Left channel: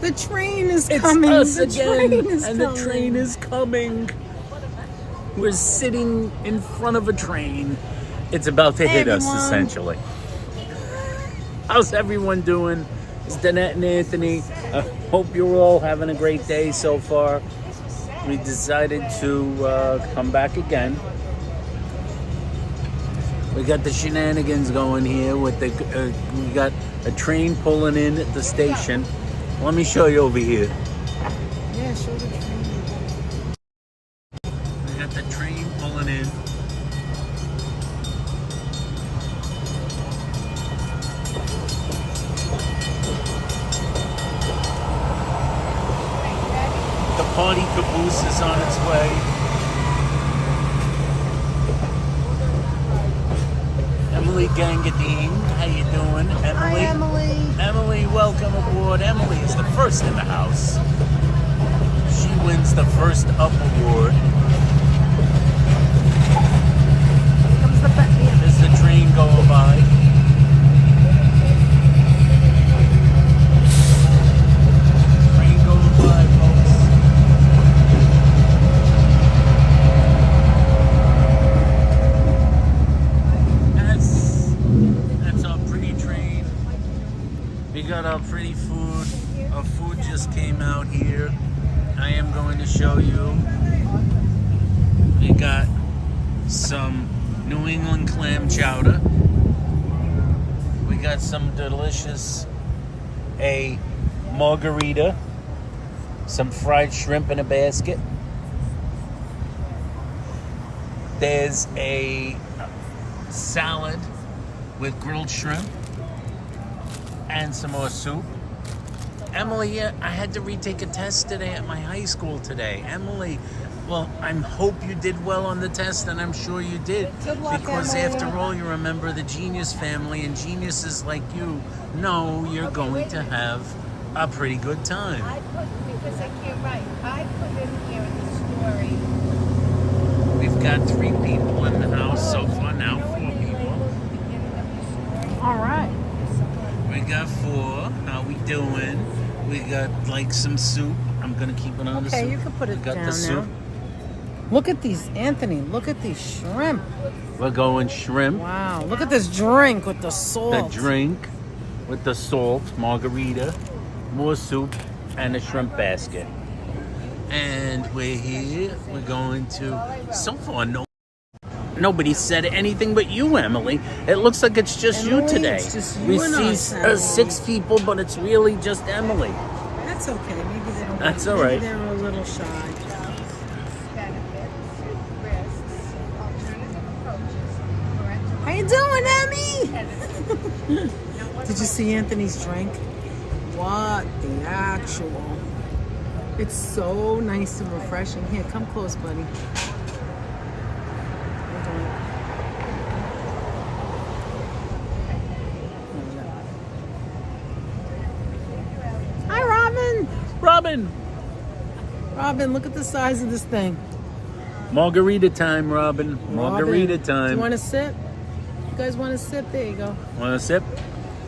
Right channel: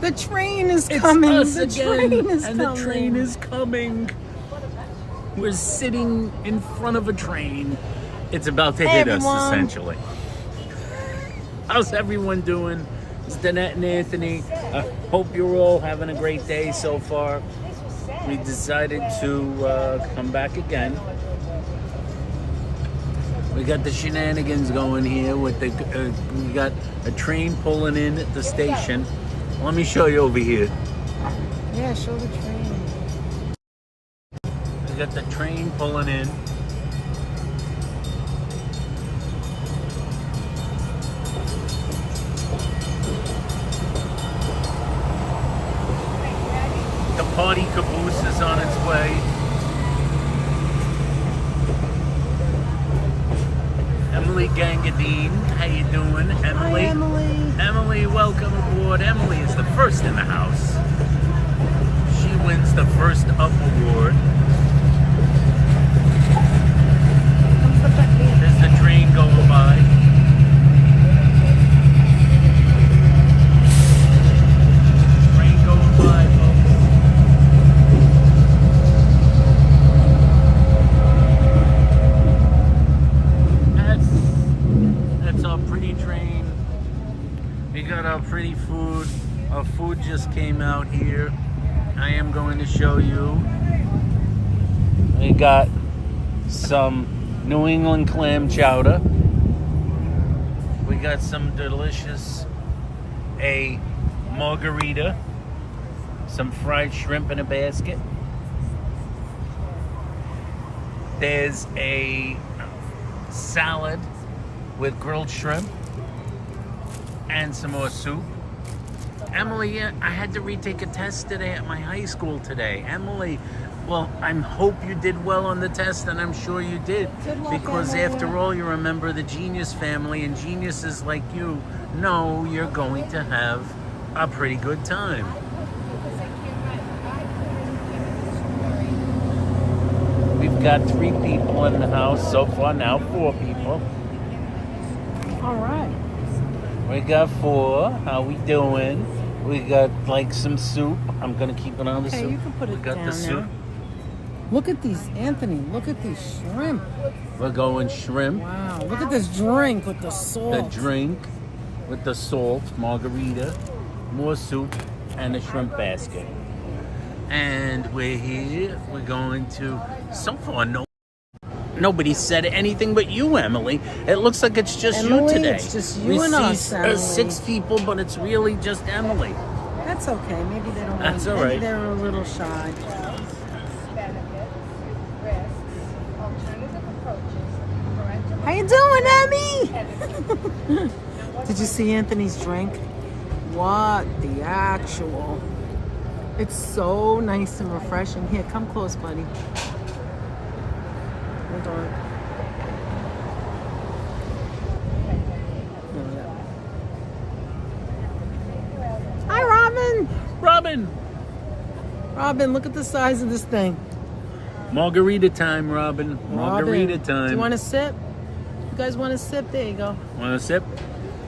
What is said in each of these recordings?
The train is coming. It's us the again, train is and coming. the train is coming. We're sitting in front of a train. It's about to hit us, essentially. How's everyone doing? It's Danette and Anthony. I hope you're all having a great day so far. We decided to come back again. We got the shenanigans going here with the. We got a train pulling in at the station. Let me show you over here. Yeah, show the train. We got the train pulling in. The party caboose is on its way. Emily Gangadine, how you doing, Emily? Hi, Emily. Emily, welcome aboard. Emily is the first in the house. She wins the first up award. There's the train going by. Train going by, folks. That's our pretty train. We got our pretty food. Our food just came out here. I am going to show you. We got some New England clam chowder. We got some delicious margarita. Some fried shrimp in a basket. There's a salad with grilled shrimp and some more soup. Emily, I had to retake a test today at my high school today. Emily, well, I hope you did well on the test, and I'm sure you did. Good luck, Because Emily. after all, you're a member of the Genius family, and geniuses like you know you're going to have a pretty good time. We've got 3 people in the house so far now, 4 people. All right. We got 4. How we doing? We got like some soup. I'm gonna keep it on the soup. Okay, you can put it We got down the soup. there. Look at these, Anthony. Look at these shrimp. We're going shrimp. Wow. Look at this drink with the The salt. drink with the salt, margarita, more soup, and a shrimp basket. And we're here. We're going to. So far, nobody said anything but you, Emily. It looks like it's just Emily, you today. it's just you we and see us, Emily. 6 people, but it's really just Emily. That's okay. Maybe they don't. That's maybe all right. They're a little shy. How you doing, Emmy? Did you see Anthony's drink? What the actual? It's so nice and refreshing. Here, come close, buddy. Hold on. No, that way. Hi, Robin. Robin! Robin, look at the size of this thing. Margarita time, Robin. Margarita Robin, time. Do you want a sip? You guys want a sip? There you go. Want a sip?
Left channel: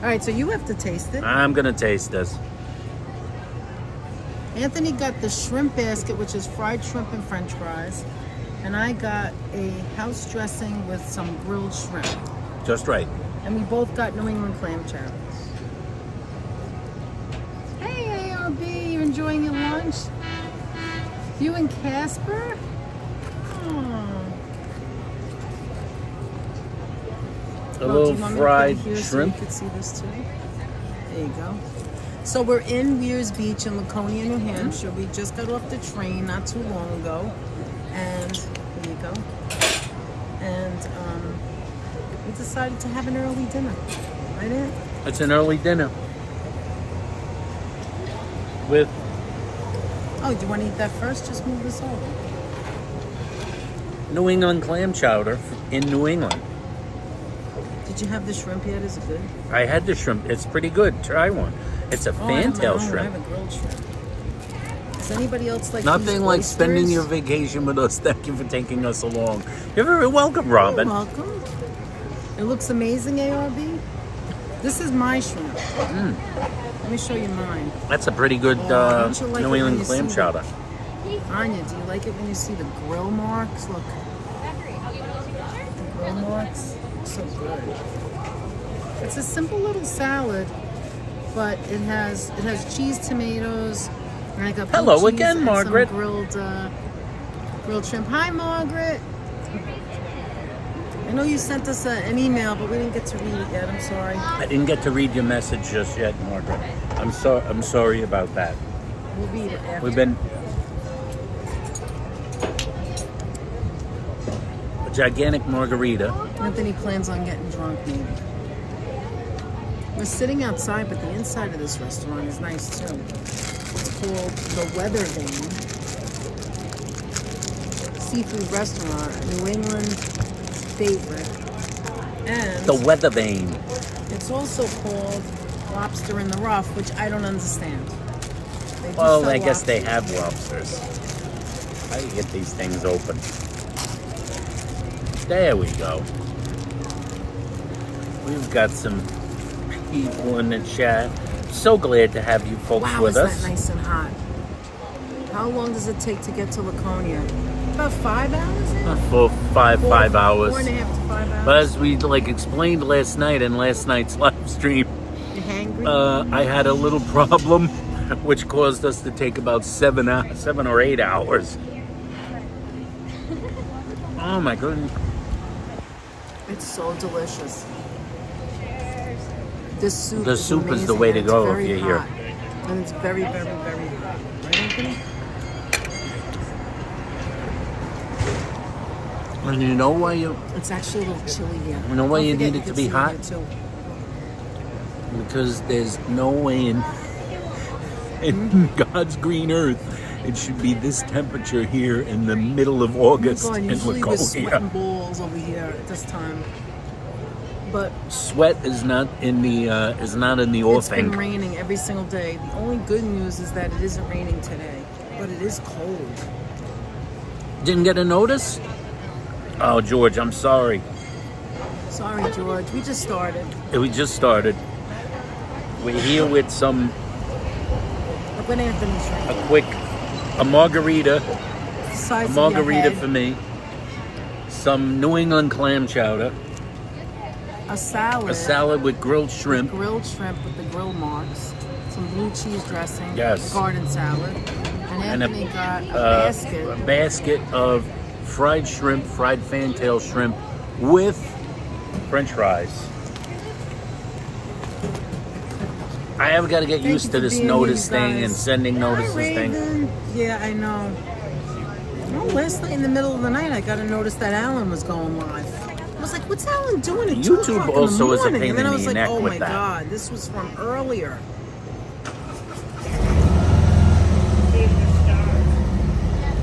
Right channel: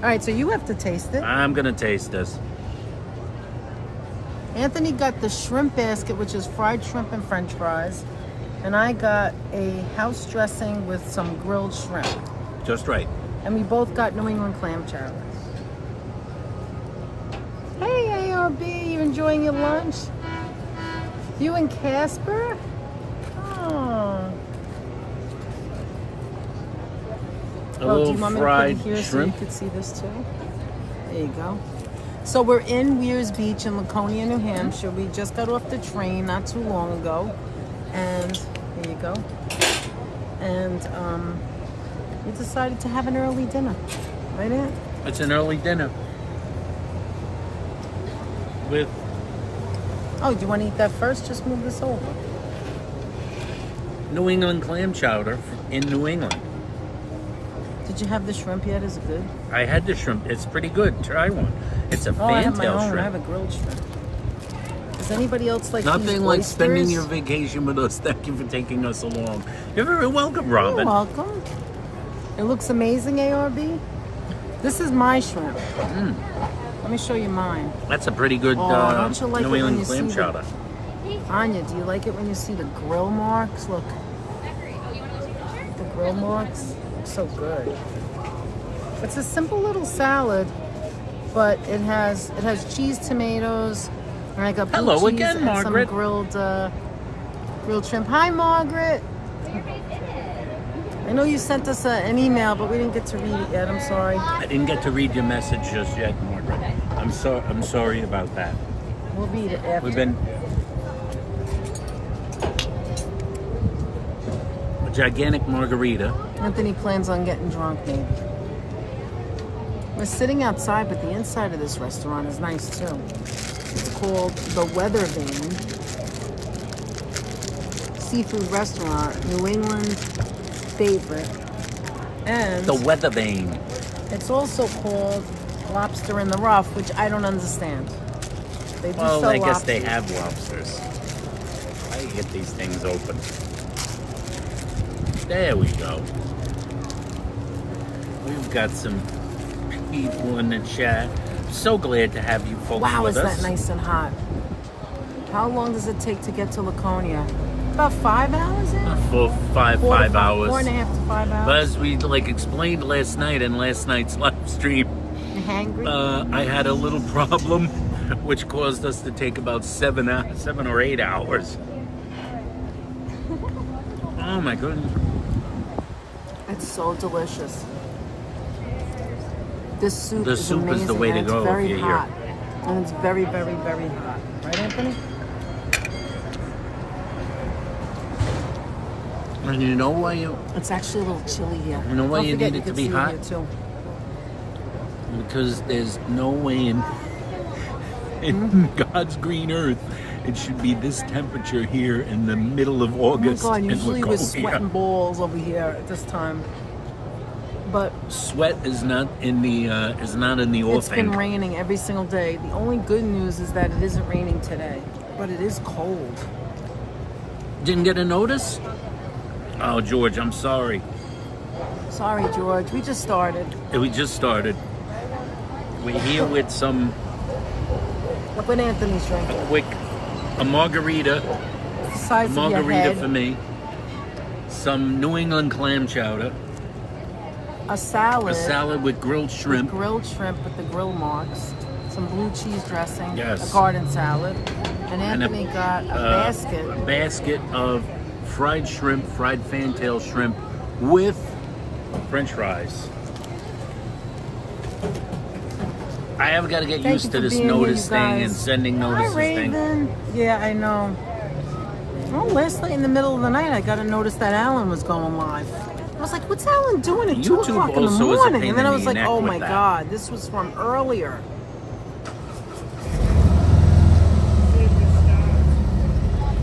All right, so you have to taste it. I'm gonna taste this. Anthony got the shrimp basket, which is fried shrimp and french fries. And I got a house dressing with some grilled shrimp. Just right. And we both got New England clam chowder. Hey, ARB, you enjoying your lunch? You and Casper? Oh. A little fried shrimp. So shrimp. you could see this too. There you go. So we're in Weirs Beach in Laconia, New Hampshire. We just got off the train not too long ago. And there you go. And we decided to have an early dinner. Right, Aunt? It's an early dinner. With Oh, do you want to eat that first? Just move this over. New England clam chowder in New England. Did you have the shrimp yet? Is it good? I had the shrimp. It's pretty good. Try one. It's a Oh, I have my fantail own. I shrimp. have a grilled shrimp. Does anybody else like Nothing these like oysters? spending your vacation with us. Thank you for taking us along. You're very welcome, Robin. You're welcome. It looks amazing, ARB. This is my shrimp. Let me show you mine. That's a pretty good don't you like New it when England you clam see chowder. Anya, do you like it when you see the grill marks? Look. The grill marks. So good. It's a simple little salad, but it has cheese, tomatoes, and I got blue Hello cheese again, and Margaret. some grilled shrimp. Hi, Margaret. I know you sent us an email, but we didn't get to read it yet. I'm sorry. I didn't get to read your message just yet, Margaret. I'm sorry about that. We'll read it after. We've been a gigantic margarita. Anthony plans on getting drunk, maybe. We're sitting outside, but the inside of this restaurant is nice too. It's called the Weathervane Seafood Restaurant, New England favorite. And The Weathervane. it's also called Lobster in the Rough, which I don't understand. They do Well, sell I guess they lobsters. have lobsters. How do you get these things open? There we go. We've got some people in the chat. So glad to have you folks Wow, with is us. that nice and hot? How long does it take to get to Laconia? About 5 hours? For five hours. 4.5 to 5 But hours. as we explained last night in last night's live stream, You hungry? I had a little problem, which caused us to take about 7 or 8 hours. Oh my goodness! It's so delicious. This soup The is soup is the amazing, way and to it's go very if you're hot. And it's very, very, very hot. Right, Anthony? And you know why It's actually a little chilly here. You know why Don't you forget need it to can be see hot? here, too. Because there's no way in God's green earth it should be this temperature here in the middle of August Oh my God, in usually we're sweating Laconia. balls over here at this time. But Sweat is not in the it's been offing. raining every single day. The only good news is that it isn't raining today. But it is cold. Didn't get a notice? Oh, George, I'm sorry. Sorry, George. We just started. We just started. We're here with Look what Anthony's drinking. a margarita. The size A of your margarita head. for me. Some New England clam chowder. A salad. A salad with grilled shrimp. Grilled shrimp with the grill marks. Some blue cheese dressing. Yes. A garden salad. And Anthony got a basket. Of fried shrimp, fried fantail shrimp with French fries. I have got to get Thank used you to for this being notice here, you thing and guys. sending notices Hi, thing. Raven. Yeah, I know. Well, last night in the middle of the night, I got a notice that Alan was going live. I was like, what's Alan doing at 2 YouTube o'clock in also the is a morning? pain And then in I was the like, neck oh with my that. God, this was from earlier.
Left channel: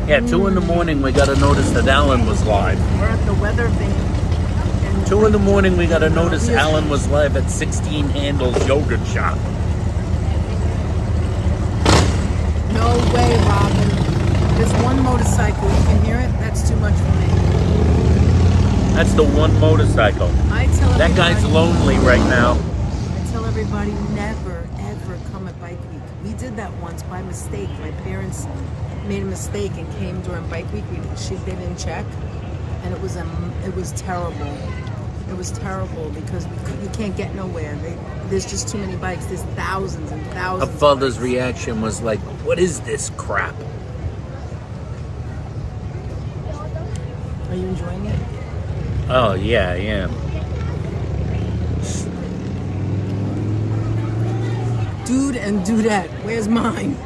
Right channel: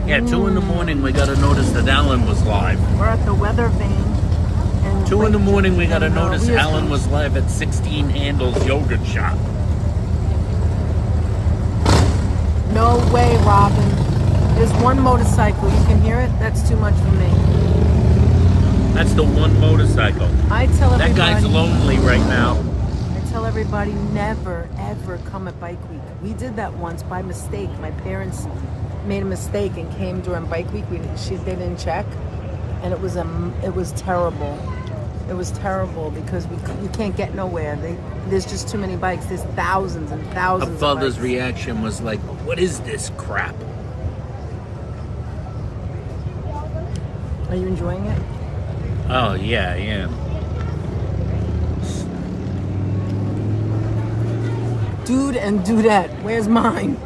Yeah, 2 in the morning we got a notice that Alan was live. We're at the Weathervane. 2 in the morning we got a notice Weird. Alan was live at 16 Handles Yogurt Shop. No way, Robin. There's one motorcycle. You can hear it? That's too much for me. That's the one motorcycle. I tell That everybody, guy's lonely right now. I tell everybody never, ever come at Bike Week. We did that once by mistake. My parents made a mistake and came during Bike Week. They didn't check, and it was terrible. It was terrible because we can't get nowhere. There's just too many bikes. There's thousands and Her thousands. of father's bikes. reaction was like, "What is this crap?" Are you enjoying it? Oh yeah, I am. Dude and dudette. Where's mine?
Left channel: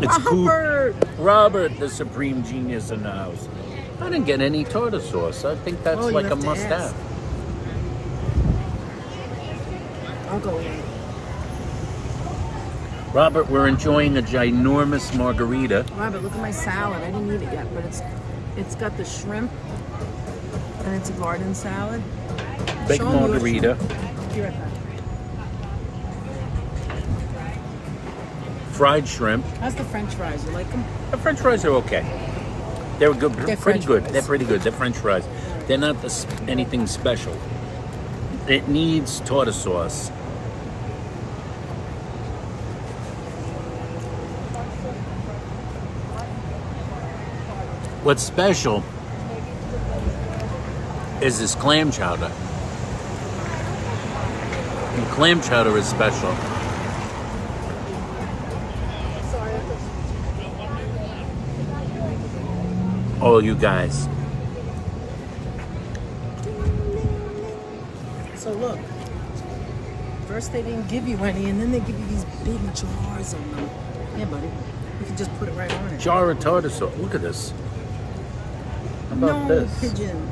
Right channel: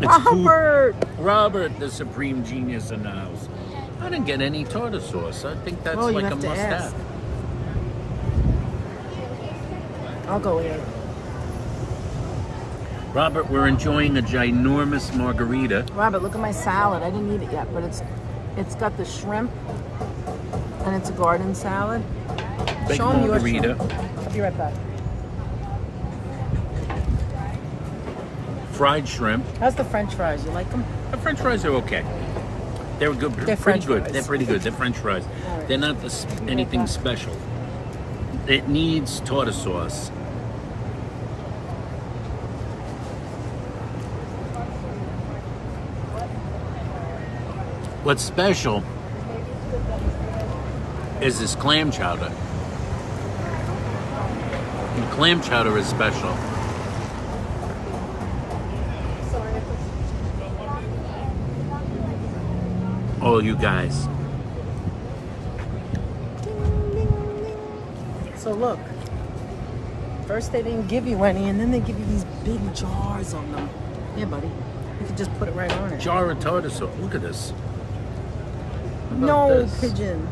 It's cool. Robert. The supreme genius in the house. I didn't get any tartar sauce. I think that's Well, you like a have to must-have. ask. I'll go in. Robert, we're enjoying a ginormous margarita. Robert, look at my salad. I didn't eat it yet, but it's got the shrimp and it's a garden salad. Big Show 'em your margarita. shrimp. Be right back. Fried shrimp. How's the French fries? You like them? The French fries are okay. They're good. They're pretty French good. fries. They're pretty good. They're French fries. They're not anything special. It needs tartar sauce. What's special is this clam chowder. The clam chowder is special. Oh, you guys. So look, first they didn't give you any, and then they give you these big jars of them. Yeah, buddy. You can just put it right on it. Jar of tartar sauce. Look at this. How about No, this? pigeon.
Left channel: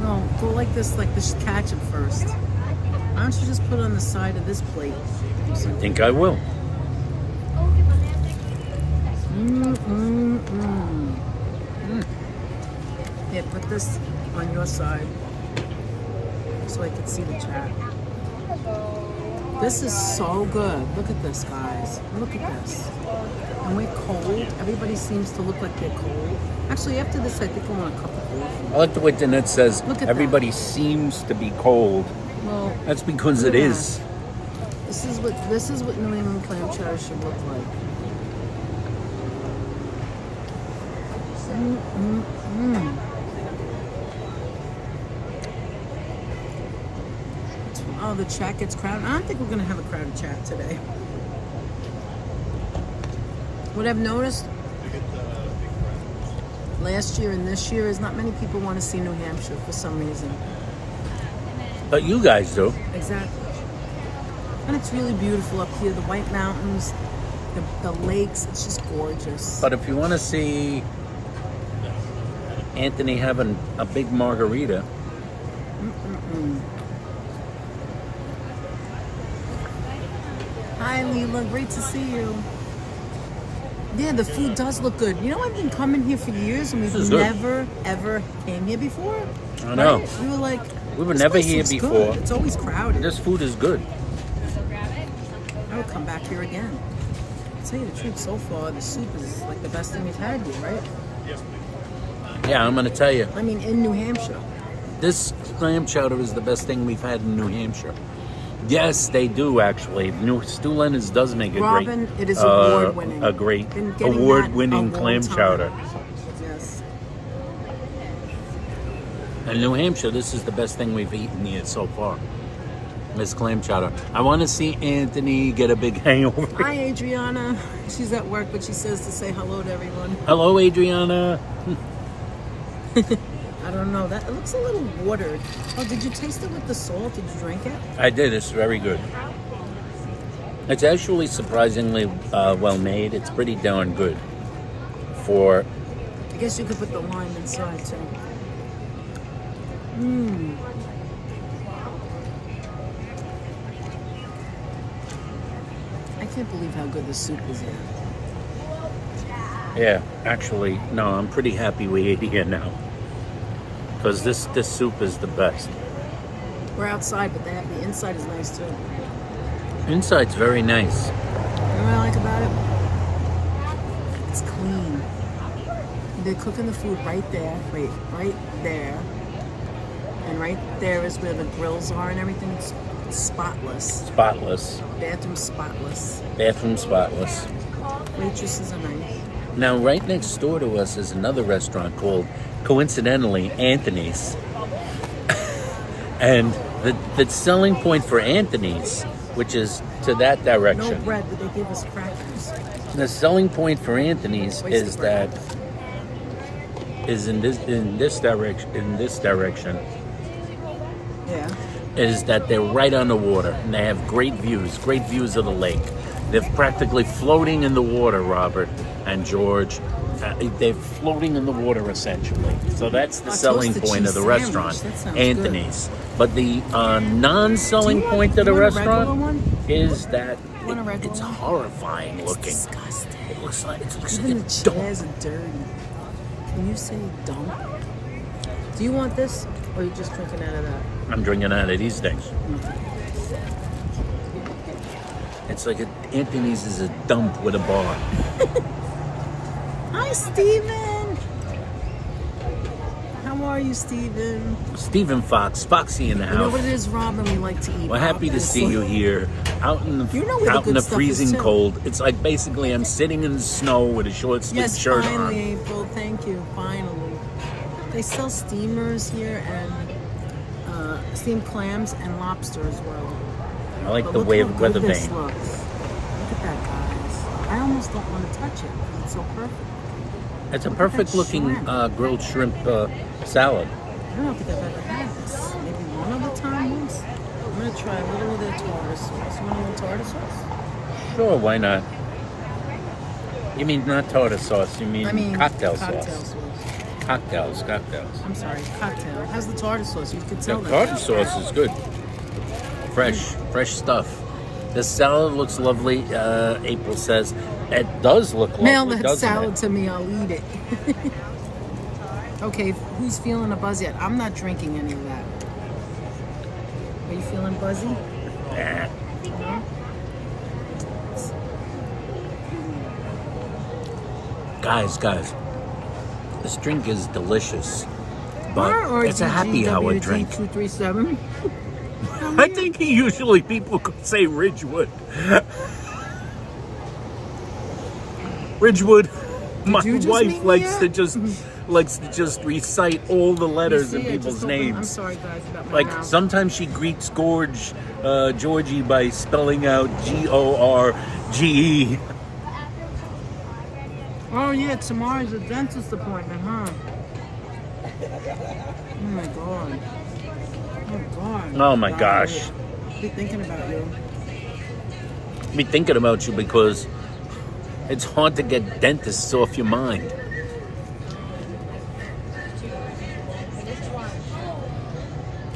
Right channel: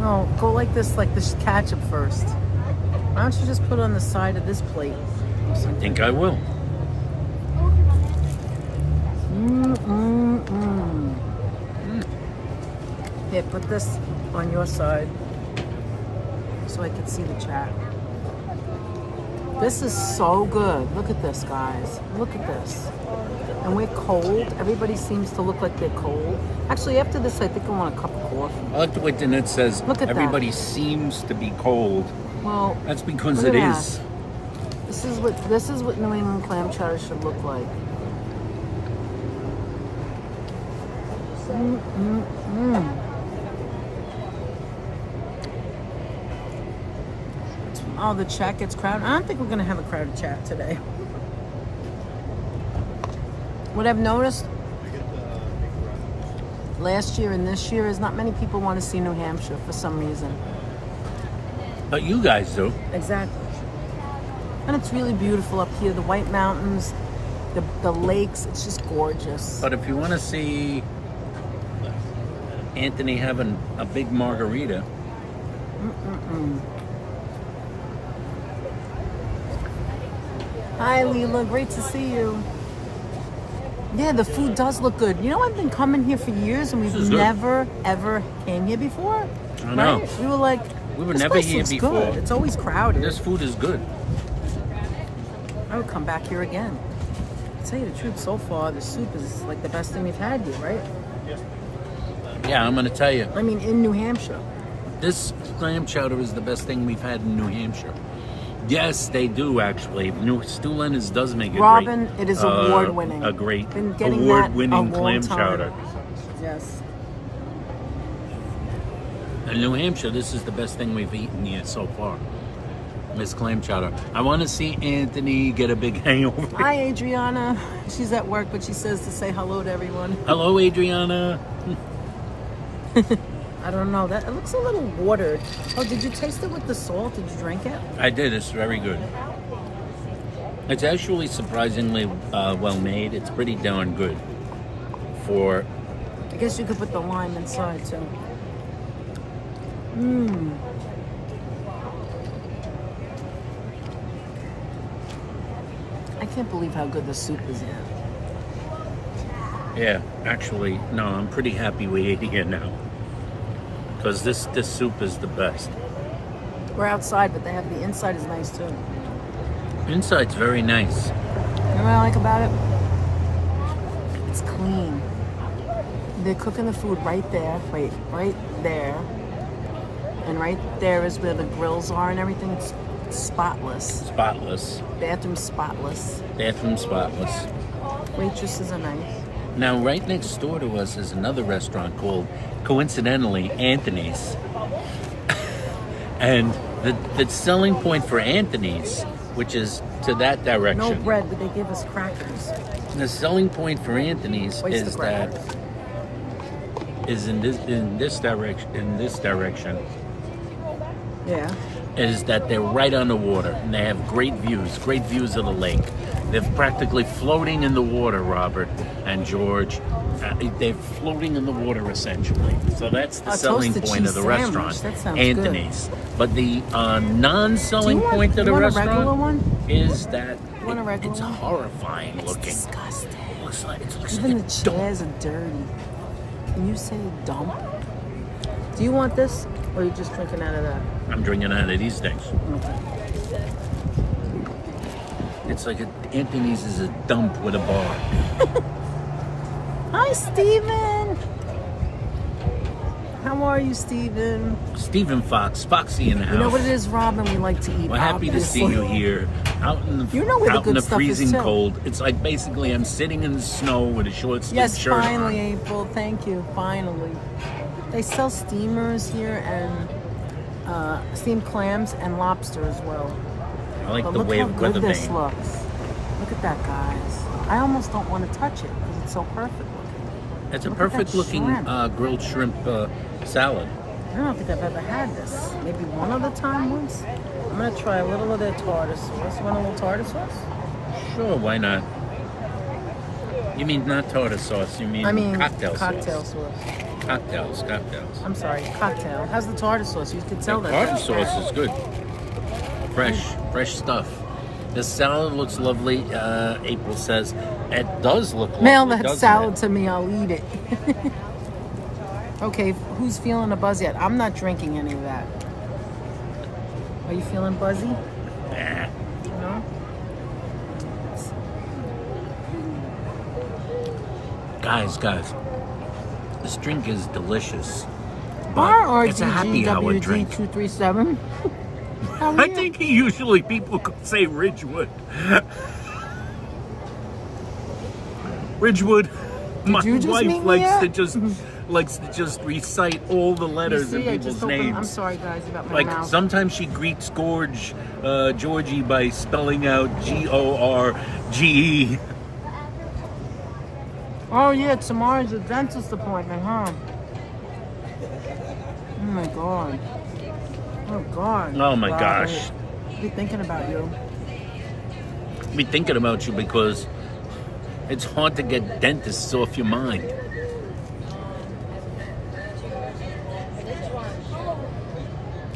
No, go like this ketchup first. Why don't you just put it on the side of this plate? I think I will. Here, put this on your side so I can see the chat. This is so good. Look at this, guys. Look at this. And we're cold. Everybody seems to look like they're cold. Actually, after this, I think I want a cup of coffee. I like the way Danette says Look at everybody seems to be cold. Well, That's because look it at is. that. This is what New England clam chowder should look like. Oh, the chat gets crowded. I don't think we're going to have a crowded chat today. What I've noticed last year and this year is not many people want to see New Hampshire for some reason. But you guys do. Exactly. And it's really beautiful up here. The White Mountains, the lakes, it's just gorgeous. But if you want to see Anthony having a big margarita, Hi, Leela. Great to see you. Yeah, the food does look good. You know, I've been coming here for years, and we've never, ever came here before. I know. Right? We were like, we were this never place here looks before. good. It's always crowded. This food is good. I would come back here again. To tell you the truth, so far, the soup is like the best thing we've had here, right? Yeah, I'm going to tell you. I mean, in New Hampshire. This clam chowder is the best thing we've had in New Hampshire. Yes, they do actually. Stu Leonard's does make Robin, it is award-winning. A great Been getting award-winning that a long clam time. chowder. Yes. In New Hampshire, this is the best thing we've eaten here so far. This clam chowder. I want to see Anthony get a big hangover. Hi, Adriana. She's at work, but she says to say hello to everyone. Hello, Adriana. I don't know. It looks a little watered. Oh, did you taste it with the salt? Did you drink it? I did. It's very good. It's actually surprisingly well made. It's pretty darn good for... I guess you could put the lime inside, too. I can't believe how good the soup is here. Yeah, actually, no, I'm pretty happy we ate here now. Because this soup is the best. We're outside, but the inside is nice, too. Inside's very nice. You know what I like about it? It's clean. They're cooking the food right there, right there. And right there is where the grills are and everything. It's spotless. Spotless. Bathroom spotless. Bathroom spotless. Waitresses are nice. Now, right next door to us is another restaurant called, coincidentally, Anthony's. And the selling point for Anthony's, which is to that direction. No bread, but they give us crackers. The selling point for Anthony's is that in this direction. Yeah. Is that they're right on the water and they have great views of the lake. They're practically floating in the water, Robert and George. They're floating in the water essentially. So that's the selling point of the restaurant, Anthony's. Good. But the non-selling point of the restaurant is that it's horrifying looking. It's disgusting. It looks like Even a the dump. chairs are dirty. Can you say dump? Do you want this, or are you just drinking out of that? I'm drinking out of these things. Okay. It's like Anthony's is a dump with a bar. Hi, Steven. How How are you, Steven? Stephen Fox, Foxy in the house. You know what it is, Robin? We like to eat. We're happy to see you here, out in the You know where the out in good the stuff freezing is, too. cold. It's like basically I'm sitting in the snow with a short sleeve Yes, shirt finally, on. April. Thank you. Finally, they sell steamers here and steamed clams and lobster as well. I like But the look way how of good this Weathervane. looks. Look at that, guys. I almost don't want to touch it because it's so perfect looking. It's a Look at that perfect looking shrimp. grilled shrimp salad. I don't think I've ever had this. Maybe one other time once. I'm gonna try a little of their tartar sauce. You want a little tartar sauce? Sure, why not? You mean not tartar sauce? You mean, cocktail sauce? Cocktails. I'm sorry, cocktail. It has the tartar sauce. You could The tell that. tartar sauce is good. Fresh stuff. The salad looks lovely. April says it does look lovely. Mail that doesn't salad it? to me. I'll eat it. Okay, who's feeling a buzz yet? I'm not drinking any of that. Are you feeling buzzy? Nah. No? Guys, this drink is delicious, but it's a happy hour drink. 237. I think usually people could say Ridgewood. Ridgewood. My you just wife meet me likes to just recite all the letters in people's names. I'm sorry, guys, about my Like mouth. sometimes she greets Georgie by spelling out Gorge. Oh yeah, tomorrow's a dentist appointment, huh? Oh my god. Oh god. Oh my God. gosh. Be thinking about you. Be thinking about you because it's hard to get dentists off your mind.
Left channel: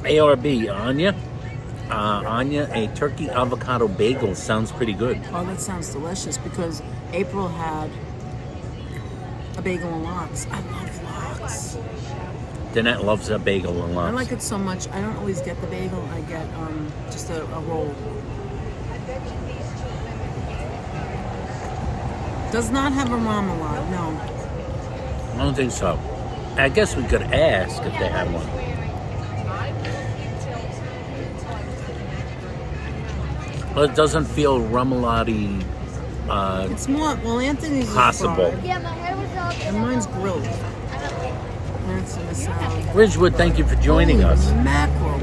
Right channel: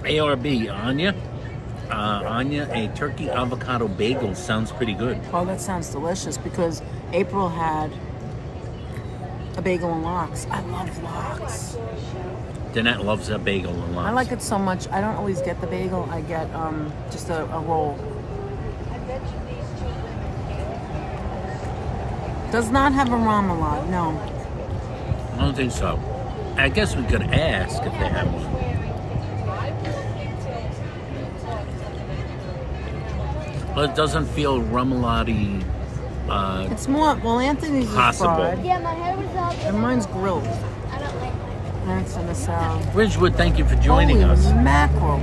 ARB, Anya, a turkey avocado bagel sounds pretty good. Oh, that sounds delicious because April had a bagel and lox. I love lox. Danette loves that bagel a lot. I like it so much. I don't always get the bagel. I get just a roll. Does not have a marmalade, no. I don't think so. I guess we could ask if they have one. But it doesn't feel remoulade It's more, well, Anthony's is possible. fried, Yeah, my hair was up. and mine's grilled. And it's in the salad. Ridgewood, thank you for joining Holy us. mackerel.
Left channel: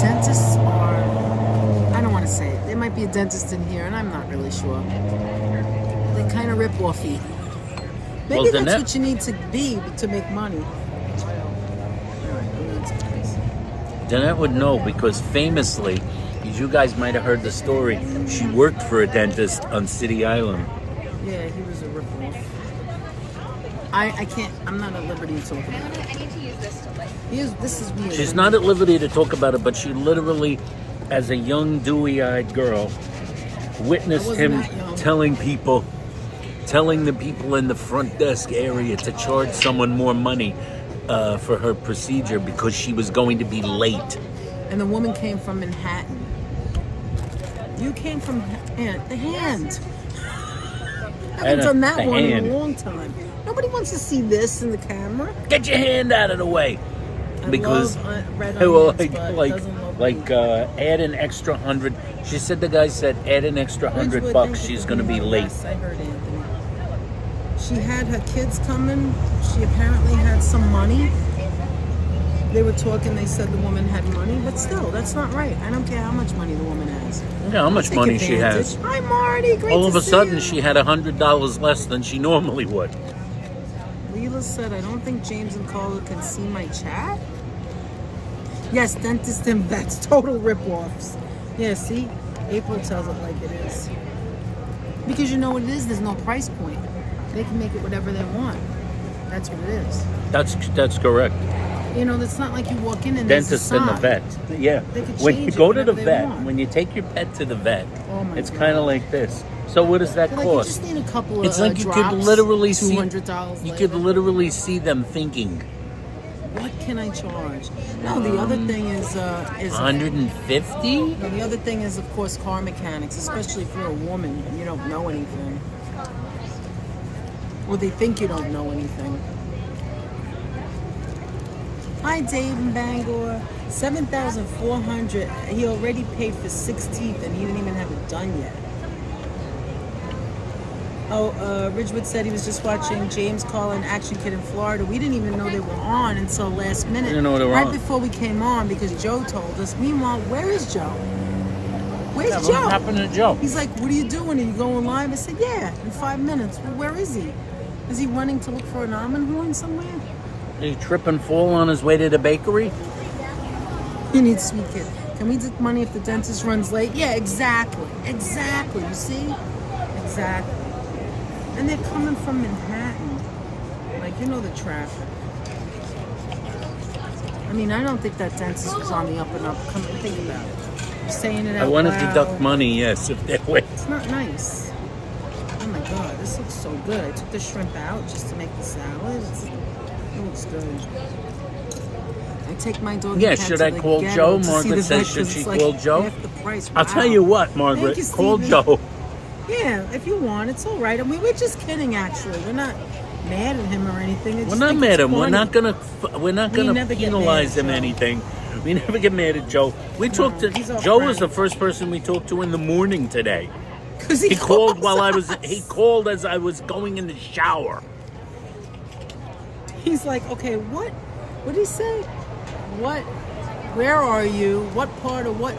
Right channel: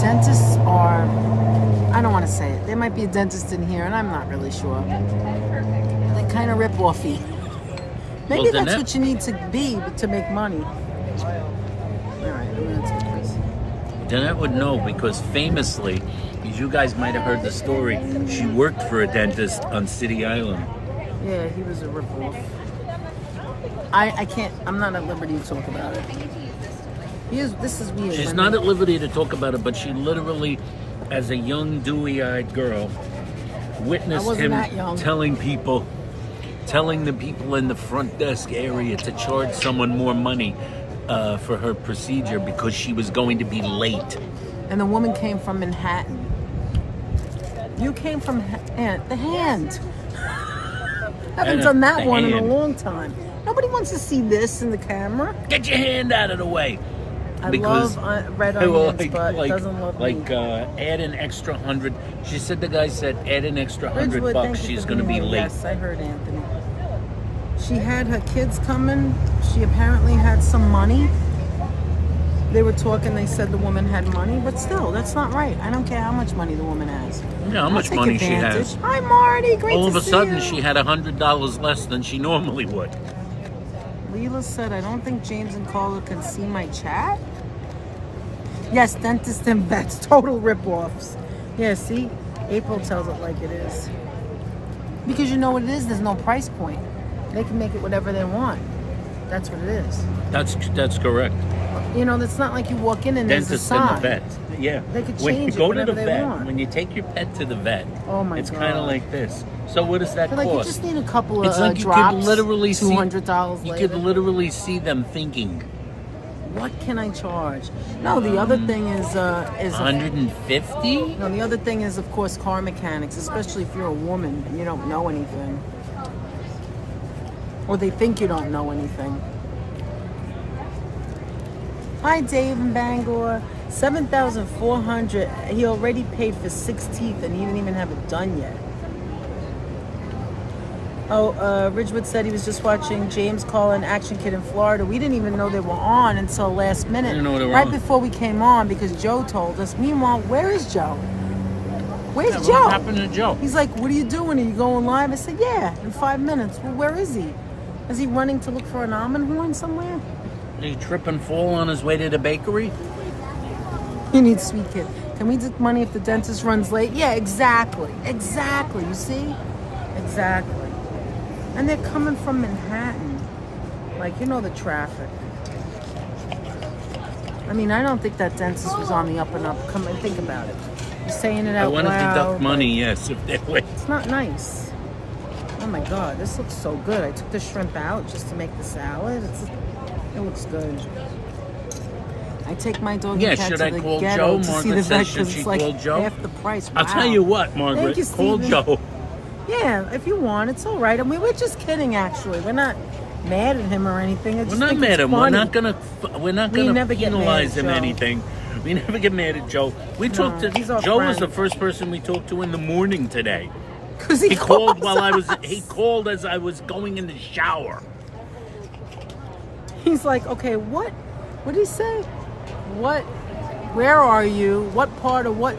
Dentists are, I don't want to say it. There might be a dentist in here, and I'm not really sure. They're kind of rip-offy. Maybe Well, that's Danette- what you need to be to make money. All right, I'm gonna take this. Danette would know because famously, as you guys might have heard the story, she worked for a dentist on City Island. Yeah, he was a rip-off. I can't, I'm not at liberty to talk about it. This is weird. She's not at liberty to talk about it, but she literally, as a young, dewy-eyed girl, witnessed I wasn't him that young. telling the people in the front desk area to charge someone more money for her procedure because she was going to be late. And the woman came from Manhattan. You came from the hand. I haven't done that The one in hand. a long time. Nobody wants to see this in the camera. Get your hand out of the way. I Because love red they were onions, but it doesn't look neat. add an extra 100. She said the guy said add an extra $100. Ridgewood, thank you She's for going to be being here. late. Yes, I heard Anthony. She had her kids coming. She apparently had some money. They were talking. They said the woman had money, but still, that's not right. I don't care how much money the woman has. Yeah, how much I'll take money she advantage. has. Hi, Marty. Great All to of a see sudden, you. she had $100 less than she normally would. Leela said, I don't think James and Carla can see my chat. Yes, dentist and vets, total rip-offs. Yeah, see? April tells it like it is. Because you know what it is? There's no price point. They can make it whatever they want. That's what it is. That's correct. You know, it's not like you walk in and there's a Dentist and the sign. vet. Yeah. They could When you change it go to the whenever they vet, want. when you take your pet to the vet, Oh my it's God. kind of like this. So what does that They're like, you cost? just need a couple of It's like you drops, could literally see $200 you later. could literally see them thinking What can I charge? No, the other thing is 150. No, the other thing is, of course, car mechanics, especially if you're a woman and you don't know anything. Or they think you don't know anything. Hi, Dave in Bangor. 7,400. He already paid for 6 teeth and he didn't even have it done yet. Oh, Ridgewood said he was just watching James Call and Action Kid in Florida. We didn't even know they were on until last minute. Didn't know they were right on. before we came on because Joe told us. Meanwhile, where is Joe? Where's Yeah, Joe? what happened to Joe? He's like, what are you doing? Are you going live? I said, yeah, in 5 minutes. Well, where is he? Is he running to look for an almond horn somewhere? Did he trip and fall on his way to the bakery? He needs Sweet Kid. Can we take money if the dentist runs late? Yeah, exactly. Exactly. You see? Exactly. And they're coming from Manhattan. Like, you know the traffic. I mean, I don't think that dentist was on the up and up. Come and think about it. You're saying it out I want to loud. deduct money, yes, if they're wait. It's not nice. Oh my God, this looks so good. I took the shrimp out just to make the salad. It looks good. I take my dog. Yeah, and cat should to I the call ghetto Joe? to see Margaret the says, vegetables. should she It's like call Joe? half the price. I'll Wow. tell you what, Margaret, Thank you, call Stevie. Joe. Yeah, if you want, it's all right. I mean, we're just kidding. Actually, we're not mad at him or anything. I We're just not think mad it's at him. We're funny. not We gonna never get penalize mad him at Joe. anything. We never get mad at Joe. We talked to he's our Joe was friend. the first person we talked to in the morning today. 'Cause He called calls while I us. was. He called as I was going in the shower. He's like, okay, what? What did he say? What? Where are you? What part of what?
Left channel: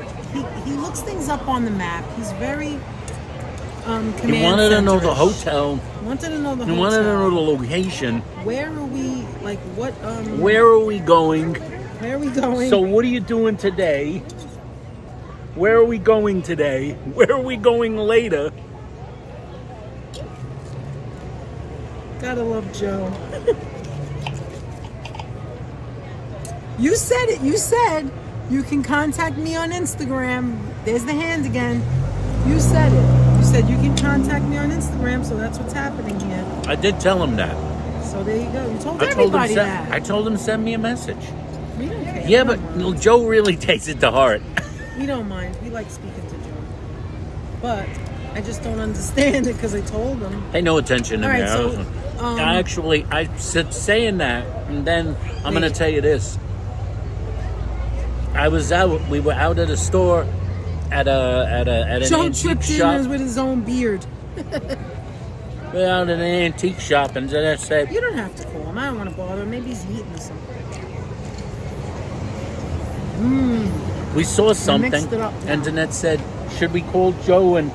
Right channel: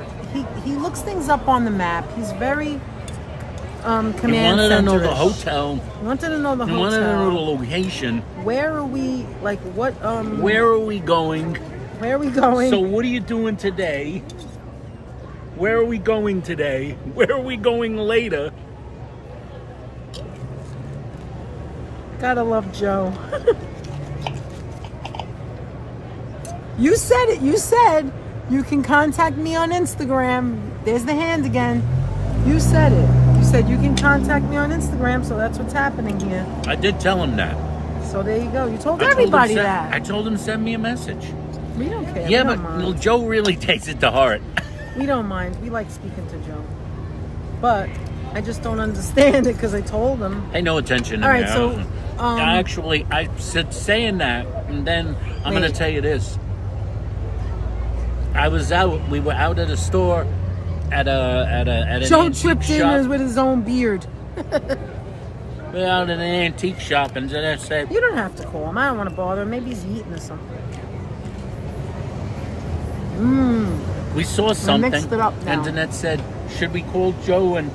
He looks things up on the map. He's very command He wanted to know the center-ish. hotel. He wanted to know the He hotel. wanted to know the location. Where are we? Like what? Where are we going? Where are we going? So what are you doing today? Where are we going today? Where are we going later? Gotta love Joe. You said it. You said you can contact me on Instagram. There's the hand again. You said it. You said you can contact me on Instagram, so that's what's happening here. I did tell him that. So there you go. You told I told him everybody that. I told him to send me a message. We don't care. Yeah, We but don't mind. Joe really takes it to heart. We don't mind. We like speaking to Joe. But I just don't understand it because I told him. Pay no attention to All me. right, so, I said saying that, and then I'm going to tell you this. We were out at a store at an Joe antique tripped in shop. with his own beard. We were out at an antique shop, and then I said, You don't have to call him. I don't want to bother him. Maybe he's eating or something. we saw something, mixed it up now. and Danette said, should we call Joe and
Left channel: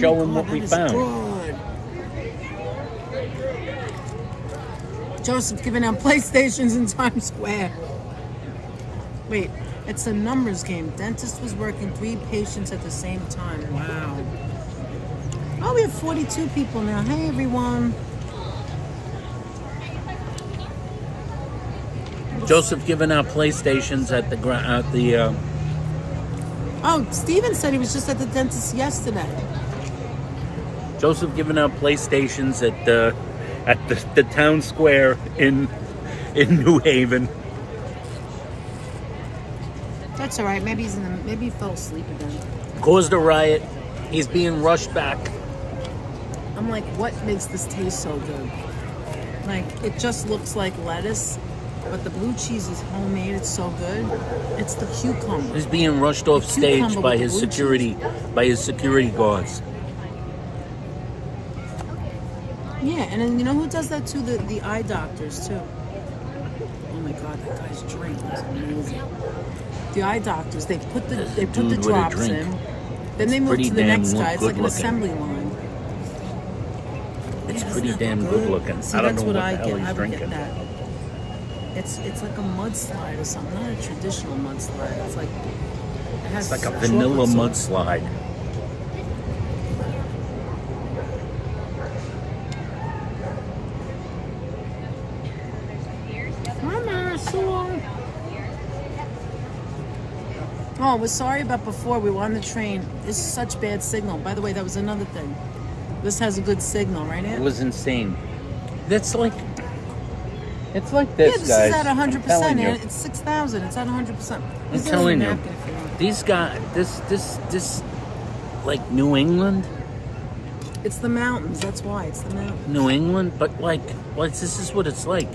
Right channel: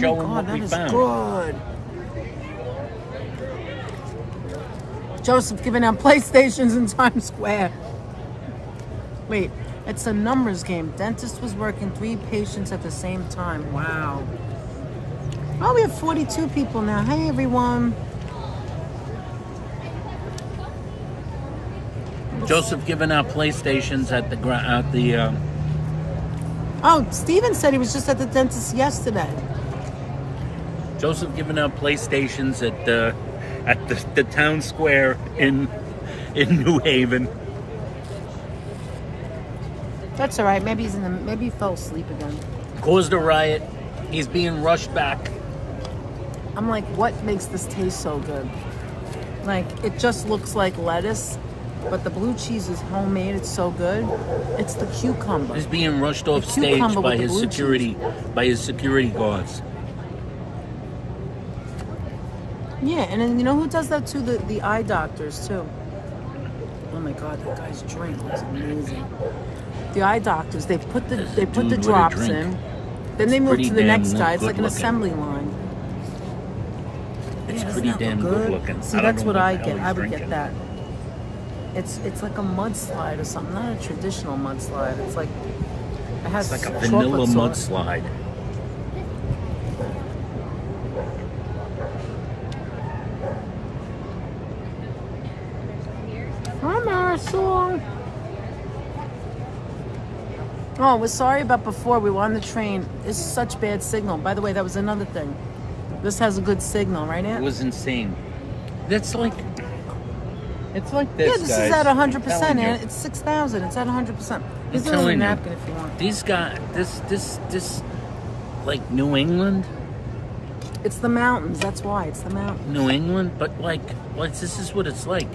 show him what we found? Good. Joseph giving out PlayStations in Times Square. Wait, it's a numbers game. Dentist was working 3 patients at the same time. Wow. Oh, we have 42 people now. Hey, everyone. Joseph giving out PlayStations at the Oh, Steven said he was just at the dentist yesterday. Joseph giving out PlayStations at the town square in New Haven. That's all right. Maybe maybe he fell asleep again. Caused a riot. He's being rushed back. I'm like, what makes this taste so good? Like, it just looks like lettuce, but the blue cheese is homemade. It's so good. It's the cucumber. He's being rushed off The stage cucumber by with the his blue security guards. Yeah, and then you know who does that too? The eye doctors too. Oh my God, that guy's drink was amazing. The eye doctors, they put the Dude, what a drops drink. in, then they move pretty to the damn next guy. It's like an good-looking. assembly line. It's Doesn't pretty that damn look good looking. See, I don't that's know what what I the hell get. he's I would drinking. get that. It's like a mudslide or something. Not a traditional mudslide. It's like it has It's like a chocolate vanilla sauce. mudslide. Hi, Marisol. Oh, we're sorry about before. We were on the train. It's such bad signal. By the way, that was another thing. This has a good signal, right, It Aunt? was insane. It's like this, Yeah, this guys. is at 100%, Telling you. Aunt. It's 6,000. It's at 100%. I'm Here's telling another you. napkin if you want. These guys, this, like New England, It's the mountains. That's why. It's the mountains. but like, this is what it's like.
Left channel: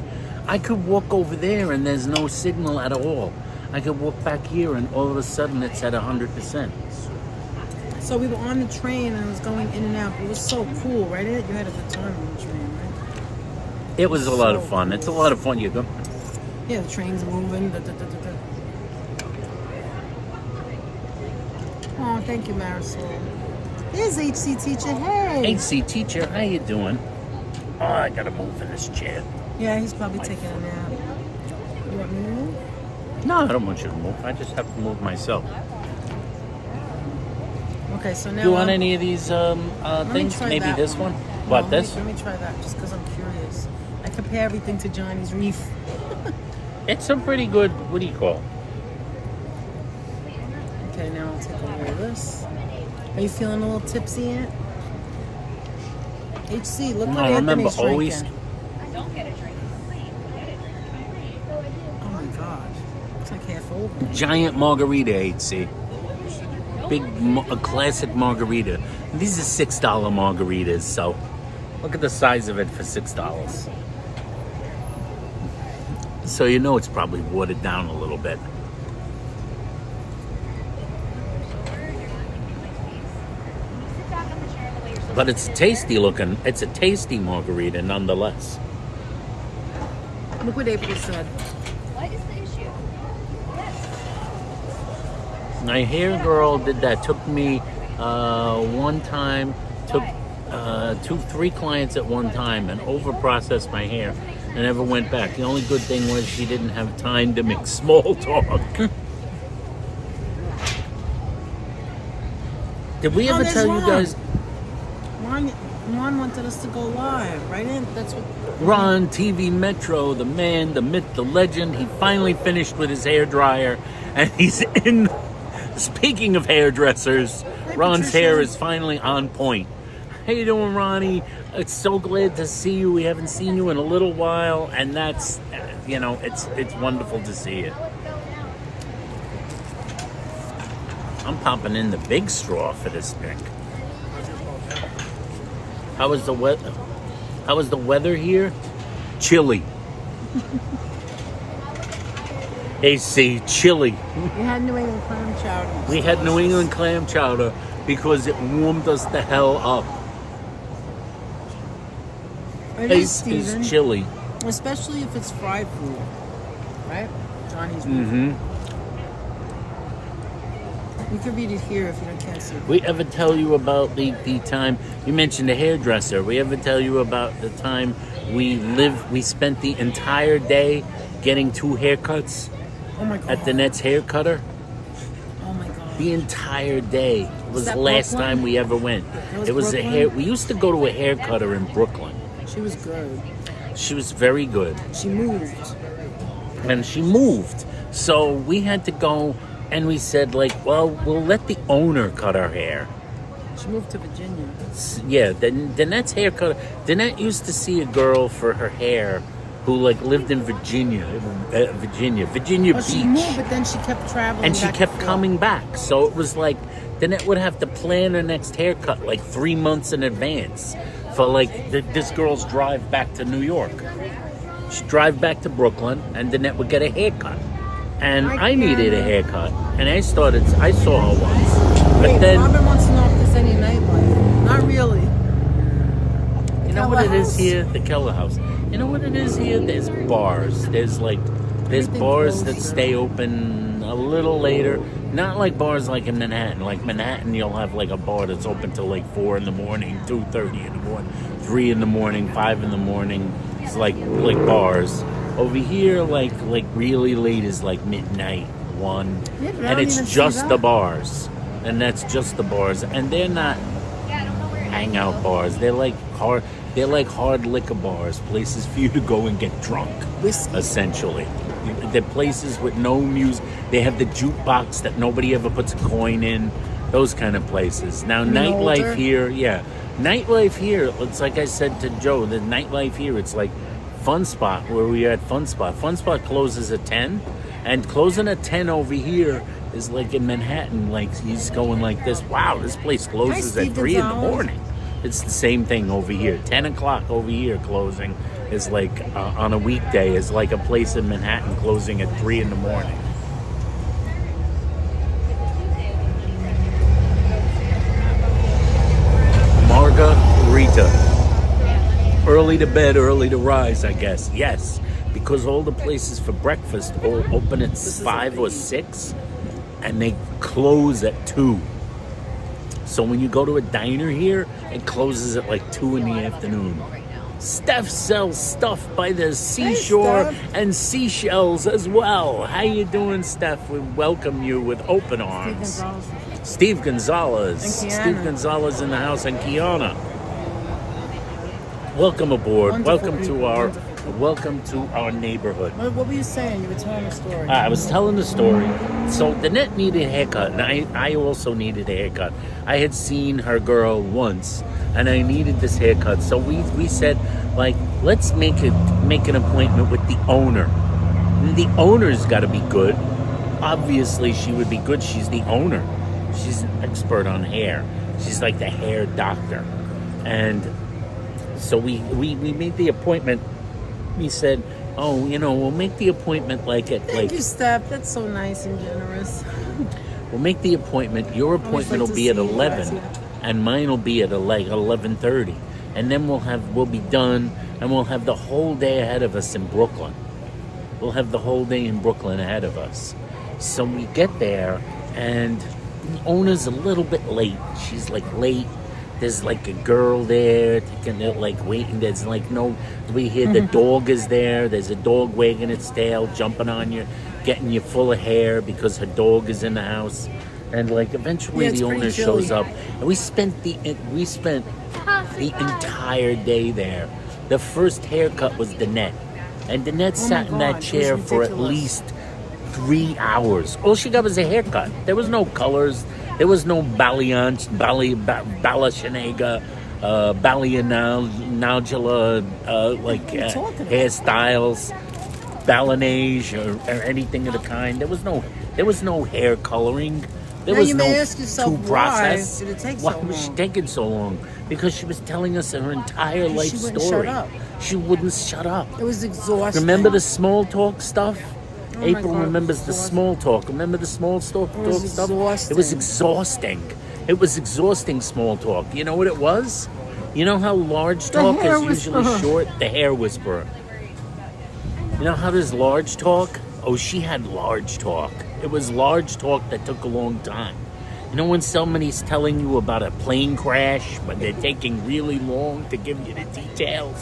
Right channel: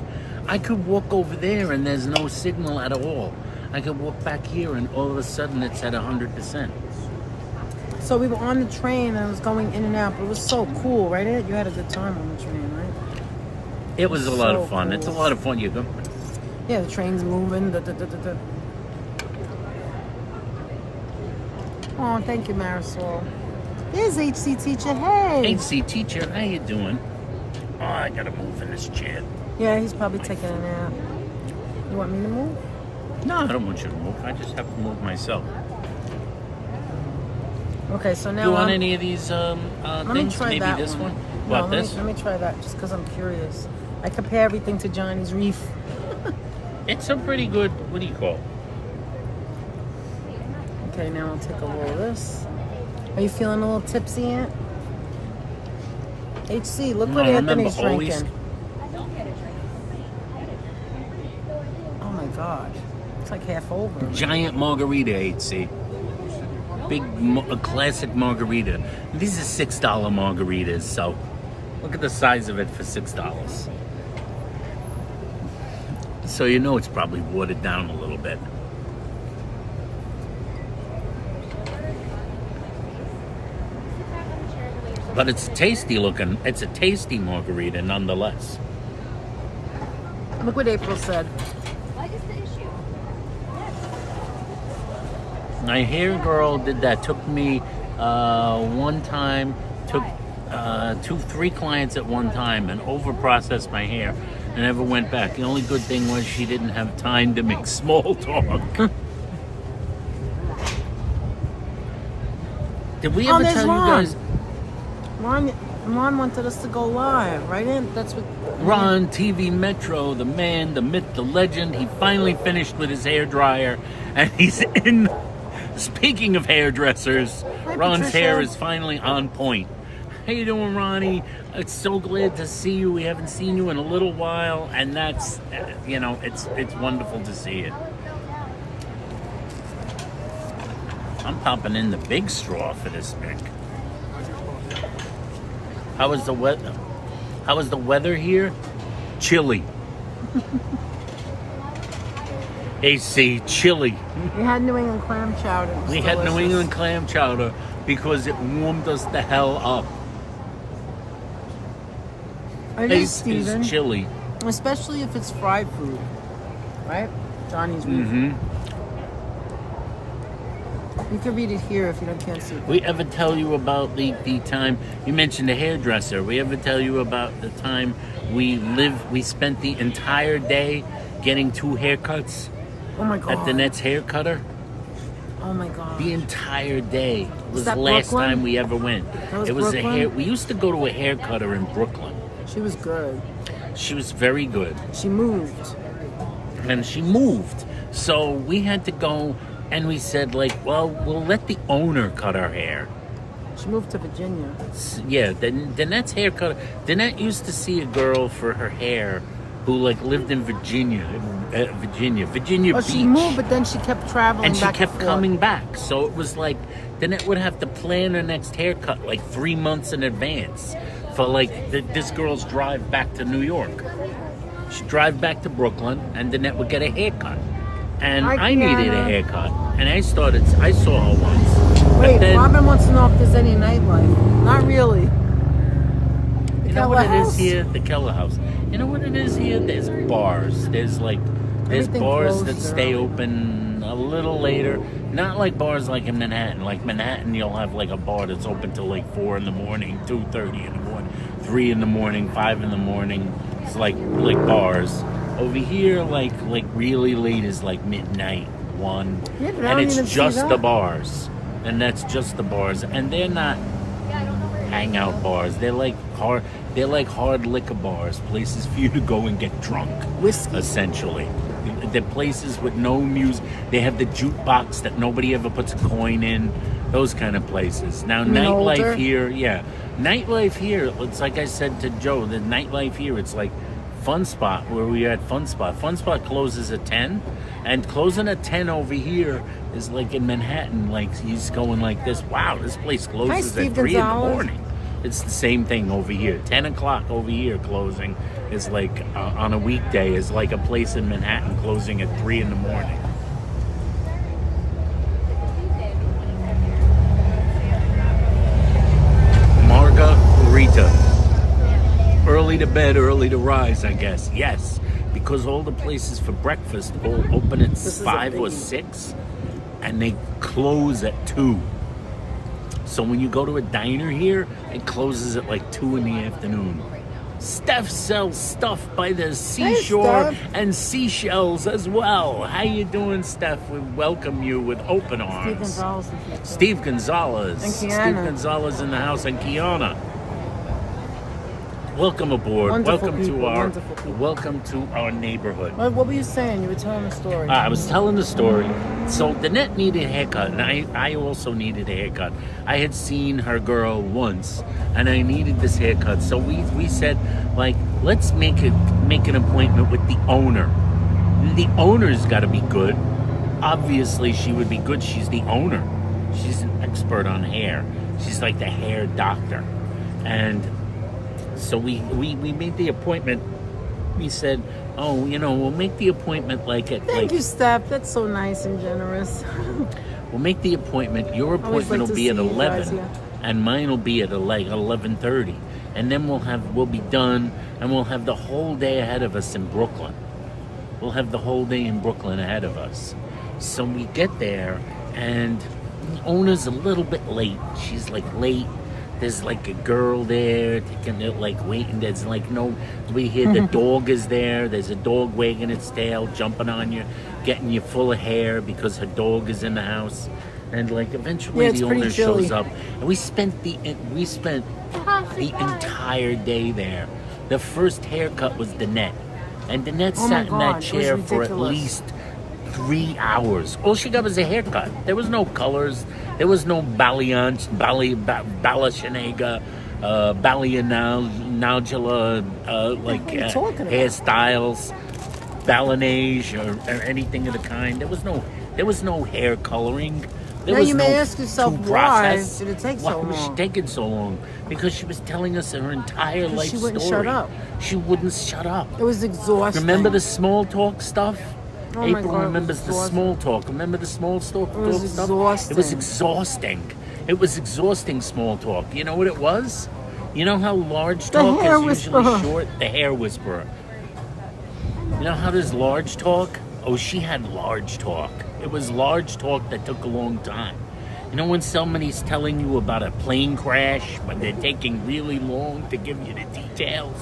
I could walk over there and there's no signal at all. I could walk back here and all of a sudden it's at 100%. So we were on the train and it was going in and out. It was so cool, right? You had a good time on the train, right? It was a lot of fun. Cool. It's a lot of fun. You go. Yeah, the train's moving. Oh, thank you, Marisol. There's HC teacher. Hey. HC teacher, how you doing? Oh, I gotta move in this chair. Yeah, he's probably taking a nap. You want me to move? No, I don't want you to move. I just have to move myself. Okay, so now Do you want any of these let me things? try Maybe that this one. one? No, What, this? Let me try that just because I'm curious. I compare everything to Johnny's Reef. It's a pretty good, what do you call it? Okay, now I'll take a roll of this. Are you feeling a little tipsy yet? HC, look what Anthony's drinking. always. I don't get a drink. I get it. Oh my gosh. It's like half over. Giant margarita, HC. Big, a classic margarita. These are $6 margaritas, so look at the size of it for $6. So you know it's probably watered down a little bit. Sit back on the chair the way you're supposed But it's tasty looking. It's a tasty margarita nonetheless. Look what April said. What is the issue? Yes. My hair girl did that. Took me one time. Took 3 clients at one time and over processed my hair and never went back. The only good thing was she didn't have time to make small talk. Did we ever there's tell you Ron. guys? Ron wanted us to go live, right? That's what. Ron, TV Metro, the man, the myth, the legend. He finally finished with his hair dryer, and he's in. Speaking of hairdressers, Hi, Ron's Patricia. hair is finally on point. How you doing, Ronnie? It's so glad to see you. We haven't seen you in a little while, and that's, it's wonderful to see you. I'm popping in the big straw for this drink. How was the weather? How was the weather here? Chilly. AC, chilly. We had New England clam chowder. It was We had New delicious. England clam chowder because it warmed us the hell up. It is, Place Steven. is chilly. Especially if it's fried food, right? Johnny's Reef. Mm-hmm. You can read it here if you can't see it. We ever tell you about the time you mentioned the hairdresser? We ever tell you about the time we spent the entire day getting 2 haircuts Oh my god. at the Net's hair cutter? Oh my god. The entire day. It was that the last Brooklyn? time we ever went. was It was Brooklyn? a hair. We used to go to a hair cutter in Brooklyn. She was good. She was very good. She moved. And she moved. So we had to go and we said, like, well, we'll let the owner cut our hair. She moved to Virginia. Yeah, Danette's hair cutter. Danette used to see a girl for her hair who, like, lived in Virginia Oh, Beach. she moved, but then she kept traveling. And she back kept and forth. coming back. So it was like, Danette would have to plan her next haircut like 3 months in advance for, like, this girl's drive back to New York. She'd drive back to Brooklyn, and Danette would get a haircut. And I needed a haircut. And I saw her once. But Wait, then, Robin wants to know if there's any nightlife. Not really. you know what it Keller is House? here? The Keller House. You know what it is here? There's bars. There's Everything bars closed, that yeah. stay open a little later. Not like bars like in Manhattan. Like Manhattan, you'll have like a bar that's open till like 4 in the morning, 2:30 in the morning, 3 in the morning, 5 in the morning. It's like bars. Over here, like really late is like midnight, 1, Yeah, but I and don't it's even see just that. the bars, and that's just the bars, and they're not hangout bars. They're like hard liquor bars, places for you to go and get drunk. Whiskey. Essentially, they're places with no music. They have the jukebox that nobody ever puts a coin in. Those kind of places. Now, nightlife older? here, nightlife here. It's like I said to Joe, the nightlife here. It's like Fun Spot, where we are at Fun Spot. Fun Spot closes at 10, and closing at 10 over here is like in Manhattan. Like he's going like this. Wow, this place closes Hi, at Steve 3 in the Gonzalez. morning. It's the same thing over here. 10 o'clock over here closing, is like on a weekday is like a place in Manhattan closing at 3 in the morning. Margarita. Early to bed, early to rise, I guess. Yes, because all the places for breakfast all open at 5 or 6, and they close at 2. So when you go to a diner here, it closes at like 2 in the afternoon. Steph sells stuff by the seashore and seashells as well. How you doing, Steph? We welcome you with open arms. Steve Gonzalez. Steve Gonzalez in the house, and Kiana. Welcome aboard. Wonderful Welcome to our neighborhood. What were you saying? You were telling a story. I was telling the story. So Danette needed a haircut, and I also needed a haircut. I had seen her girl once, and I needed this haircut. So we said, like, let's make an appointment with the owner. The owner's got to be good. Obviously, she would be good. She's the owner. She's an expert on hair. She's like the hair doctor. And so we made the appointment. We said, oh, we'll make the appointment Thank you, Steph. That's so nice and generous. We'll make the appointment. Your appointment will be at 11, and mine will be at 11:30. And then we'll be done, and we'll have the whole day ahead of us in Brooklyn. We'll have the whole day in Brooklyn ahead of us. So we get there, and the owner's a little bit late. She's like late. There's like a girl there, like waiting. There's like we hear the dog is there. There's a dog wagging its tail, jumping on you, getting you full of hair because her dog is in the house. And like eventually the owner shows up, and we spent the entire day there. The first haircut was Danette, and Danette sat in that chair for at least 3 hours. All she got was a haircut. There was no colors. There was no balayage, balashanega, balayanaugula, hairstyles, balinage, or anything of the kind. There was no hair coloring. There was no process. Why was she taking so long? Because she was telling us her entire life story. She wouldn't shut up. It was exhausting. Remember the small talk stuff? April remembers the small talk. Remember the small talk stuff? It was exhausting. It was exhausting small talk. You know what it was? You know how large talk is usually short? The hair whisperer. You know how there's large talk? Oh, she had large talk. It was large talk that took a long time. You know when somebody's telling you about a plane crash, but they're taking really long to give you the details?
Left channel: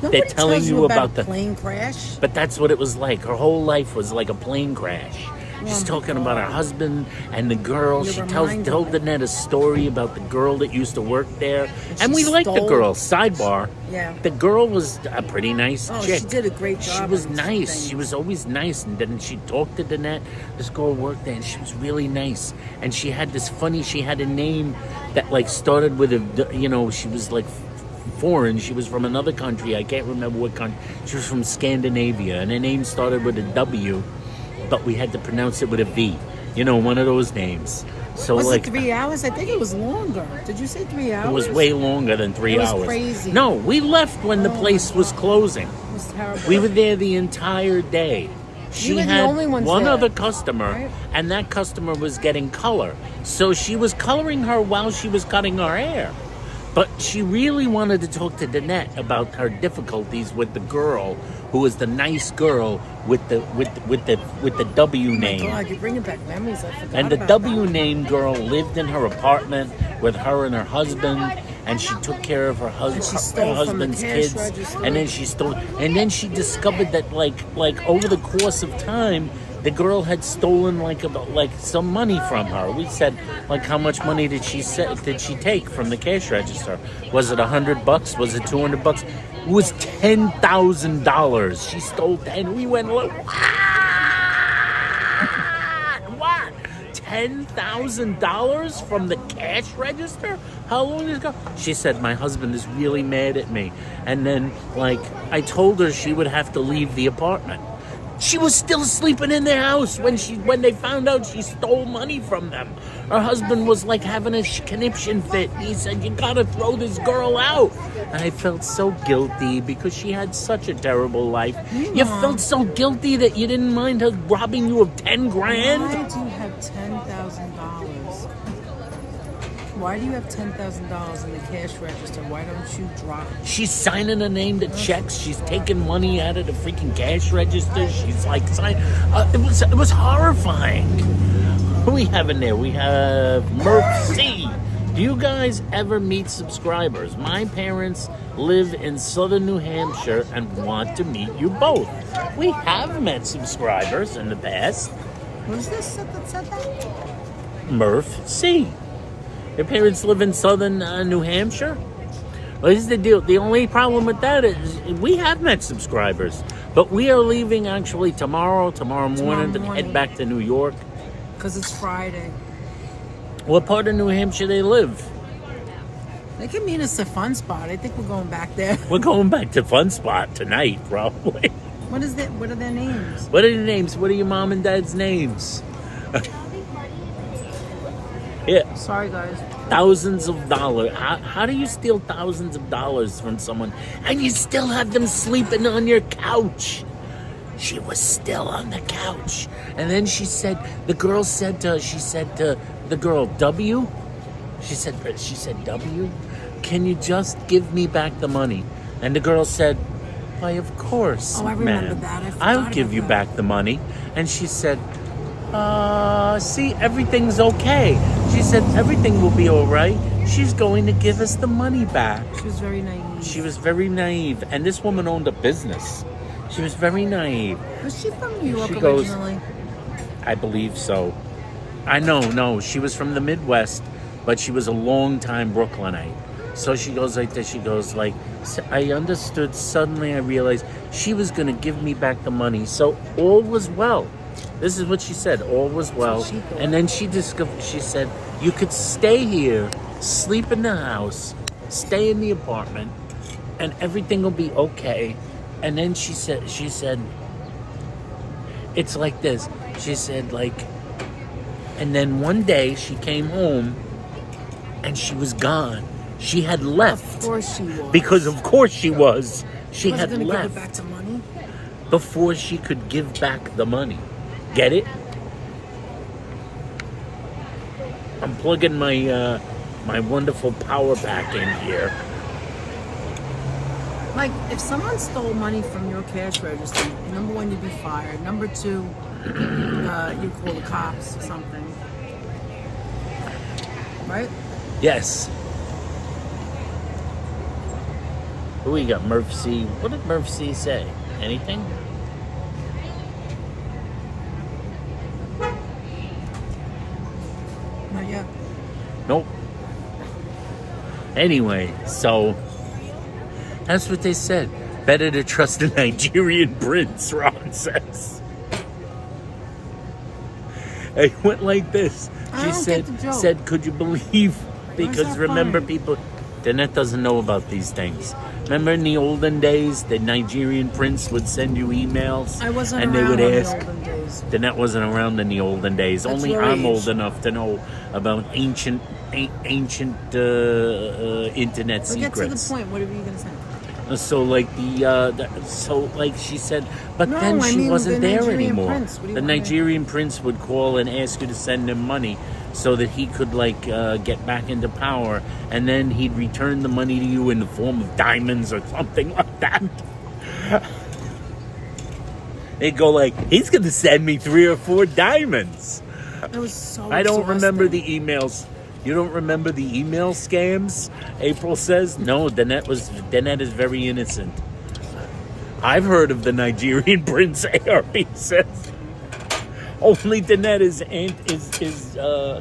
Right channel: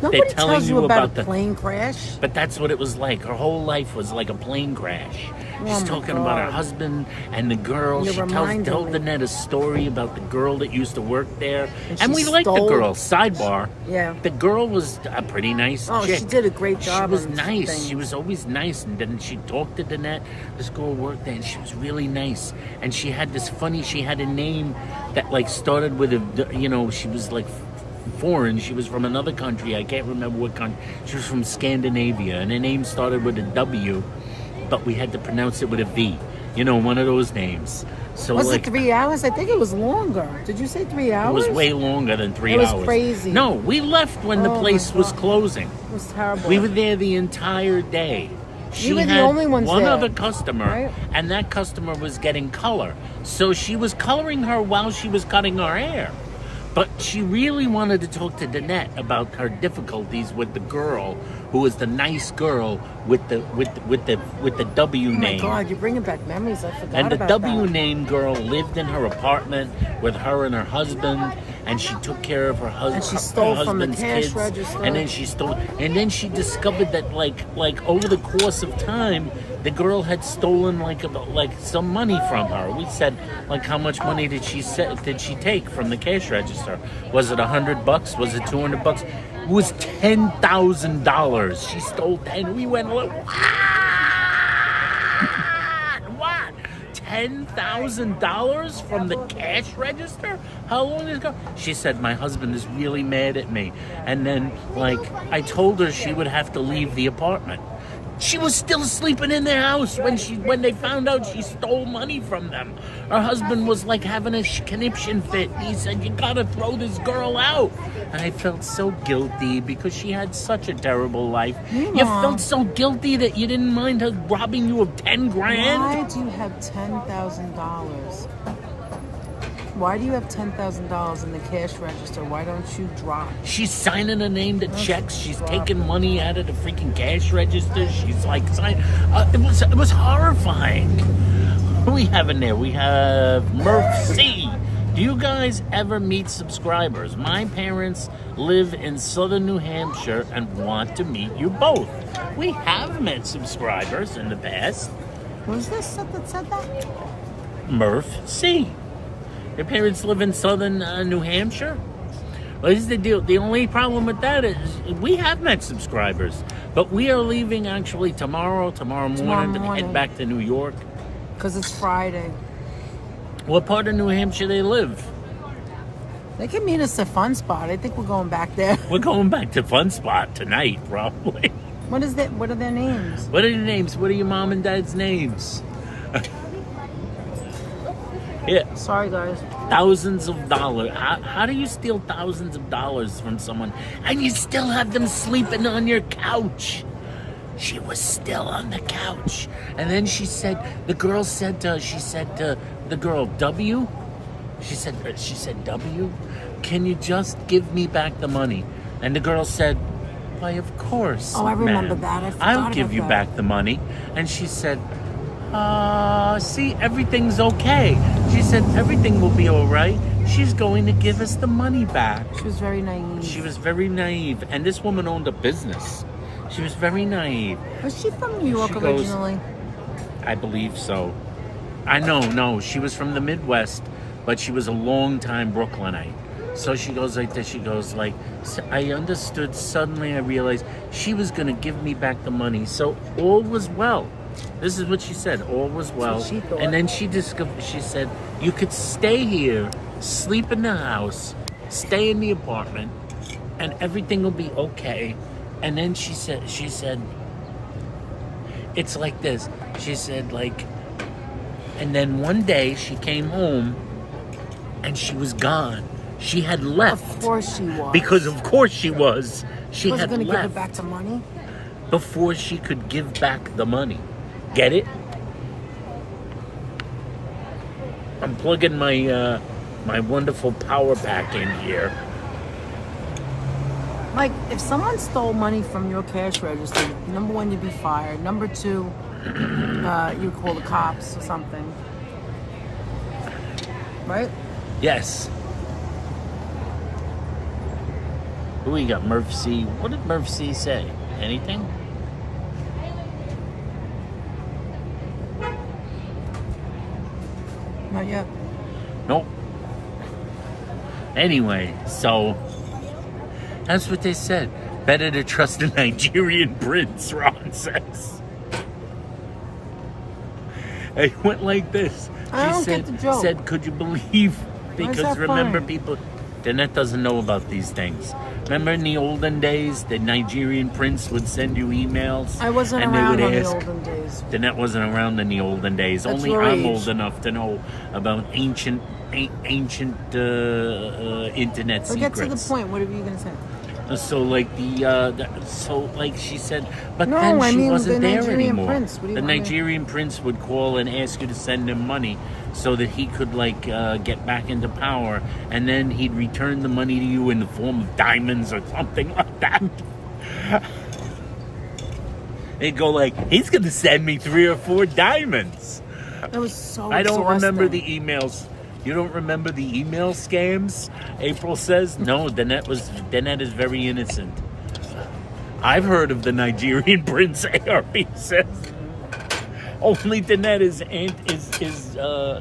Nobody They're telling tells you about the plane crash. But that's what it was like. Her whole life was like a plane crash. She's talking about her husband and the girl. She told Danette a story about the girl that used to work there. And we liked the girl. Sidebar. Yeah. The girl was a pretty nice chick. She did a great job. She was nice. She was always nice. And then she talked to Danette. This girl worked there, and she was really nice. And she had she had a name that like started with she was like foreign. She was from another country. I can't remember what country. She was from Scandinavia, and her name started with a W, but we had to pronounce it with a V. One of those names. So was it 3 hours? I think it was longer. Did you say 3 hours? It was way longer than 3 hours. It was crazy. No, we left when the place was closing. It was terrible. We were there the entire day. She had one other customer, right? And that customer was getting color. So she was coloring her while she was cutting her hair. But she really wanted to talk to Danette about her difficulties with the girl who was the nice girl with the W name. Oh my God, you're bringing back memories. I forgot. And the about W that. name girl lived in her apartment with her and her husband, and she took care of her husband's kids. And then she stole. And then she discovered that like over the course of time, the girl had stolen like some money from her. We said, like, how much money did she take from the cash register? Was it $100? Was it $200? It was $10,000. She stole 10. We went, what? What? $10,000 from the cash register? How long ago? She said, my husband is really mad at me. And then, like, I told her she would have to leave the apartment. She was still sleeping in their house when they found out she stole money from them. Her husband was like having a conniption fit. He said, "You gotta throw this girl out." And I felt so guilty because she had such a terrible life. You felt so guilty that you didn't mind her robbing you of 10 grand? Why do you have $10,000? Why do you have $10,000 in the cash register? Why don't you drop? She's signing her name to checks. She's taking money out of the freaking cash register. She's like, it was horrifying. Who we have in there? We have Murph C. Do you guys ever meet subscribers? My parents live in southern New Hampshire and want to meet you both. We have met subscribers in the past. Was this that said that? Murph C. Your parents live in southern New Hampshire? Well, here's the deal. The only problem with that is we have met subscribers, but we are leaving actually tomorrow morning to head back to New York. Because it's Friday. What part of New Hampshire they live? They can meet us at Fun Spot. I think we're going back there. We're going back to Fun Spot tonight, probably. What are their names? What are your names? What are your mom and dad's names? Yeah. Sorry, guys. Thousands of dollars. How do you steal thousands of dollars from someone and you still have them sleeping on your couch? She was still on the couch. And then the girl said to the girl, W? She said, W? Can you just give me back the money? And the girl said, why, of course, I remember ma'am. that. I'll give you back the money. And she said, see, everything's okay. She said, everything will be all right. She's going to give us the money back. She was very naive. She was very naive. And this woman owned a business. She was very naive. Was she from New York originally? I believe so. No, she was from the Midwest, but she was a long-time Brooklynite. So she goes like this. She goes like, I understood. Suddenly I realized she was going to give me back the money. So all was well. This is what she said. All was well. And then she said, you could stay here, sleep in the house, stay in the apartment, and everything will be okay. And then she said, it's like this. She said, like, and then one day she came home and she was gone. She had left. Of course she was. Because of course she was. She had gonna left. Give her back the money? Before she could give back the money. Get it? I'm plugging my my wonderful power pack in here. Like, if someone stole money from your cash register, number one, you'd be fired. Number two, you'd call the cops or something. Right? Yes. Who we got? Murph C. What did Murph C say? Anything? Not yet. Nope. Anyway, so that's what they said. Better to trust a Nigerian prince, Ron says. It went like this. I don't get the joke. Said, could you believe? Because that remember, funny? people, Danette doesn't know about these things. Remember in the olden days, the Nigerian prince would send you emails. I wasn't and around they would in ask. the olden days. Danette wasn't around in the olden days. That's Only your I'm age. old enough to know about ancient internet Well, get to the secrets. point. What are you going to say? So like she said, but No, then I she mean wasn't the there Nigerian anymore. prince. What do you The want me- Nigerian prince would call and ask you to send him money so that he could get back into power, and then he'd return the money to you in the form of diamonds or something like that. They'd go like, he's gonna send me 3 or 4 diamonds. It was so I don't remember exhausting. the emails. You don't remember the email scams? April says, no, Danette is very innocent. I've heard of the Nigerian prince, ARP says. Only Danette is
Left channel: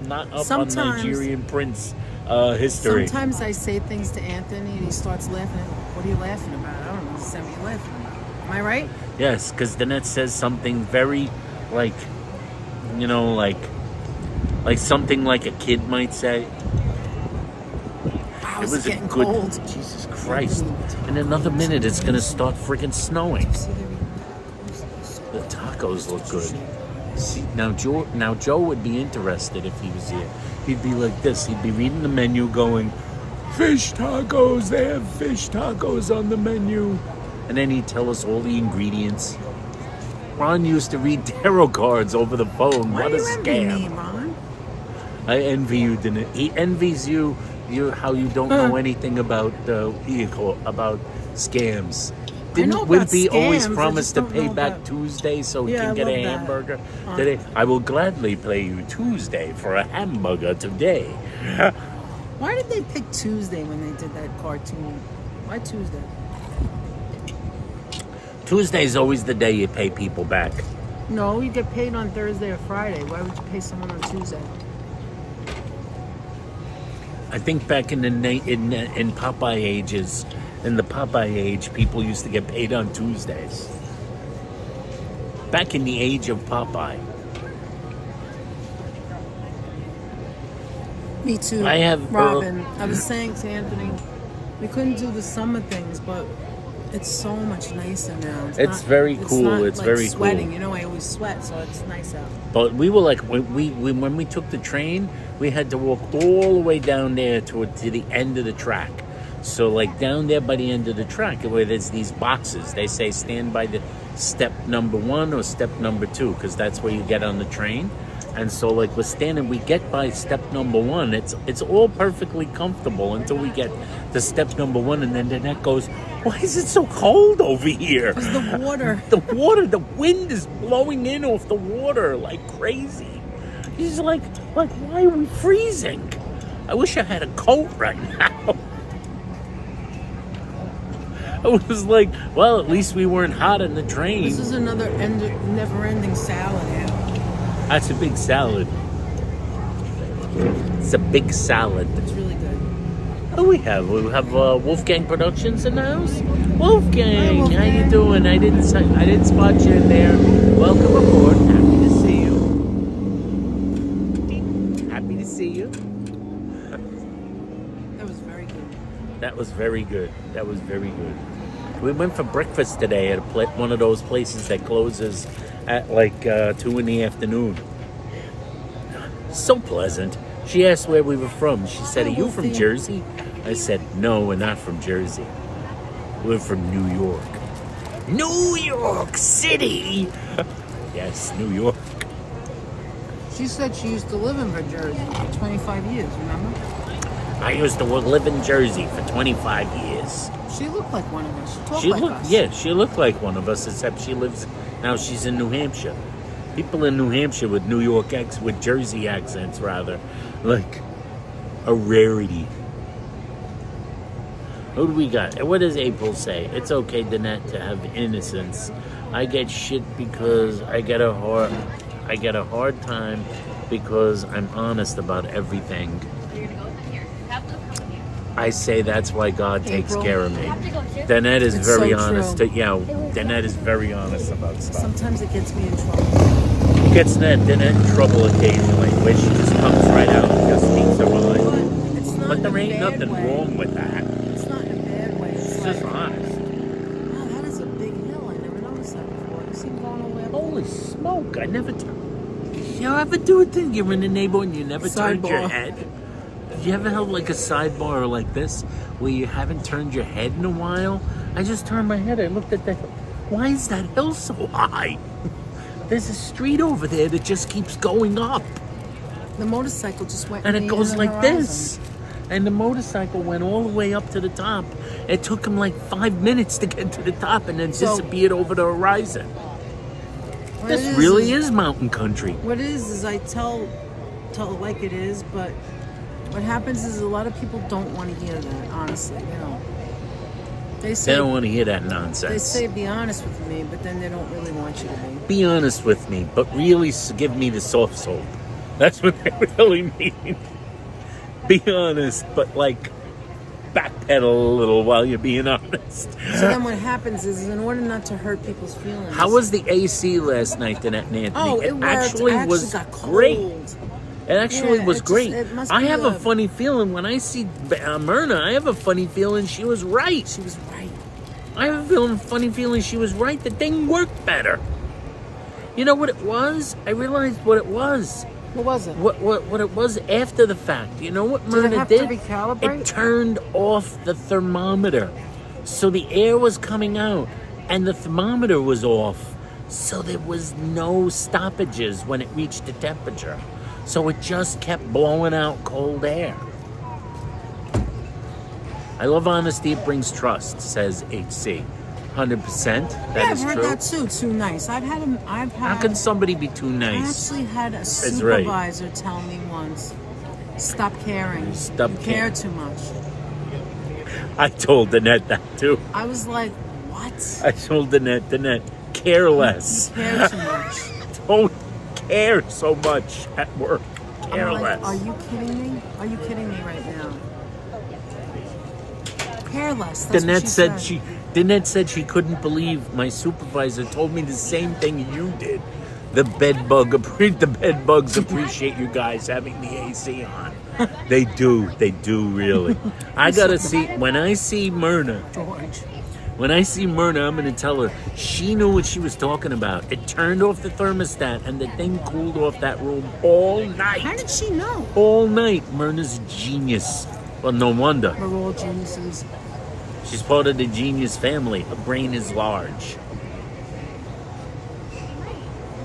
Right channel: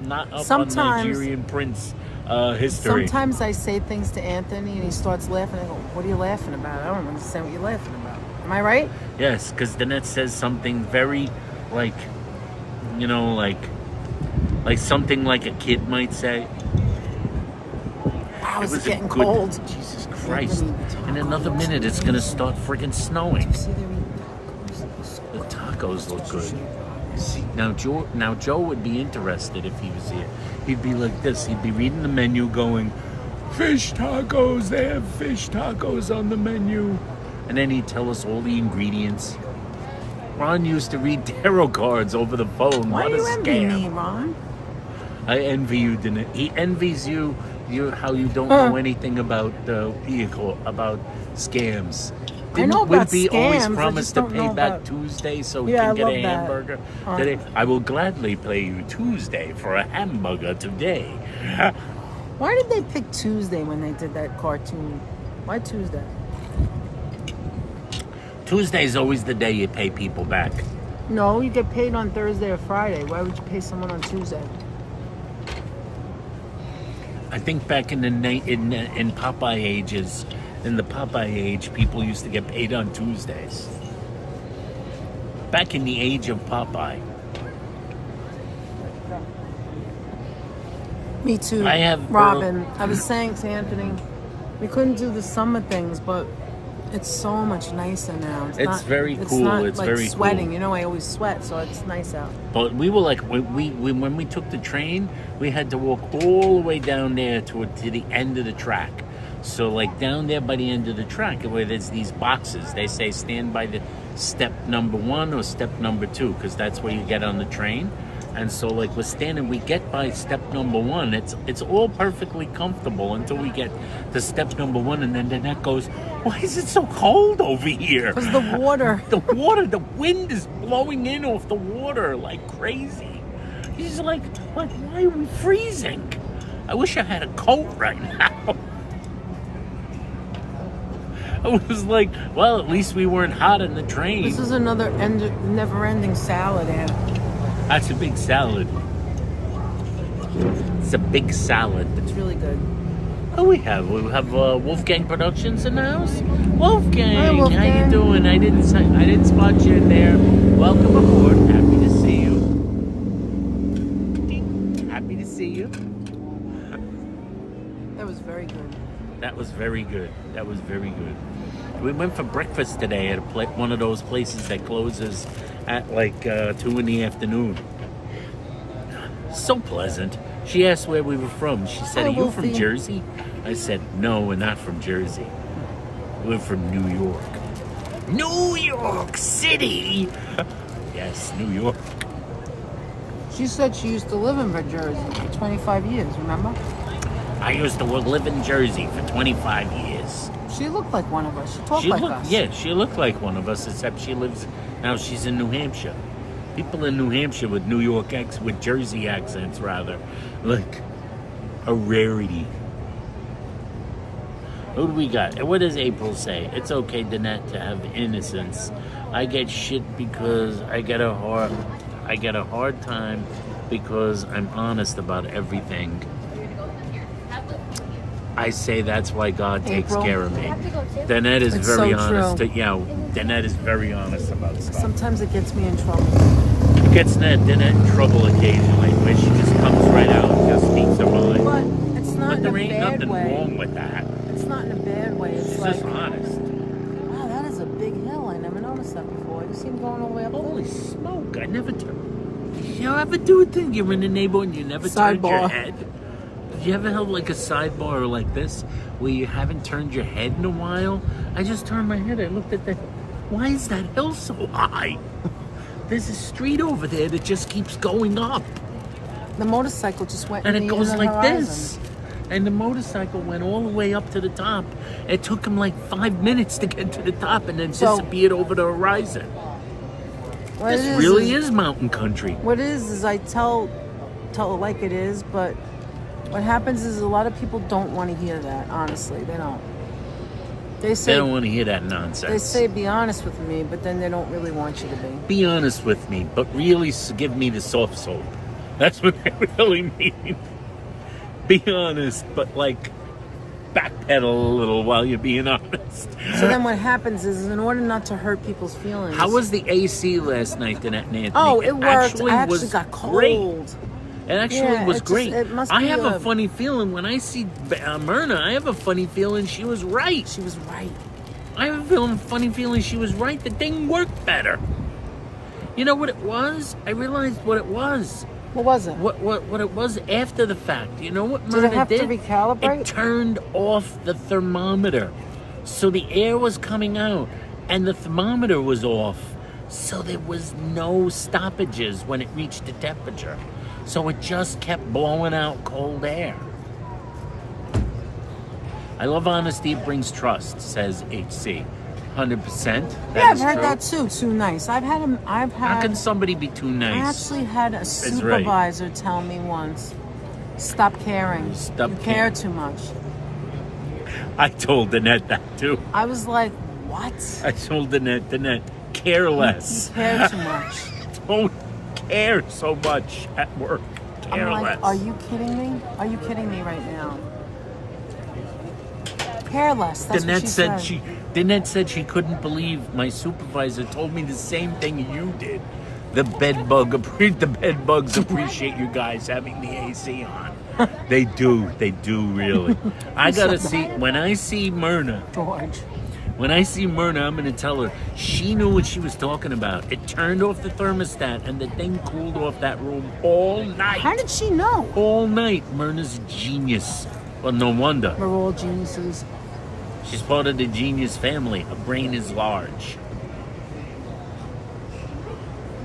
not up Sometimes- on Nigerian prince history. Sometimes I say things to Anthony and he starts laughing. I go, what are you laughing about? I don't understand what you're laughing about. Am I right? Yes, because Danette says something very, like something like a kid might say. Wow, It it's was a getting good. cold. Jesus Christ! In another minute, it's gonna start freaking snowing. See, they're in The tacos look good. See, now Joe would be interested if he was here. He'd be like this. He'd be reading the menu going, fish tacos, they have fish tacos on the menu. And then he'd tell us all the ingredients. Ron used to read tarot cards over the phone. Why what a you envy scam. me, Ron? I envy you, Dana. He envies you how you don't know anything about about scams. Didn't know about Wimpy always scams, I promise just to don't pay know back about- Tuesday so he Yeah, can I get a love that. hamburger? Today, I will gladly pay you Tuesday for a hamburger today. Why did they pick Tuesday when they did that cartoon? Why Tuesday? Tuesday's always the day you pay people back. No, you get paid on Thursday or Friday. Why would you pay someone on Tuesday? I think back in the in Popeye ages, in the Popeye age, people used to get paid on Tuesdays. Back in the age of Popeye. Me too. I have Robin. I was saying to Anthony, you couldn't do the summer things, but it's so much nicer now. It's very cool. Not It's like very sweating. cool. You know, I always sweat, so it's nice out. But we were like, when we took the train, we had to walk all the way down there to the end of the track. So like down there by the end of the track, where there's these boxes, they say stand by the step number 1 or step number 2, because that's where you get on the train. And so like we're standing, we get by step number 1. It's all perfectly comfortable until we get to step number 1, and then Danette goes, why is it so cold over here? Because the water. The wind is blowing in off the water like crazy. He's like, why are we freezing? I wish I had a coat right now. I was like, well, at least we weren't hot in the train. This is another never-ending salad. That's a big salad. It's a big salad. It's really good. Who we have? We have Wolfgang Productions in the house. Wolfgang, Hi, Wolfgang. how you doing? I didn't spot you in there. Welcome aboard. Happy to see you. Ding. Happy to see you. That was very good. That was very good. That was very good. We went for breakfast today at one of those places that closes at like 2 in the afternoon. So pleasant. She asked where we were from. She said, Hi, are you from Wolfie. Jersey? I said, no, we're not from Jersey. We're from New York. New York City! Yes, New York. She said she used to live in Jersey for 25 years, remember? I used to live in Jersey for 25 years. She looked like one of us. She talked like us. Yeah, she looked like one of us, except now she's in New Hampshire. People in New Hampshire with with Jersey accents, rather, like a rarity. Who do we got? What does April say? It's okay, Danette, to have innocence. I get shit because I get a hard time because I'm honest about everything. I say that's why God takes April. care of me. Danette is It's very so honest. true. Danette is very honest about stuff. Sometimes it gets me in trouble. It gets Danette in trouble occasionally, where she just comes right out and just speaks her mind. But it's not But in there a ain't bad nothing way. wrong with that. It's not in a bad way. It's It's like, just honest. wow, that is a big hill. I never noticed that before. You see him going all the way up? Holy smoke! I never turn. You ever do a thing? You're in the neighborhood and you never turned your Sidebar. head. You ever held like a sidebar like this, where you haven't turned your head in a while? I just turned my head. I looked at the hill. Why is that hill so high? There's a street over there that just keeps going up, The motorcycle just went and in it the goes inner like horizon. this. And the motorcycle went all the way up to the top. It took him like 5 minutes to get to the top, and then So- disappeared over the horizon. What This it really is mountain country. What it is I tell it like it is, but what happens is a lot of people don't want to hear that, honestly. They don't. They don't want to hear that They nonsense. say be honest with me, but then they don't really want you to be. Be honest with me, but really give me the soft soap. That's what they really mean. Be honest, but like backpedal a little while you're being honest. So then what happens is, in order not to hurt people's feelings. How was the AC last night, Danette and Anthony? Oh, it worked. actually I was got cold. great. It actually Yeah, was it just- great. it must I be have a funny feeling when I see Myrna. I have a funny feeling she was right. She was right. I have a funny feeling she was right. The thing worked better. You know what it was? I realized what it was. What was it? What it was after the fact. You know what Did it Myrna have to did? recalibrate? It turned off the thermometer. So the air was coming out and the thermometer was off. So there was no stoppages when it reached the temperature. So it just kept blowing out cold air. I love honesty, it brings trust, says HC. 100%. That is I've heard true. that too. Too nice. I've had. How can somebody be too I nice? actually had a right. supervisor tell me once, "Stop caring. Stop you care caring." too much." I told Danette that too. I was like, "What? I told Danette, care less. You care too much." Don't care so much at work. Care I'm like, less. are you kidding me? Are you kidding me right now? Care less. That's what Danette said she couldn't believe my supervisor told me the same thing you did. The bedbugs appreciate you guys having the AC on. They do really. I gotta see when I see Myrna. George. When I see Myrna, I'm gonna tell her she knew what she was talking about. It turned off the thermostat and the thing cooled off that room all night. How did she know? All night. Myrna's a genius. Well, no wonder. We're all geniuses. She's part of the genius family. Her brain is large.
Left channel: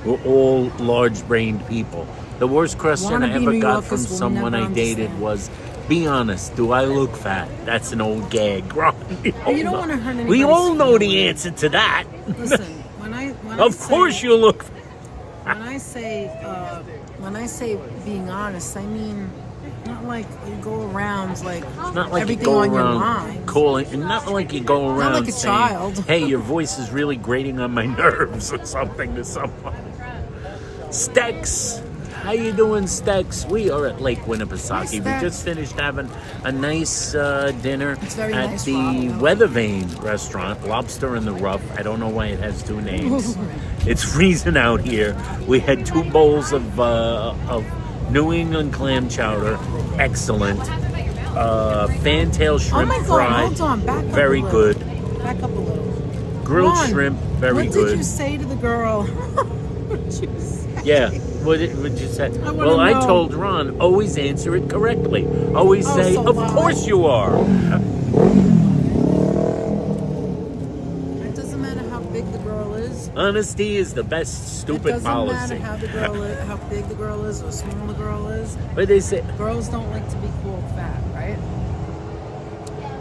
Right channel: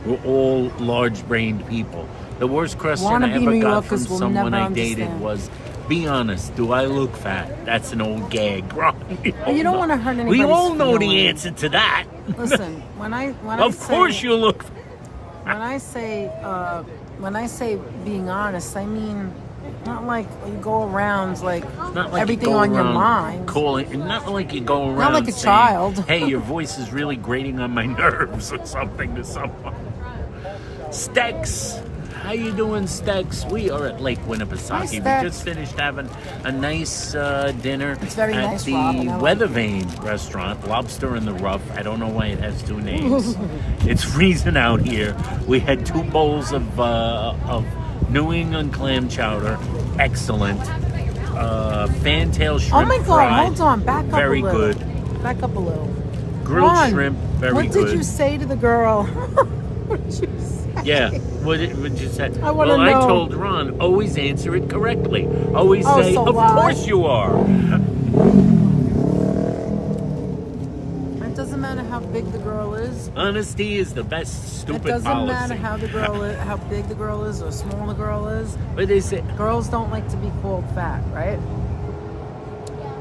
We're all large-brained people. The worst question I ever got from someone I dated was, be honest, do I look fat? That's an old gag. You don't want to hurt anybody's We all know the feelings. answer to that. Listen, Of course you look fat. When I say being honest, I mean not like you go around like Not like everything you go on your around mind. calling, not like you go around like a saying, child. hey, your voice is really grating on my nerves or something to someone. Stex. How you doing, Stex? We are at Lake Winnipesaukee. We Stex. just finished having a nice dinner It's very at nice, the Rob, and I like Weathervane restaurant, Lobster in the Rough. I don't know why it has two names. It's freezing out here. We had 2 bowls of New England clam chowder, excellent. Fantail Oh shrimp my God! fried, Hold on, back up very a little. good. Back up a little. Grilled Ron, shrimp, very what good. did you say to the girl? What did you say? Yeah, what did you say? I wanna Well, I know. told Ron, always answer it correctly. Always Oh, say, so of why? course you are. It doesn't matter how big the girl is. Honesty is the best It stupid doesn't policy. matter how the girl is, how big the girl is, or small the girl is. But they say, Girls don't like to be called fat, right?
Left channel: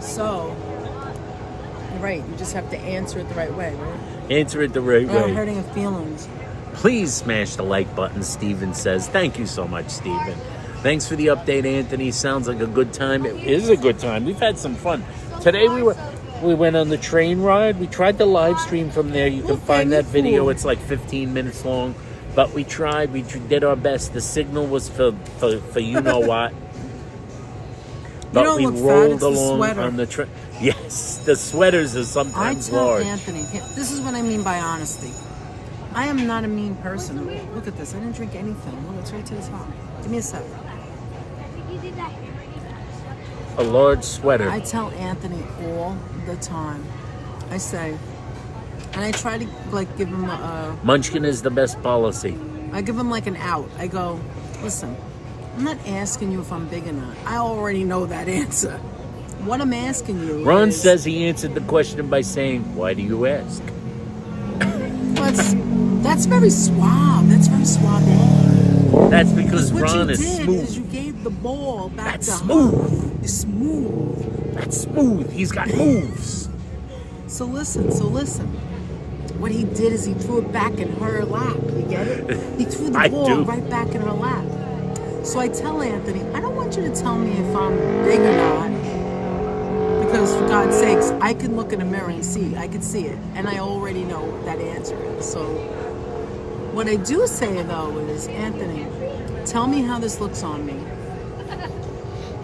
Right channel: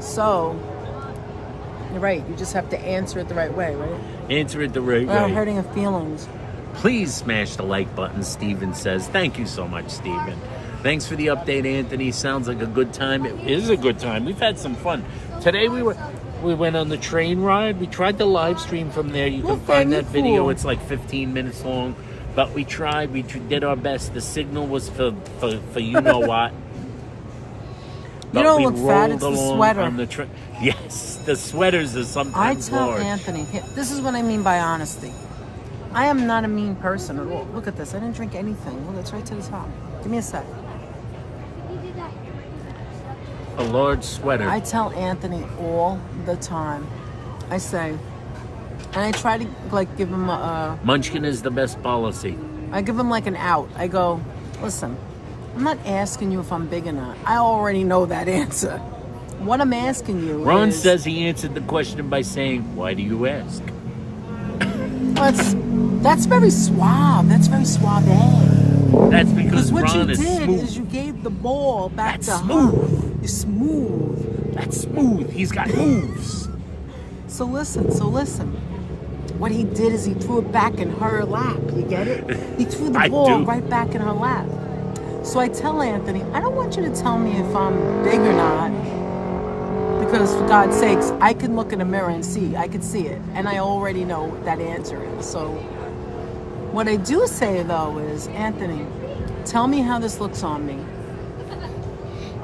So, you're right. You just have to answer it the right way, right? answer it the right Without way. hurting her feelings. Please smash the like button, Steven says. Thank you so much, Steven. Thanks for the update, Anthony. Sounds like a good time. It is a good time. We've had some fun. Today we went on the train ride. We tried to live stream from there. You can find that video. It's like 15 minutes long. But we tried. We did our best. The signal was for you know what. But don't we look fat, rolled it's the along sweater. on the train. Yes, the sweaters are I sometimes tell large. Anthony, this is what I mean by honesty. I am not a mean person at all. Look at this. I didn't drink anything. Look, it's right to the top. Give me a sec. A large sweater. I tell Anthony all the time. I say, and I try to like give him Munchkin is the best policy. I give him like an out. I go, listen, I'm not asking you if I'm big or not. I already know that answer. What I'm asking you Ron is, says he answered the question by saying, why do you ask? that's very suave. That's very suave. That's because What Ron you is did smooth. is you gave the ball back That's to smooth. her. You're smooth. That's smooth. He's got moves. So listen. What he did is he threw it back in her lap. You get it? He threw the I ball do. right back in her lap. So I tell Anthony, I don't want you to tell me if I'm big or not. Because for God's sakes, I can look in a mirror and see. I can see it. And I already know that answer. So what I do say, though, is, Anthony, tell me how this looks on me.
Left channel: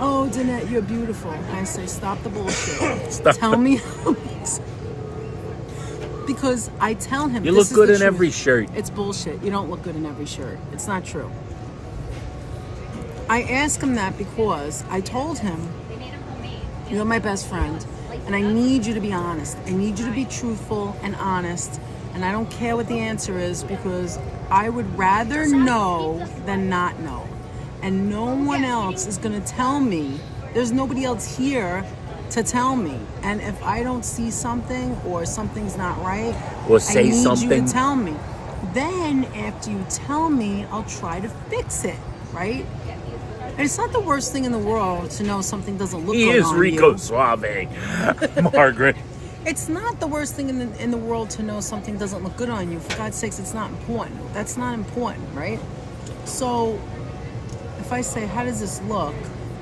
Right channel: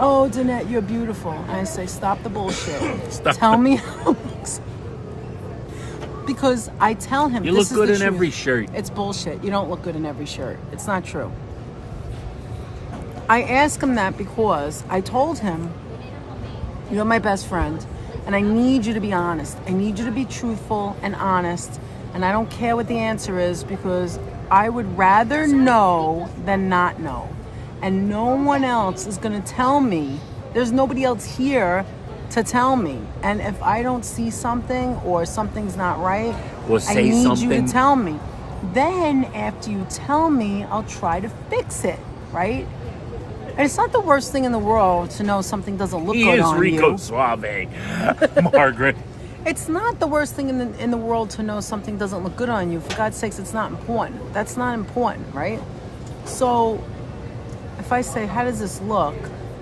Oh, Danette, you're beautiful. And I say, stop the bullshit. Stop. Tell me how it looks. Because I tell him, You this look is good the in truth. every shirt. It's bullshit. You don't look good in every shirt. It's not true. I asked him that because I told him, you're my best friend, and I need you to be honest. I need you to be truthful and honest And I don't care what the answer is because I would rather know than not know. And no one else is going to tell me. There's nobody else here to tell me. And if I don't see something or something's not right, or say I need something, you to tell me. Then after you tell me, I'll try to fix it, right? And it's not the worst thing in the world to know something doesn't look good on Rico you. Suave, Margaret. It's not the worst thing in the world to know something doesn't look good on you. For God's sakes, it's not important. That's not important, right? So if I say, how does this look?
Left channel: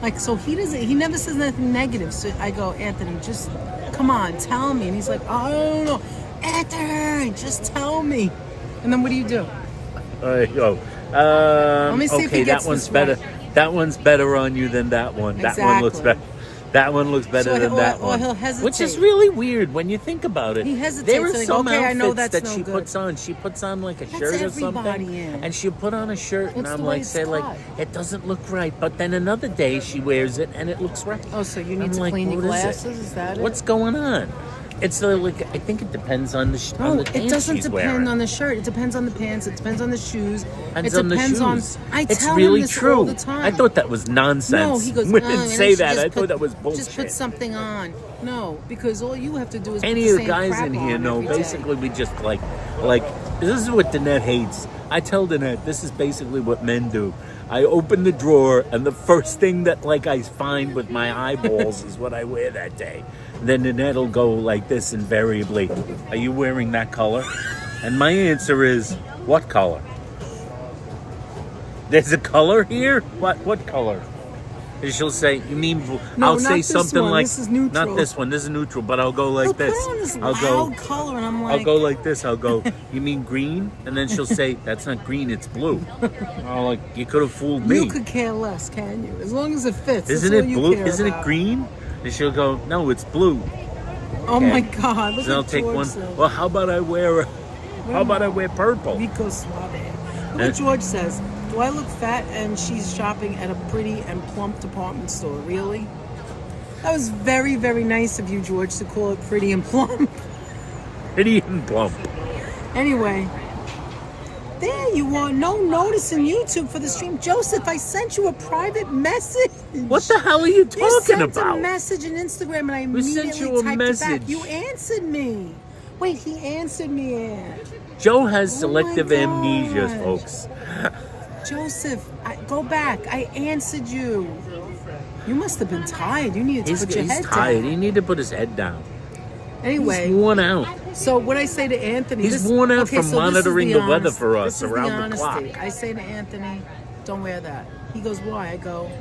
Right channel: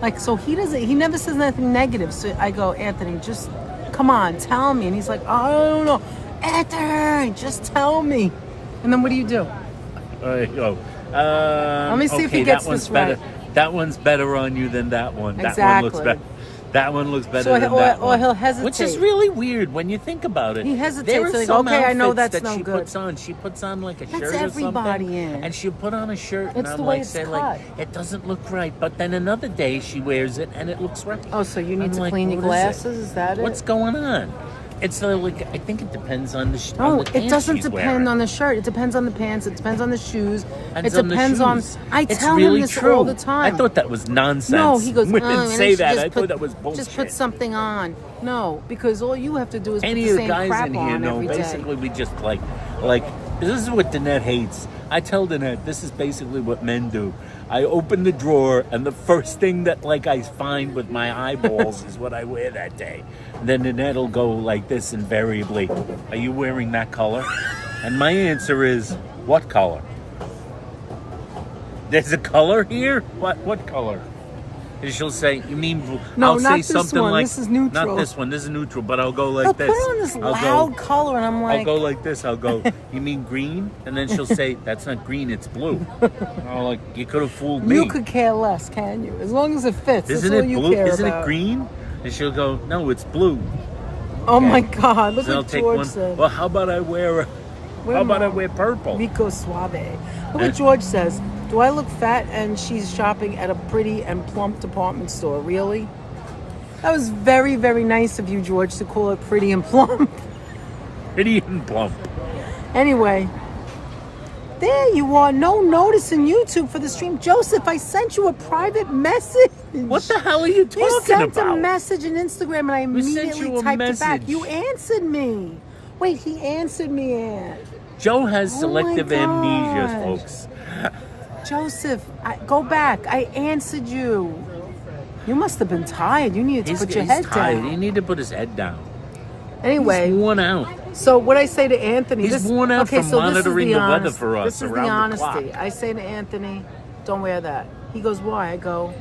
Like, so he never says anything negative. So I go, Anthony, just come on, tell me. And he's like, I don't know. Anthony, just tell me. And then what do? Let me see if he gets that one's this better. right. That one's better on you than that one. Exactly. That one looks better. That one looks better than that one. Or he'll hesitate. Which is really weird when you think about it. He hesitates. There are like, some okay, I know outfits that's that no she good. puts on. She puts on like a shirt or everybody, something, yeah. and she'll put on a shirt, and It's I'm the way like, it's say like, cut. it doesn't look right. But then another day she wears it and it looks right. Oh, so you need I'm to like, clean your what is it? glasses? Is that it? What's going on? It's like, I think it depends on the on the it pants doesn't she's depend wearing. on the shirt. It depends on the pants. It depends on the shoes. Depends it on depends the on. shoes. I It's tell really him this true. all the time. I thought that was nonsense. No, he goes. Women and say then that. she I just thought that was bullshit. Just put something on. No, because all you have to do is Any put of the the same guys crap in here on know. every day. Basically, we just like this is what Danette hates. I tell Danette this is basically what men do. I open the drawer and the first thing that like I find with my eyeballs is what I wear that day. And then Danette'll go like this invariably. Are you wearing that color? And my answer is, what color? There's a color here? What color? And she'll say, you mean blue? No, I'll not say this something one. like, This is neutral. not this one. This is neutral, but I'll go like But this. put on this I'll loud go. color, and I'm like, I'll go like this. I'll go, you mean green? And then she'll say, that's not green, it's blue. I'm like, you could have fooled me. you could care less, can you? As long as it fits. Isn't that's it all you blue? care Isn't it about. green? And she'll go, no, it's blue. Oh Okay. my God! Look Then I'll what take George one. said. Well, how about I wear purple? Rico Suave. Look what George says. Do I look fat and she's shopping at a pretty and plump department store? Really? That was very, very nice of you, George, to call it pretty and plump. Pretty and plump. Anyway, there you are. No notice in YouTube for the stream. Joseph, I sent you a private message. What the hell are you You talking sent about? a message on Instagram and I Who immediately sent you a typed it back. message? You answered me. Wait, he answered me, Ann. Joe has Oh selective my amnesia, gosh. folks. Joseph, go back. I answered you. You must have been tired. You needed to put your head tired. down. He needed to put his head down. Anyway, He's worn out. so what I say to Anthony... He's worn out from so this is monitoring the weather honest- for us this is around the honesty. clock. I say to Anthony, don't wear that. He goes, why? I go,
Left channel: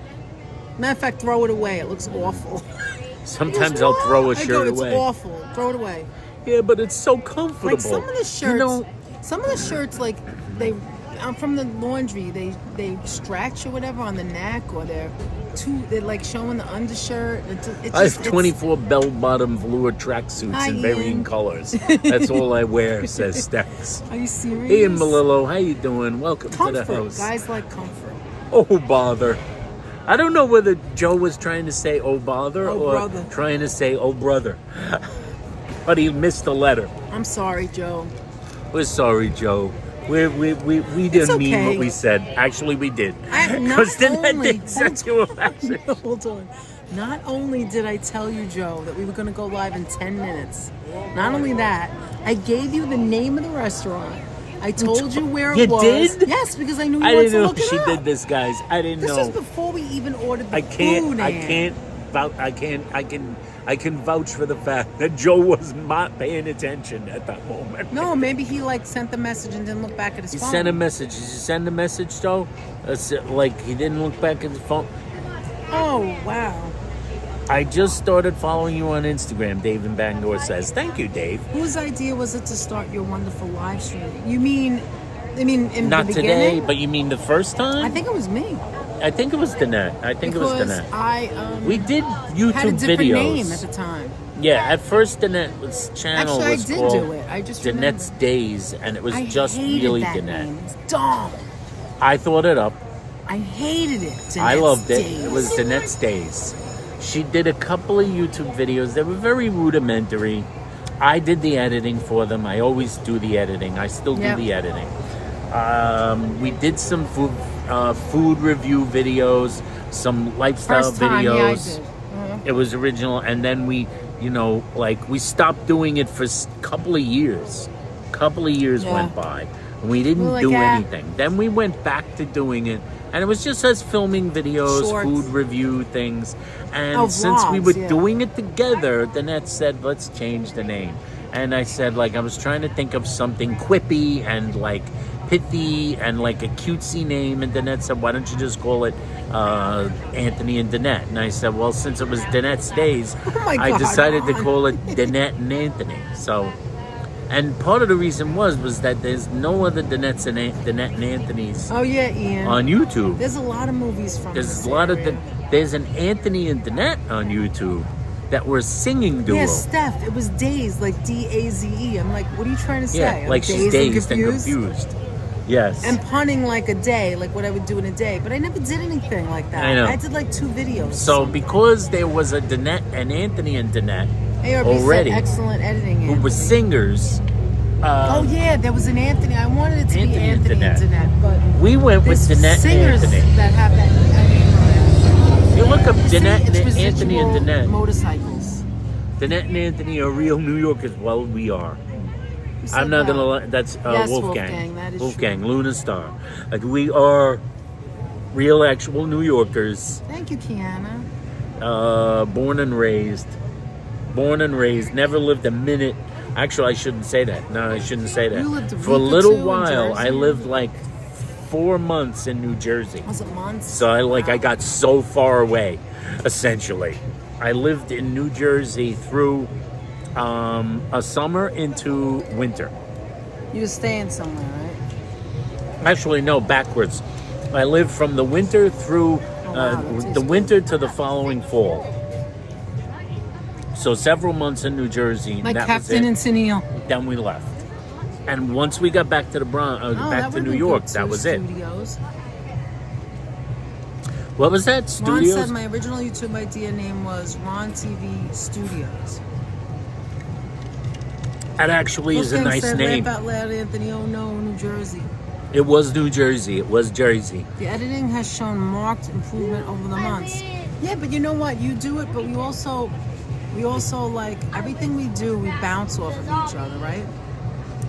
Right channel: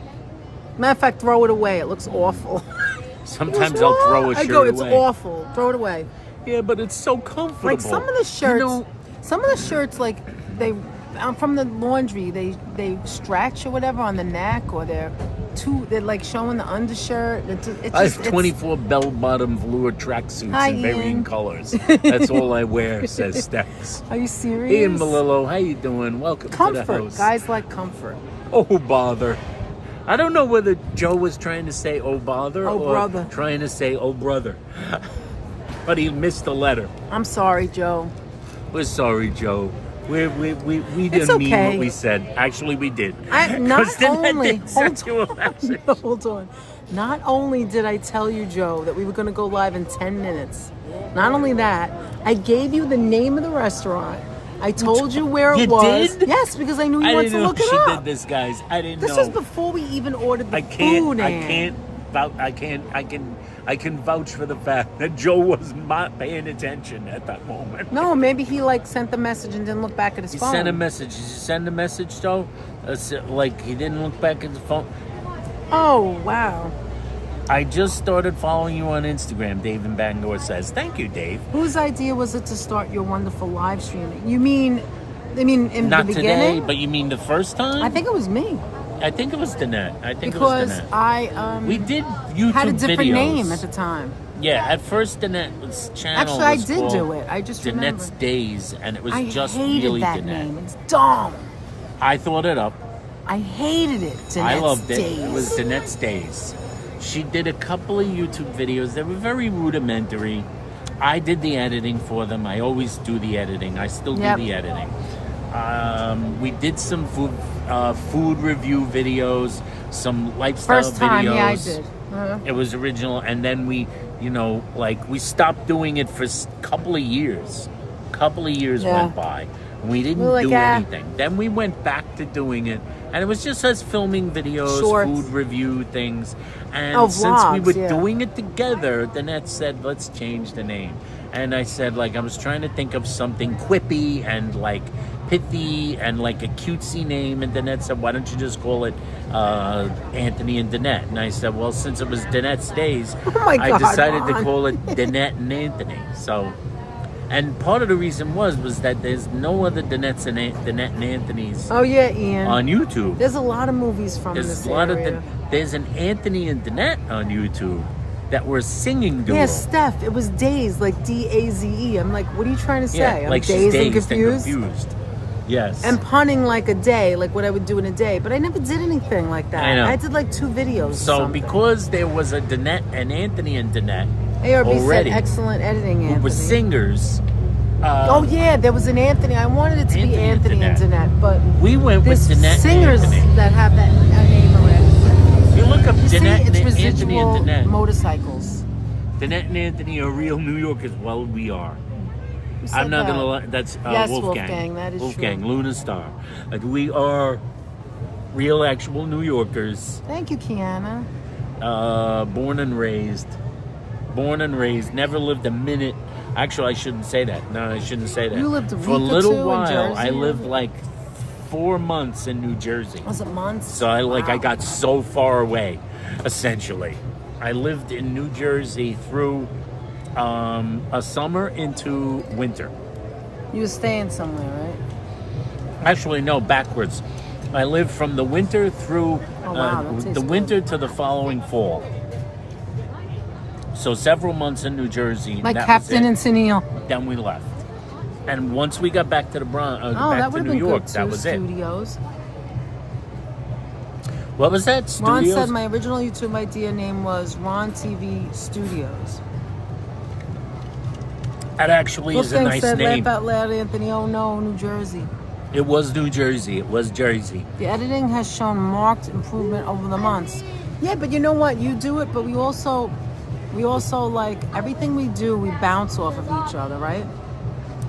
matter of fact, throw it away. It looks awful. Sometimes I'll throw a I shirt go, it's away. awful. Throw it away. Yeah, but it's so comfortable. Like some of the shirts, You know, like from the laundry, they stretch or whatever on the neck, or they're like showing the undershirt. I have 24 bell-bottom velour tracksuits Hi, in varying Ian. colors. That's all I wear, says Stex. Are you serious? Ian Malillo, how you doing? Welcome to the Comfort. house. Guys like comfort. Oh, bother. I don't know whether Joe was trying to say oh, bother Oh, or brother. trying to say oh, brother. But he missed the letter. I'm sorry, Joe. We're sorry, Joe. We didn't mean okay. what we said. Actually, we did. Not Because then I only did send you a message. hold on. Not only did I tell you, Joe, that we were going to go live in 10 minutes. Not only that, I gave you the name of the restaurant. I told you where it You was. did? Yes, because I knew you I wanted didn't to know look it she up. did this, guys. I didn't This know. was before we even ordered the food. I can vouch for the fact that Joe was not paying attention at that moment. No, maybe he sent the message and didn't look back at his He phone. sent a message. Did you send a message, Joe? Like he didn't look back at his phone. Oh, wow. I just started following you on Instagram, Dave in Bangor says. Thank you, Dave. Whose idea was it to start your wonderful live stream? You mean in Not the today, beginning? but you mean the first time? I think it was me. I think it was Danette. Because Danette. We did YouTube had a different videos. name at the time. Yeah, at first Danette's channel Actually, I was did called do it. I just Danette's remember. Days, and it was I just hated really that Danette. name. It's dumb. I thought it up. I hated it. I loved it. Days. It was Danette's Days. She did a couple of YouTube videos that were very rudimentary. I did the editing for them. I always do the editing. I still do Yep. the editing. We did some food review videos, some lifestyle First time, yeah, I videos. did. Uh-huh. It was original, and then we, we stopped doing it for a couple of years. Yeah. Went by, and we didn't We were like, do "Ah." anything. Then we went back to doing it, and it was just us filming videos, Shorts. food review things. And Oh, since we vlogs, were yeah. doing it together, Danette said, let's change the name. And I said, I was trying to think of something quippy and pithy and a cutesy name. And Danette said, why don't you just call it Anthony and Danette? And I said, well, since it was Danette's days, Oh my I God, decided to Ron. call it Danette and Anthony. So, and part of the reason was that there's no other Danette and Anthony's Oh yeah, Ian. on YouTube. There's a lot of movies from There's this a lot area. there's an Anthony and Danette on YouTube that were singing duo. Yeah, Steph. It was Daze, like D-A-Z-E. I'm like, what are you trying to say? Yeah, I'm like she's dazed and confused. Yes. And punning like a day, like what I would do in a day. But I never did anything like that. I know. I did like 2 videos. So because there was a Danette and Anthony and Danette ARB already, said excellent editing. who were Anthony. singers, Oh yeah, there was an Anthony. I wanted it to Anthony be and Anthony and Danette. Danette, but we went with there's Danette and singers Anthony. that have that name already. If you look up You see, Danette it's and Anthony and residual Danette, motorcycles. Danette and Anthony are real New Yorkers. Well, we are. Who said I'm not that? gonna lie. That's Yes, Wolfgang. Wolfgang, that is Wolfgang, true. Luna Star. We are real, actual New Yorkers. Thank you, Kiana. Born and raised. Never lived a minute. Actually, I shouldn't say that. No, I shouldn't say that. You lived a For a week or little 2 in while. Jersey? I lived 4 months in New Jersey. Was it months? So I Wow. got so far away, essentially. I lived in New Jersey through a summer into winter. You were staying somewhere, right? Actually, no, backwards. I lived from the winter through Oh, wow, that tastes the winter good. to the following fall. So several months in New Jersey. Like that Captain was it. and Sunil. Then we left. And once we got back to the Oh, back that to would've New been York, good, that too, was it. Studios. What was that? Ron Studios? said my original YouTube idea name was Ron TV Studios. That actually is a Wolfgang nice said, name. Laugh out loud, Anthony. Oh no, New Jersey. It was New Jersey. It was Jersey. The editing has shown marked improvement over the months. Yeah, but you know what? You do it, but we also like everything we do, we bounce off of each other, right?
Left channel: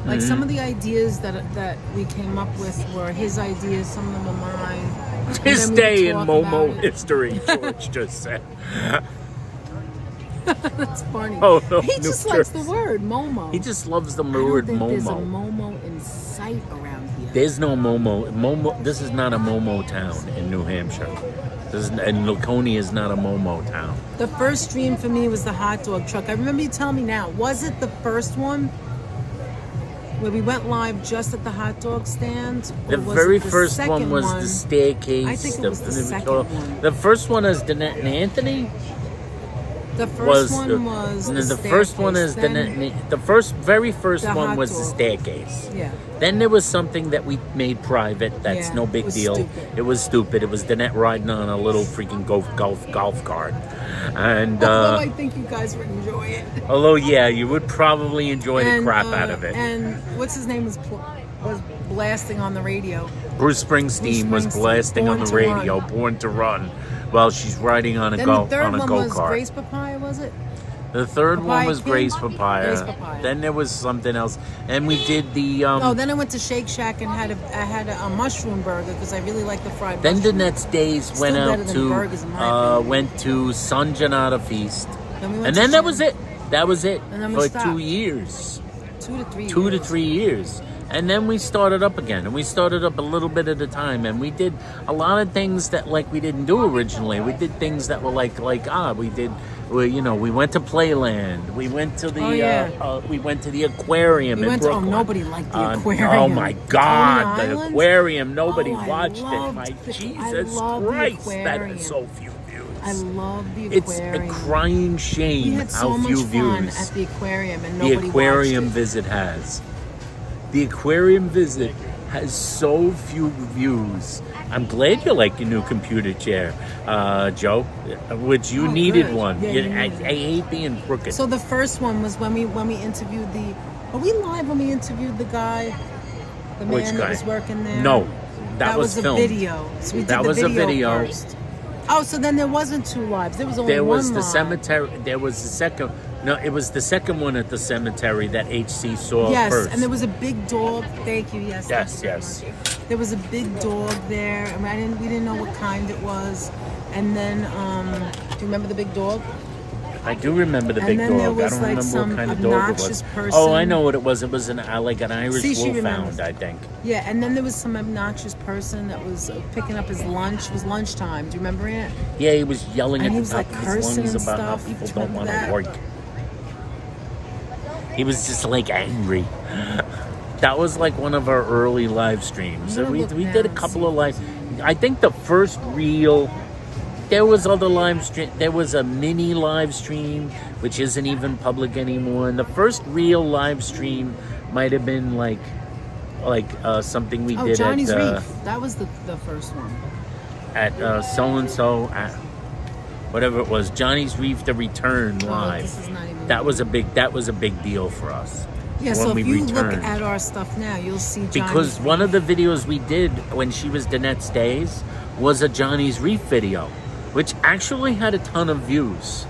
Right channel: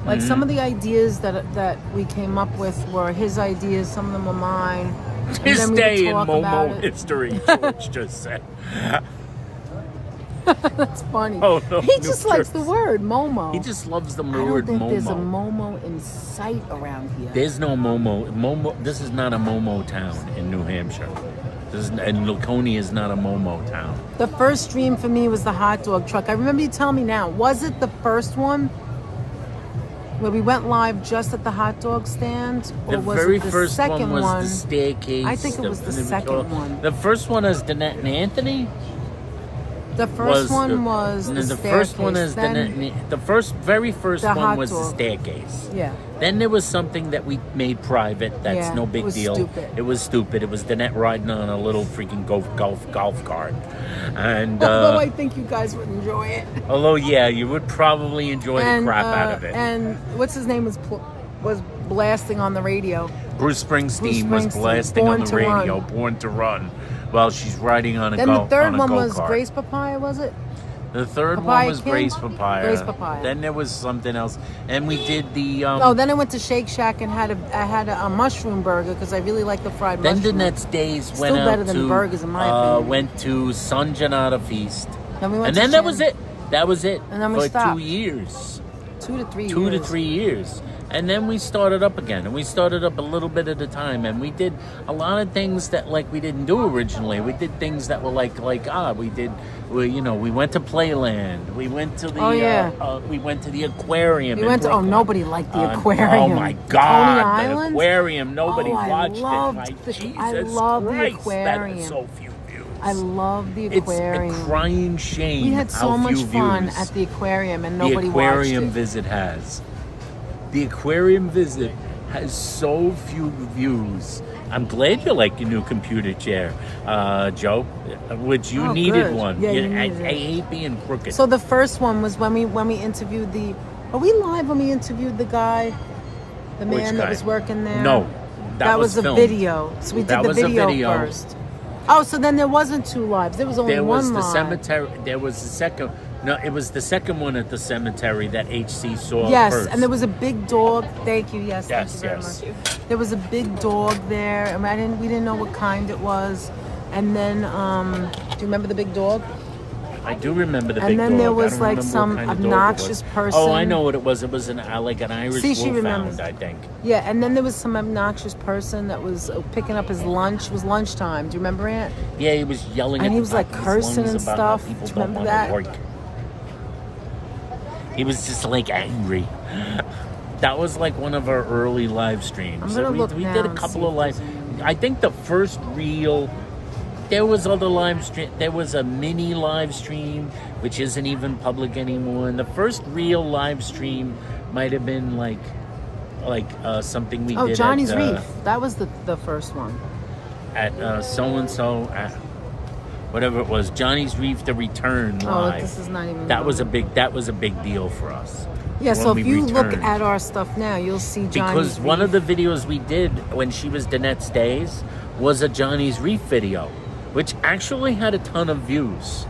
Like some of the ideas that we came up with were his ideas, some of them were mine. And His then we would day in talk about Momo it. history, George just said. That's funny. Oh, no, He New just likes the Jersey. word Momo. He just loves the I don't word think there's a Momo. Momo in sight around here. There's no Momo. This is not a Momo town in New Hampshire. And Laconia is not a Momo town. The first stream for me was the hot dog truck. I remember you telling me now. Was it the first one where we went live just at the hot dog stand? Or The was very it the first second one was the staircase. I think it was the second one. The first one is Danette and Anthony. The first one was the first one is staircase. the very first the one hot was the dog. staircase. Yeah. Then there was something that we made private. That's Yeah, no it big was deal. stupid. It was stupid. It was Danette riding on a little freaking golf cart, and Although I think you guys would enjoy it. although yeah, you would probably enjoy the And, crap out of it. And what's his name was blasting on the radio. Bruce Springsteen was Springsteen, blasting on Born the to radio, Run. "Born to Run," while she's riding on a Then go the third on a one go was kart. Grace Papaya, was it? The third one Papaya was King? Grace Papaya. Grace Papaya. Then there was something else, and we did the. Oh, then I went to Shake Shack and had a mushroom burger because I really like the fried Then mushroom. Danette's days went Still out better than burgers, in my opinion. went to San Gennaro Feast, Then we went and to then that Shake- was it. That was it And then we for stopped. 2 years, 2 to 3 2 to years. 3 years, and then we started up again, and we started up a little bit at a time, and we did a lot of things that we didn't do originally. We did things that were we went to Playland, we went to the Oh, yeah. we went to the aquarium We in went to, Brooklyn. nobody liked the aquarium. Oh my God, Coney the Island? aquarium! Nobody Oh, I watched it. loved My the- I Jesus love the Christ, that aquarium. is so few views. I love the It's aquarium. a crying shame We had so how much few fun views at the aquarium and the nobody aquarium watched it. visit has. The aquarium visit has so few views. I'm glad you like your new computer chair, Joe, which you needed good. one. Yeah, you I needed it. hate being crooked. So the first one was when we interviewed the. Are we live when we interviewed the guy, the Which man guy? that was working there? No, that was a filmed. video. So we did That the was a video video. first. Oh, so then there wasn't 2 lives. There was only There one was the live. cemetery. There was the second. No, it was the second one at the cemetery that HC saw Yes, first. and there was a big dog. Thank you. Yes. Yes, thank you very yes. much. There was a big dog there, and we didn't know what kind it was. And then, do you remember the big dog? I do remember the And big then dog. there was, I don't like, remember some what kind of dog it obnoxious was. person. Oh, I know what it was. It was like an Irish See, she wolfhound, remembers. I think. Yeah, and then there was some obnoxious person that was picking up his lunch. It was lunchtime. Do you remember it? Yeah, he was yelling And at he the was, top like, of his cursing lungs and about stuff. how people Do you don't remember want to that? work. He was just like angry. That was like one of our early live streams. I'm gonna look We now did a and couple see. of live. I think the first real. There was other live stream. There was a mini live stream, which isn't even public anymore. And the first real live stream might have been like something we did Johnny's at Reef. That was the first one. at so and so at whatever it was, Johnny's Reef, the Return live. This is not even. That was a big deal for us. Yeah, when so we if you returned. look at our stuff now, you'll see Johnny's Because one Reef. of the videos we did when she was Danette's Days was a Johnny's Reef video, which actually had a ton of views.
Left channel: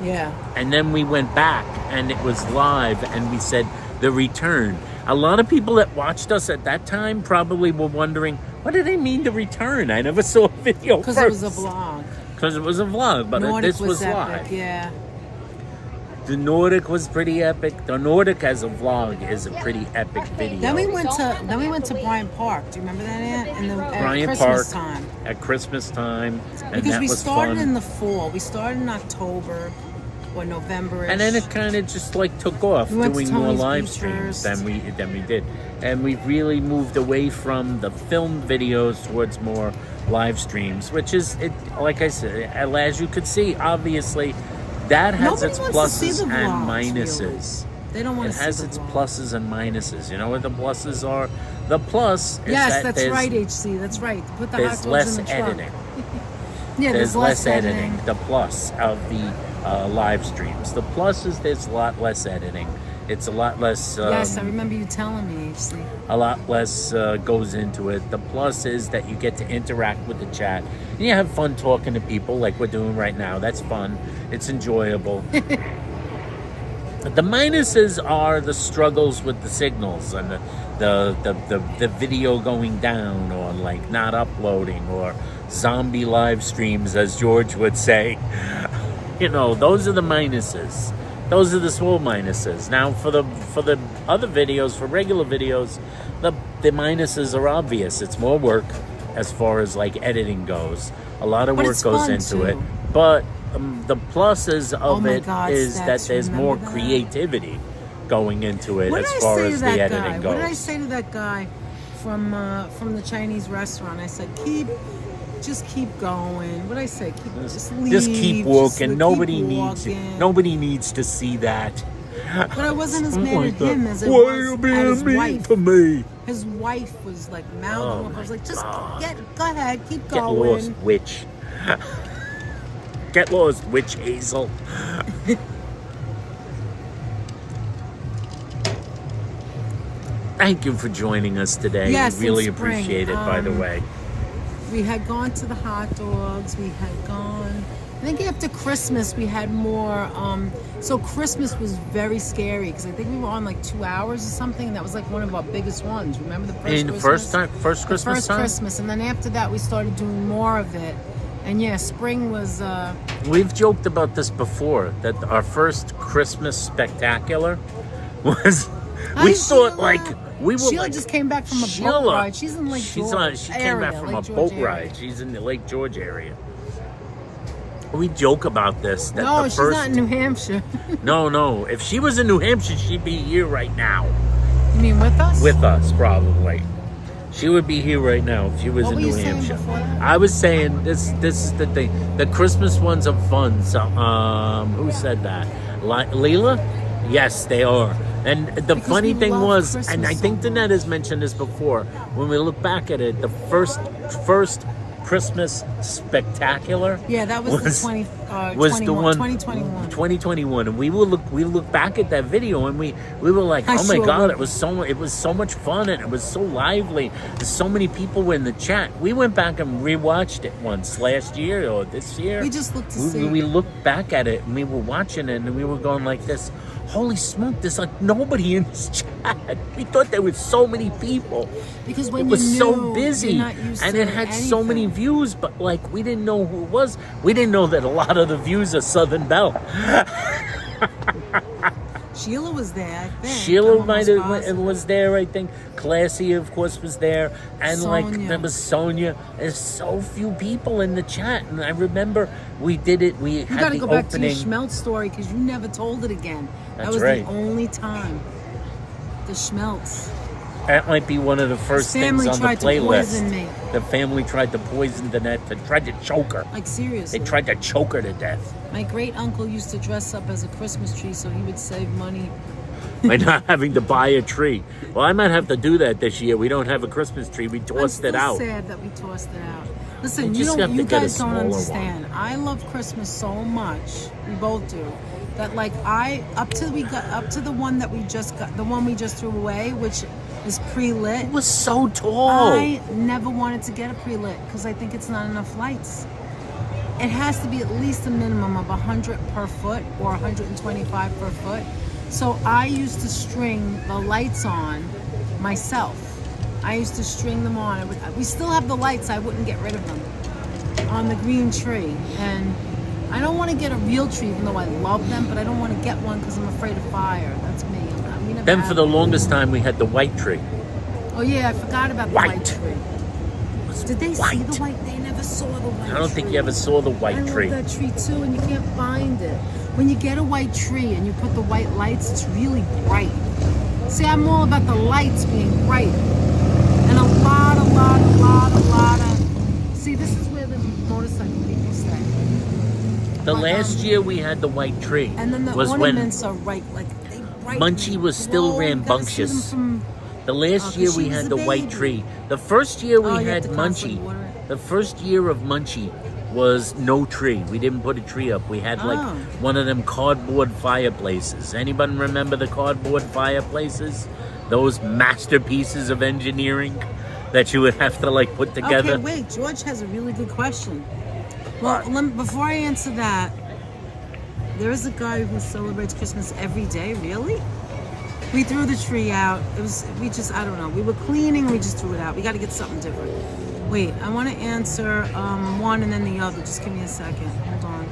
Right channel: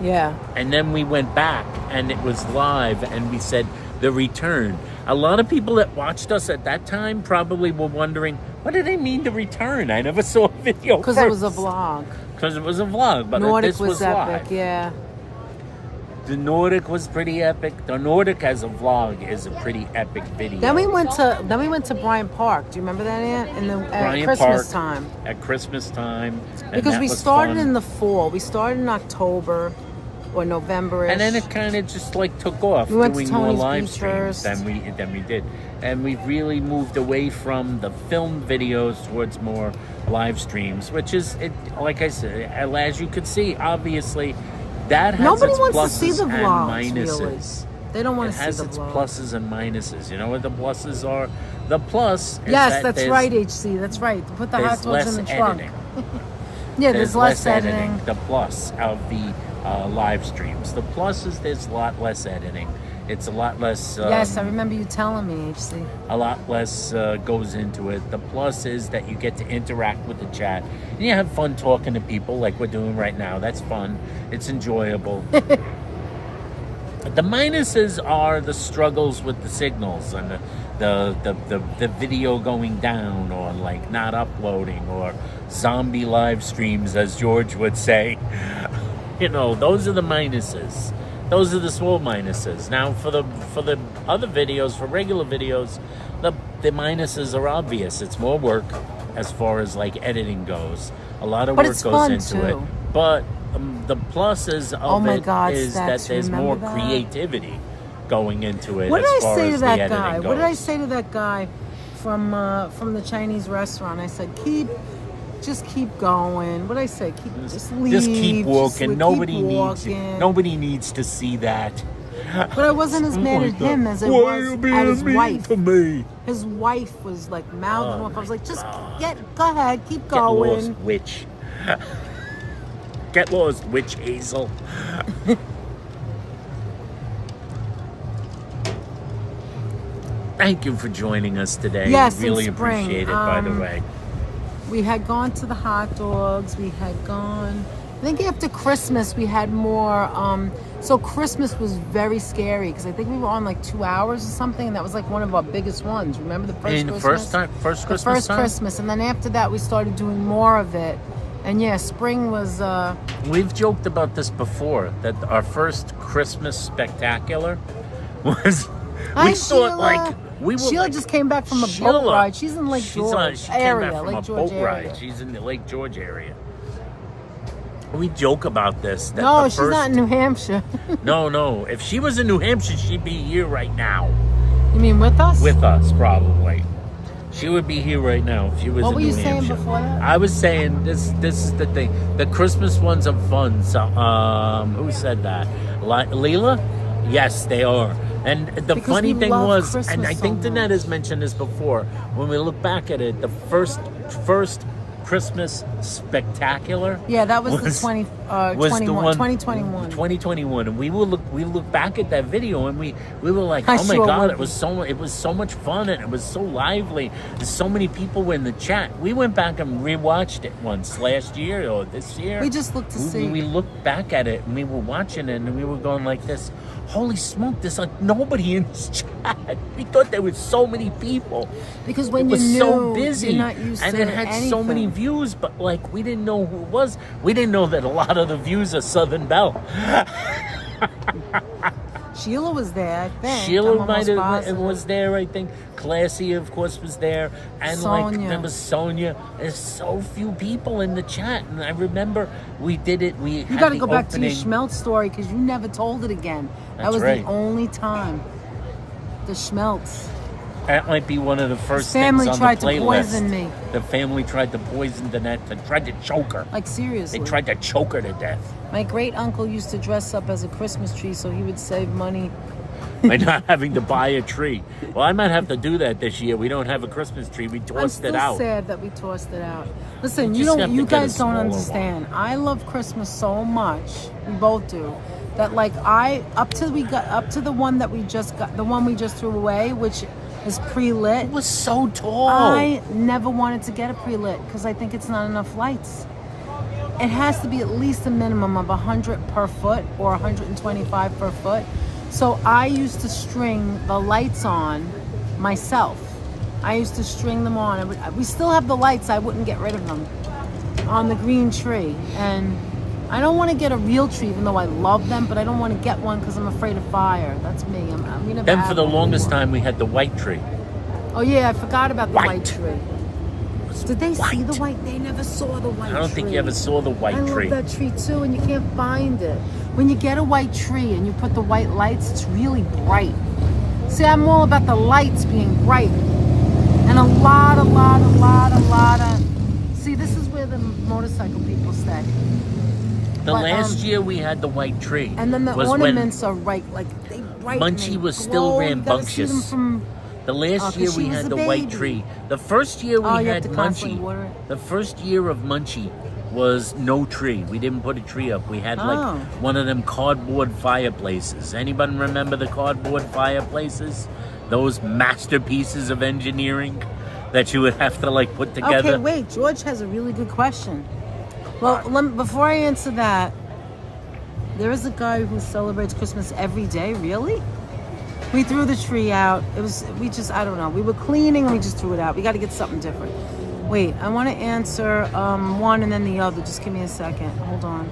Yeah. And then we went back and it was live and we said the return. A lot of people that watched us at that time probably were wondering, what do they mean the return? I never saw a video Because first. it was a vlog. Because it was a vlog, but Nordic this was epic, live. yeah. The Nordic was pretty epic. The Nordic as a vlog is a pretty epic video. Then we went to Bryant Park. Do you remember that, Aunt? At Bryant Christmas Park time. at Christmas time, and Because that we was started fun. in the fall. We started in October or November. And then it kind of just like took off, We went to doing more Tony's live Beach streams first. than we did, and we've really moved away from the film videos towards more live streams, which is it. Like I said, as you could see, obviously, that has Nobody its wants to see pluses the and vlogs, minuses. really. They don't want It to see has the its vlog. pluses and minuses. You know what the pluses are? The plus is Yes, that that's there's, right, HC. That's right. Put the hot there's dogs less in the trunk. editing. Yeah, There's less editing. The plus of the live streams. The plus is there's a lot less editing. It's a lot less. Yes, I remember you telling me, HC. A lot less goes into it. The plus is that you get to interact with the chat. And you have fun talking to people like we're doing right now. That's fun. It's enjoyable. The minuses are the struggles with the signals and the video going down, or like not uploading, or zombie live streams, as George would say. You know, those are the minuses. Those are the small minuses. Now, for the other videos, for regular videos, the minuses are obvious. It's more work as far as like editing goes. A lot of But work it's goes fun, into too. it. But the pluses Oh of my it God, is that Stacks, there's more remember that? creativity going into it What did as I far say to as the that editing guy? goes. What did I say to that guy from the Chinese restaurant? I said, just keep going. What did I say? Just leave. Just keep walking. Keep Nobody walking. needs to see that. But I wasn't as mad at him as I Why are was you at being his mean wife. to me? His wife was like mouthing Oh off. I was my like, just God. go ahead, keep Get lost, going. witch. Get lost, witch Hazel. Thank you for joining us today. Yes, we really in spring. appreciate it, by the way. We had gone to the hot dogs. We had gone. I think after Christmas we had more. So Christmas was very scary because I think we were on like 2 hours or something, and that was like one of our biggest ones. Remember the first Christmas? First Christmas time? Christmas, and then after that we started doing more of it. And yeah, spring was. We've joked about this before, that our first Christmas spectacular was. Hi, We thought Sheila. like we were Sheila like just came back from a Sheila. boat ride. She's in Lake George. She came back from a boat ride. She's in the Lake George area. We joke about this. That No, the she's first, not in New Hampshire. No. If she was in New Hampshire, she'd be here right now You mean with us? with us, probably. She would be here right now if she was What in were New you saying Hampshire. before that? I was saying this is the thing. The Christmas ones are fun. So, who said that? Leela? Yes, they are. And the Because funny we thing love was, Christmas and I so think Danette has much. mentioned this before, when we look back at it, the first Christmas spectacular. Yeah, that was the was the one 2021. 2021, and we look back at that video, and we were like, I oh my sure god, would. it was so much fun, and it was so lively. There's so many people were in the chat. We went back and rewatched it once last year or this year. We just looked to see. We looked back at it, and we were watching it, and we were going like this. Holy smoke! There's like nobody in this chat. We thought there was so many people. Because when It was you're so new, busy, you're not used and to it had so many anything. views, but like we didn't know who it was. We didn't know that a lot of the views are Southern Belle. Sheila was there, I think. Sheila I'm might almost have positive. was there, I think. Classy, of course, was there, and like Sonia. there was Sonia. There's so few people in the chat, and I remember we did it. We You had got to the go back to your opening. Schmeltz story because you never told it again. That That's was right. the only time. The Schmeltz. That might be one of the first His things family on the tried to playlist. poison me. The family tried to poison Danette. They tried to choke her. Like, seriously. They tried to choke her to death My great uncle used to dress up as a Christmas tree so he would save money. by not having to buy a tree. Well, I might have to do that this year. We don't have a Christmas tree. We I'm tossed still it out. sad that we tossed it out. Listen, You just have to you get a guys don't smaller understand. I love Christmas so much. We both do. That like up to the one that we just got, the one we just threw away, which is pre-lit. It was so tall. I never wanted to get a pre-lit because I think it's not enough lights. It has to be at least a minimum of 100 per foot or 125 per foot. So I used to string the lights on myself. I used to string them on. We still have the lights. I wouldn't get rid of them on the green tree. And I don't want to get a real tree, even though I love them, but I don't want to get one because I'm afraid of fire. That's me. We never Then had for the one longest anymore. time, we had the white tree. Oh yeah, I forgot about the White. white tree. It was Did they see white. the white? They never saw the white tree. I don't think you ever saw the white I tree. love that tree too, and you can't find it. When you get a white tree and you put the white lights, it's really bright. See, I'm all about the lights being bright. And a lot of... See, this is where the motorcycle people stay. The But, last year we had the white tree And then the was when ornaments are right, like they brighten. Munchie and was still glow. You gotta see them rambunctious. from- the last 'cause year she we was had a the white baby. tree. The first year we Oh, you have had to constantly Munchie. water it. The first year of Munchie was no tree. We didn't put a tree up. We had like Oh. one of them cardboard fireplaces. Anybody remember the cardboard fireplaces? Those masterpieces of engineering that you would have to like put together. Okay, wait. George has a really good question. Well, before I answer that, there is a guy who celebrates Christmas every day. Really? We threw the tree out. I don't know. We were cleaning and we just threw it out. We got to get something different. Wait, I want to answer one and then the other. Just give me a second. Hold on.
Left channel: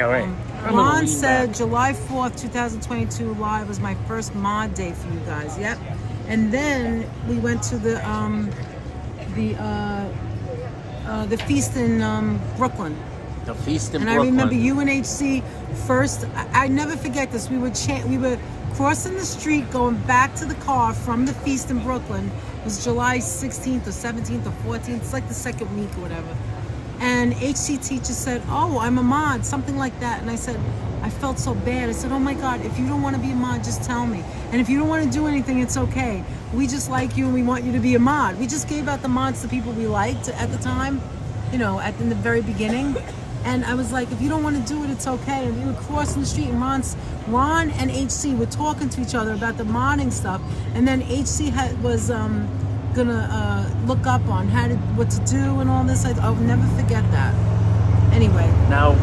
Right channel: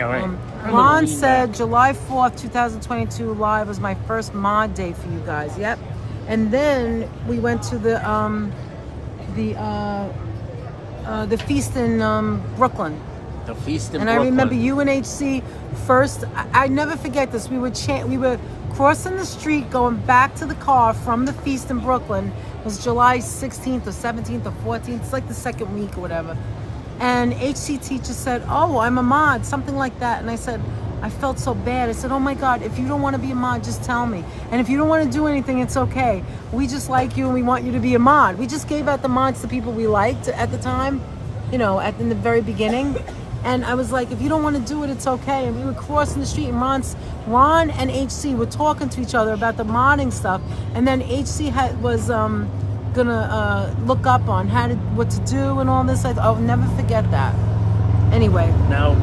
All right. I'm gonna Ron lean said back. July 4th, 2022 live was my first mod day for you guys. Yep. And then we went to the feast in Brooklyn. The feast in And Brooklyn. I remember UNHC first. I never forget this. We were crossing the street, going back to the car from the feast in Brooklyn. It was July 16th or 17th or 14th. It's like the second week or whatever. And HC teacher said, "Oh, I'm a mod," something like that. And I said, I felt so bad. I said, "Oh my God, if you don't want to be a mod, just tell me. And if you don't want to do anything, it's okay. We just like you and we want you to be a mod." We just gave out the mods to people we liked at the time, in the very beginning. And I was like, if you don't want to do it, it's okay. And we were crossing the street and Ron and HC were talking to each other about the modding stuff. And then HC was gonna look up on what to do and all this. I'll never forget that. Anyway. Now,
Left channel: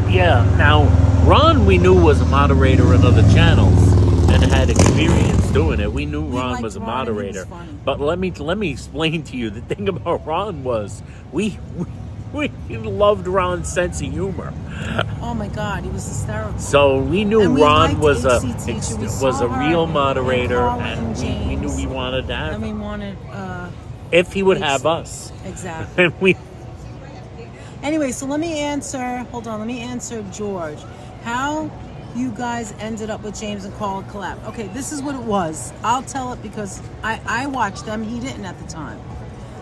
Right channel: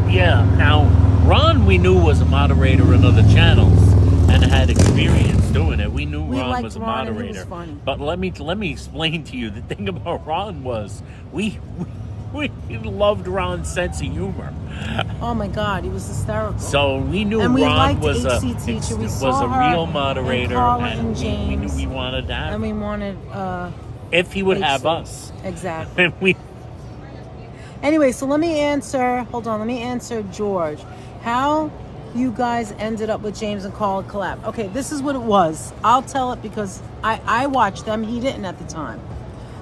Ron we knew was a moderator in other channels and had experience doing it. We knew Ron liked was a Ron and he was moderator. funny. But let me explain to you, the thing about Ron was we loved Ron's sense of humor. Oh my God, he was hysterical. So we knew And we Ron liked was a HC teacher. We was saw a her real and moderator, Carla and and we knew James. we wanted to have And we him wanted if he would HC. have us. Exactly. And we Anyway, so let me answer George. How you guys ended up with James and Carl collab. Okay, this is what it was. I'll tell it because I watched them. He didn't at the time.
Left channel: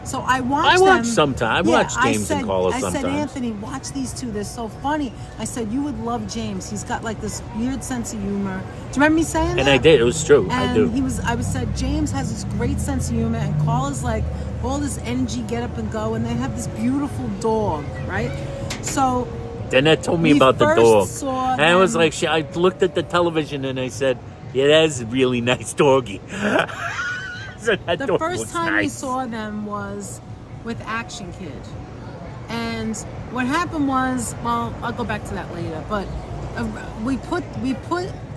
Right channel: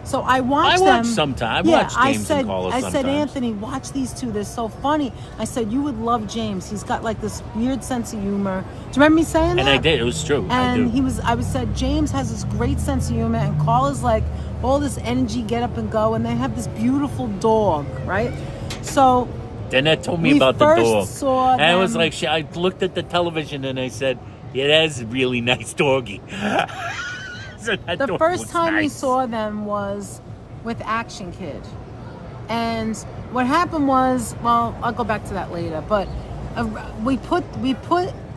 So I watched watch them. sometimes. I watch James and Carla I said, sometimes. Anthony, watch these two. They're so funny. I said, you would love James. He's got like this weird sense of humor. Do you remember me saying that? And I did. It was true. I do. And I said, James has this great sense of humor, and Carla's like all this energy, get up and go, and they have this beautiful dog, right? So Danette told me we about the first dog. saw And I was them- like, I looked at the television and I said, yeah, that's a really nice doggy. So that the dog first was time we nice. saw them was with Action Kid. And what happened was, well, I'll go back to that later, but we put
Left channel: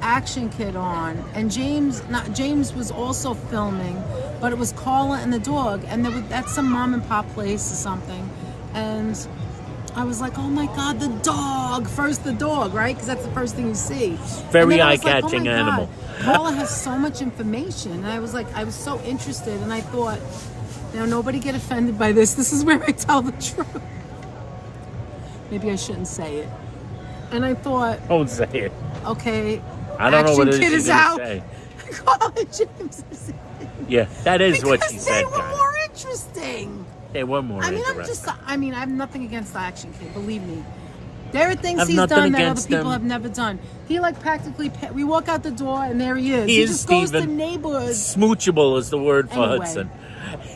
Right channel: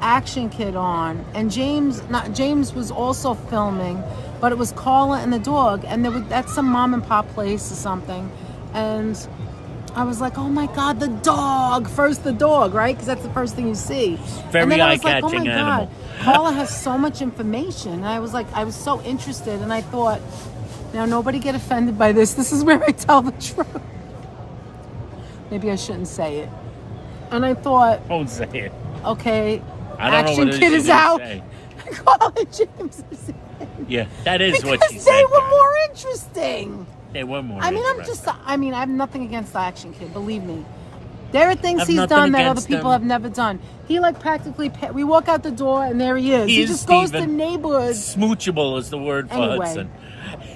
Action Kid on, and James was also filming, but it was Carla and the dog, and that's some mom and pop place or something. And I was like, oh my God, the dog. First the dog, right? Because that's the first thing you see. Very And then I was like, eye-catching animal. Carla has so much information. And I was so interested. And I thought, nobody get offended by this. This is where I tell the truth. Maybe I shouldn't say it. And I thought, Don't say it. okay, I don't know what it is Kid you're is gonna out. say. Carla and James is in. Yeah, that is what she Because said. they were John. more interesting. They were more I interesting. I have nothing against the Action Kid, believe me. There are things Have he's nothing done that other against people him. have never done. He practically, we walk out the door and there he is. He is just goes to Steven. neighborhoods. Smoochable is the word for Anyway. Hudson.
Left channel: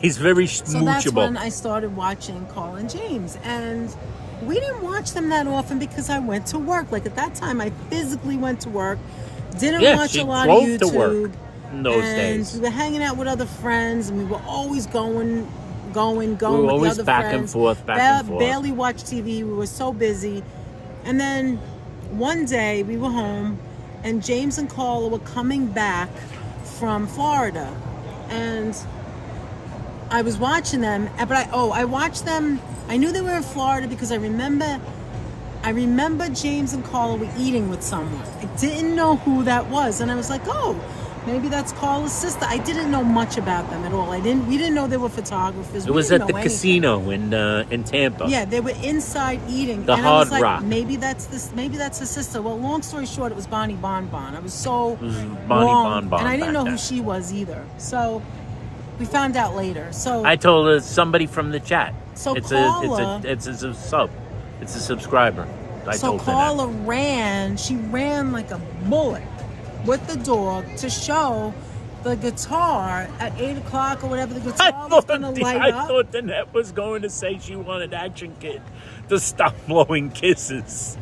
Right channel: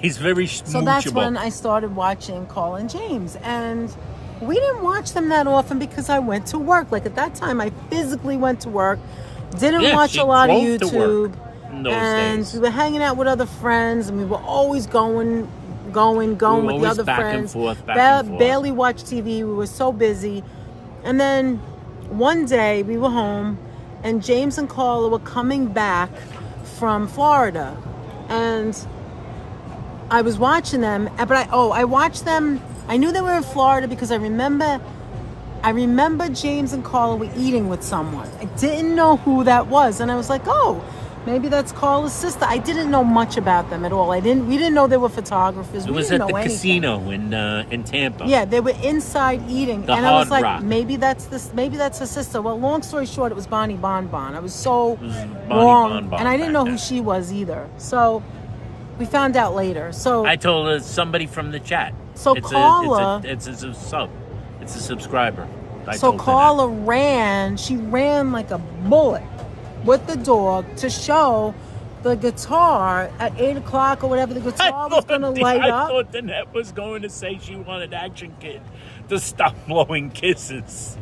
He's very So smoochable. that's when I started watching Carl and James. And we didn't watch them that often because I went to work. Like at that time, I physically went to work. Didn't watch she a lot of drove YouTube. to work in those and days. we were hanging out with other friends, and we were always going We were with always the other back friends. and forth, back and forth. Barely watched TV. We were so busy. And then one day we were home, and James and Carla were coming back from Florida, and I was watching them. But I watched them. I knew they were in Florida because I remember James and Carla were eating with someone. I didn't know who that was, and I was like, oh, maybe that's Carla's sister. I didn't know much about them at all. We didn't know they were photographers. It was at the casino in Tampa. Yeah, they were inside eating. The and I was Hard like, Rock. maybe that's her sister. Well, long story short, it was Bonnie Bonbon. I was so Bonnie wrong, Bonbon and I didn't know back who then. she was either. So we found out later. So I told her somebody from the chat. So Carla- it's a sub. It's a subscriber. I So told her Carla ran like a bullet with the dog to show the guitar at 8 o'clock or whatever the guitar was going to light I up. thought Danette was going to say she wanted Action Kid to stop blowing kisses.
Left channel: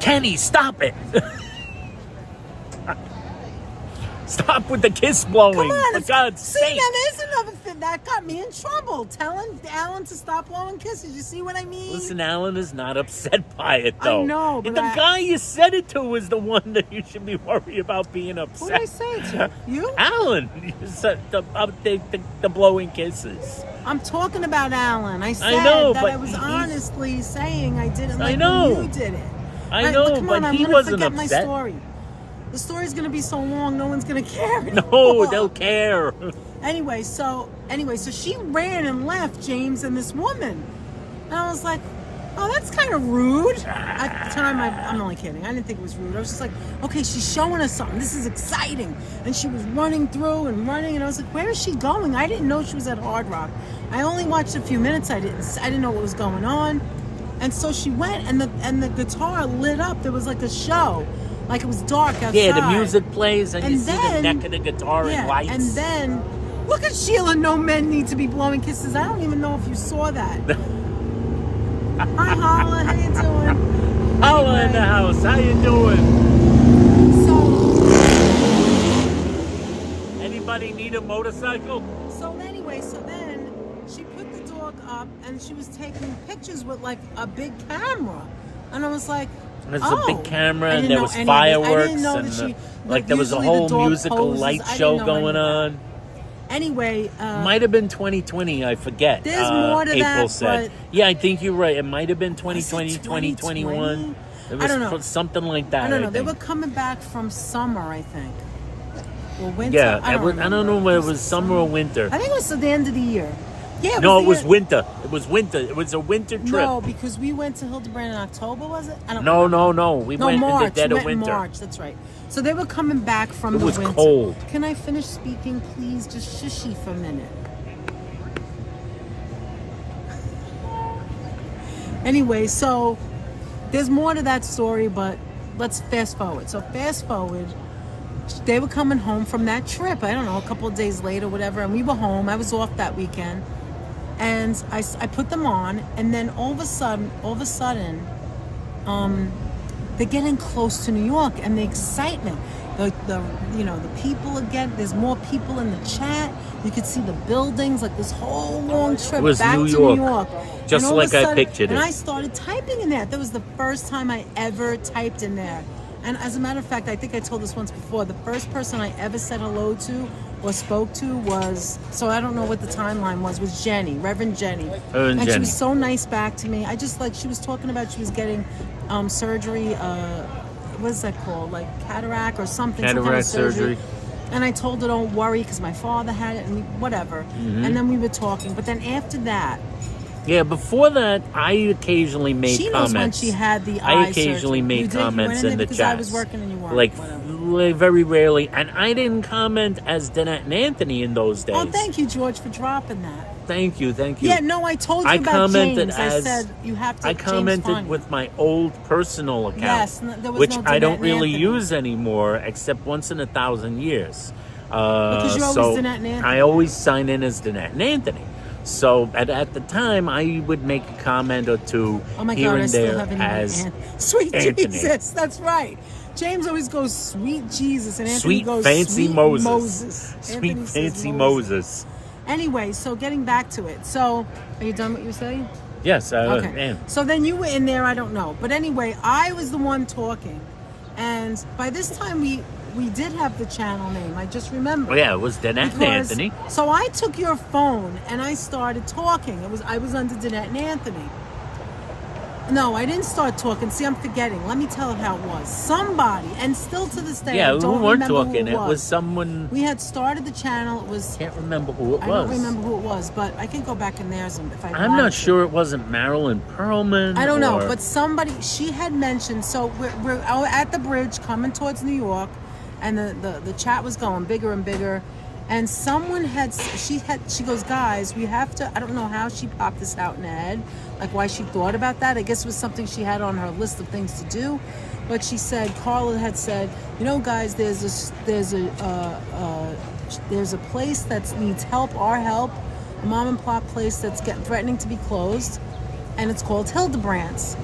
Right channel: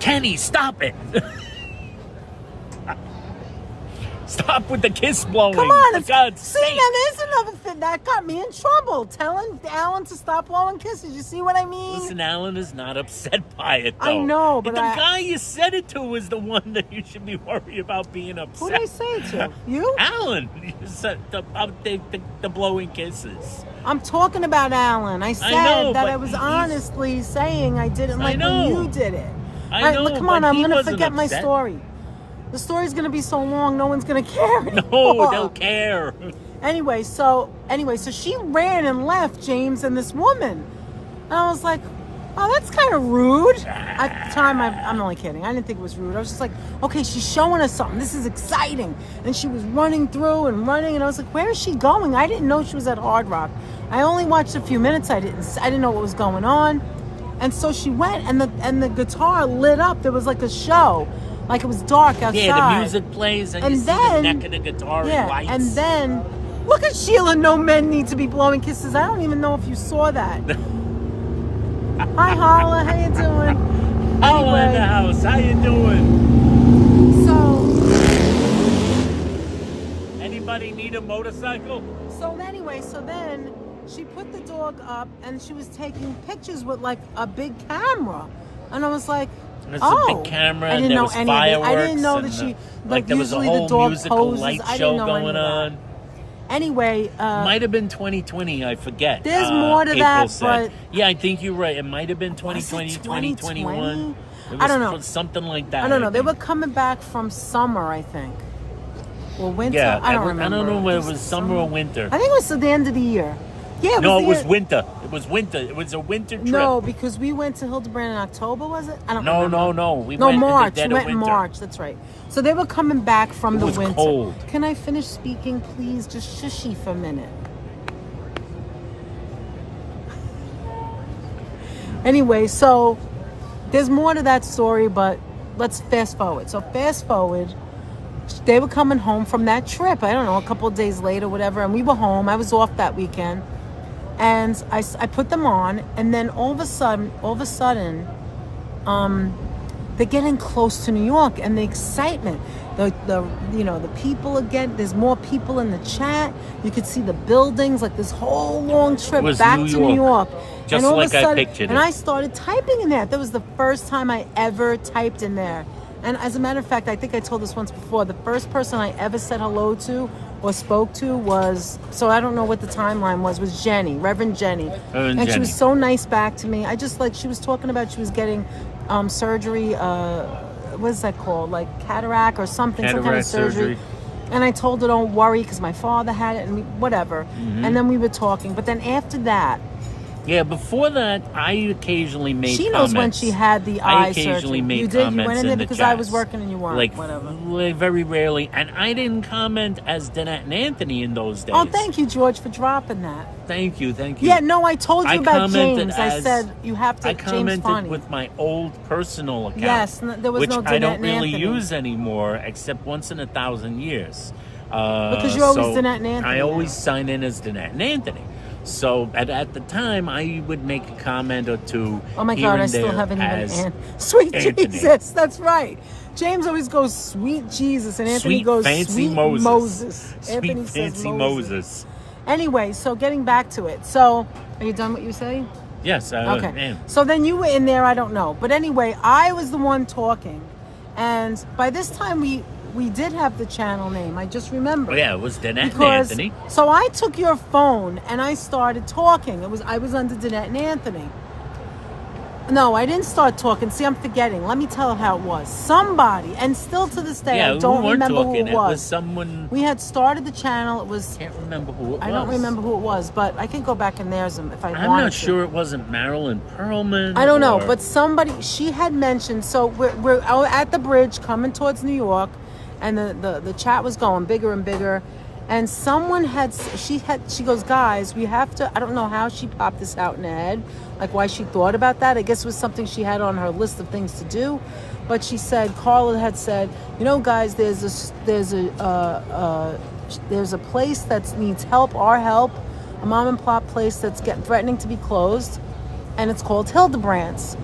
Kenny, stop it. Stop with the kiss blowing. Come on, For God's see, sake. now there's another thing that got me in trouble. Telling Alan to stop blowing kisses. You see what I mean? Listen, Alan is not upset by it, though. I know, but the guy you said it to was the one that you should be worried about being upset. Who did I say it to? You? Alan, you said the blowing kisses. I'm talking about Alan. I said know, that but I was he's- honestly saying I didn't like know. when you did it. I Right, know, but come on, but I'm he going to wasn't forget my upset. story. The story's going to be so long, no one's going to care. No, anymore. they'll care. Anyway, so she ran and left James and this woman. And I was like, oh, that's kind of rude. At the time, I'm only kidding. I didn't think it was rude. I was just like, okay, she's showing us something. This is exciting. And she was running through and running. And I was like, where is she going? I didn't know she was at Hard Rock. I only watched a few minutes. I didn't know what was going on. And so she went, and the guitar lit up. There was like a show. Like it was dark outside. Yeah, the music plays and you see the then- neck of the guitar in lights. And then, look at Sheila. No men need to be blowing kisses. I don't even know if you saw that. Hi, Holla. How you doing? Holla in the house. How you doing? Anybody need a motorcycle? So then she put the dog up and she was taking pictures with like a big camera. And I was like, There's oh. a big camera I and didn't there know was any of it. fireworks I didn't know and that she, like there was a usually the whole dog musical poses. light I didn't show know going any of on. that. Anyway, Might have been 2020, I forget. There's more to April that, said. but- Yeah, I think you're right. It might have been 2020, Was it 2021. It was I don't know. Something like that. I don't know. They think. were coming back from summer, I think. Or winter. Yeah, I don't I don't know remember. whether it was summer or winter. I think it was at the end of the year. Yeah, No, it was there. winter. It was winter. It was a winter trip. No, because we went to Hildebrandt in October, was it? I don't No, remember. no. We No, went March. in the dead We of went in winter. March. That's right. So they were coming back from It the was winter. cold. Can I finish speaking, please? Just shushy for a minute. Anyway, so there's more to that story, but let's fast forward. So fast forward, they were coming home from that trip. I don't know, a couple of days later, whatever, and we were home. I was off that weekend, and I put them on, and then all of a sudden, they're getting close to New York, and the excitement, the people again. There's more people in the chat. You could see the buildings, like this whole long trip It was back New to New York. York. Just And all of like a I sudden- pictured and it. I started typing in there. That was the first time I ever typed in there. And as a matter of fact, I think I told this once before, the first person I ever said hello to or spoke to was, so I don't know what the timeline was Jenny, Reverend Jenny. Reverend and she Jenny. was so nice back to me. I just like, she was talking about she was getting surgery, what is that called? Like cataract or something, some kind of Cataract surgery. surgery. And I told her, don't worry, because my father had it and whatever. Mm-hmm. And then we were talking. But then after that, Yeah, before that, I occasionally made she knows comments. when she had the I eye occasionally surgery. made You did? You comments went in there the because chat. I was working and you weren't. Like, whatever. very rarely. And I didn't comment as Danette and Anthony in those days. Oh, thank you, George, for dropping that. Thank you. Yeah, no, I told you I about commented James. I as- said you have to. I James commented Fonny. with my old personal account, Yes, there was which no I Danette don't and really Anthony. use anymore, except once in 1,000 years. Because you're always Danette and Anthony. I always sign in as Danette and Anthony. So at the time, I would make a comment or two Oh my here God, I and still there haven't as even. Sweet Anthony. Jesus, that's right. James always goes, sweet Jesus, and Anthony Sweet goes, Fancy sweet Moses. Anthony Sweet says Fancy Moses. Anyway, so getting back to it. So, are you done what you're saying? Yes. Okay. Man. So then you were in there, I don't know. But anyway, I was the one talking. And by this time, we did have the channel name. I just remember. Oh, yeah, it was Danette and Because- Anthony. So I took your phone and I started talking. I was under Danette and Anthony. No, I didn't start talking. See, I'm forgetting. Let me tell how it was. Somebody, and still to this day, Yeah, I we don't weren't remember talking. who it was. Someone. We had started the channel. It was. Can't remember who it was. I don't remember who it was, but I can go back in there if I want. I'm not sure it wasn't Marilyn Perlman. I don't know, or- but somebody, she had mentioned, so we're at the bridge coming towards New York, and the chat was going bigger and bigger, and someone she goes, guys, we have to, I don't know how she popped this out in her head, like why she thought about that. I guess it was something she had on her list of things to do, but she said, Carla had said, you know, guys, there's a place that needs our help, a mom and pop place that's threatening to be closed, and it's called Hildebrandt's.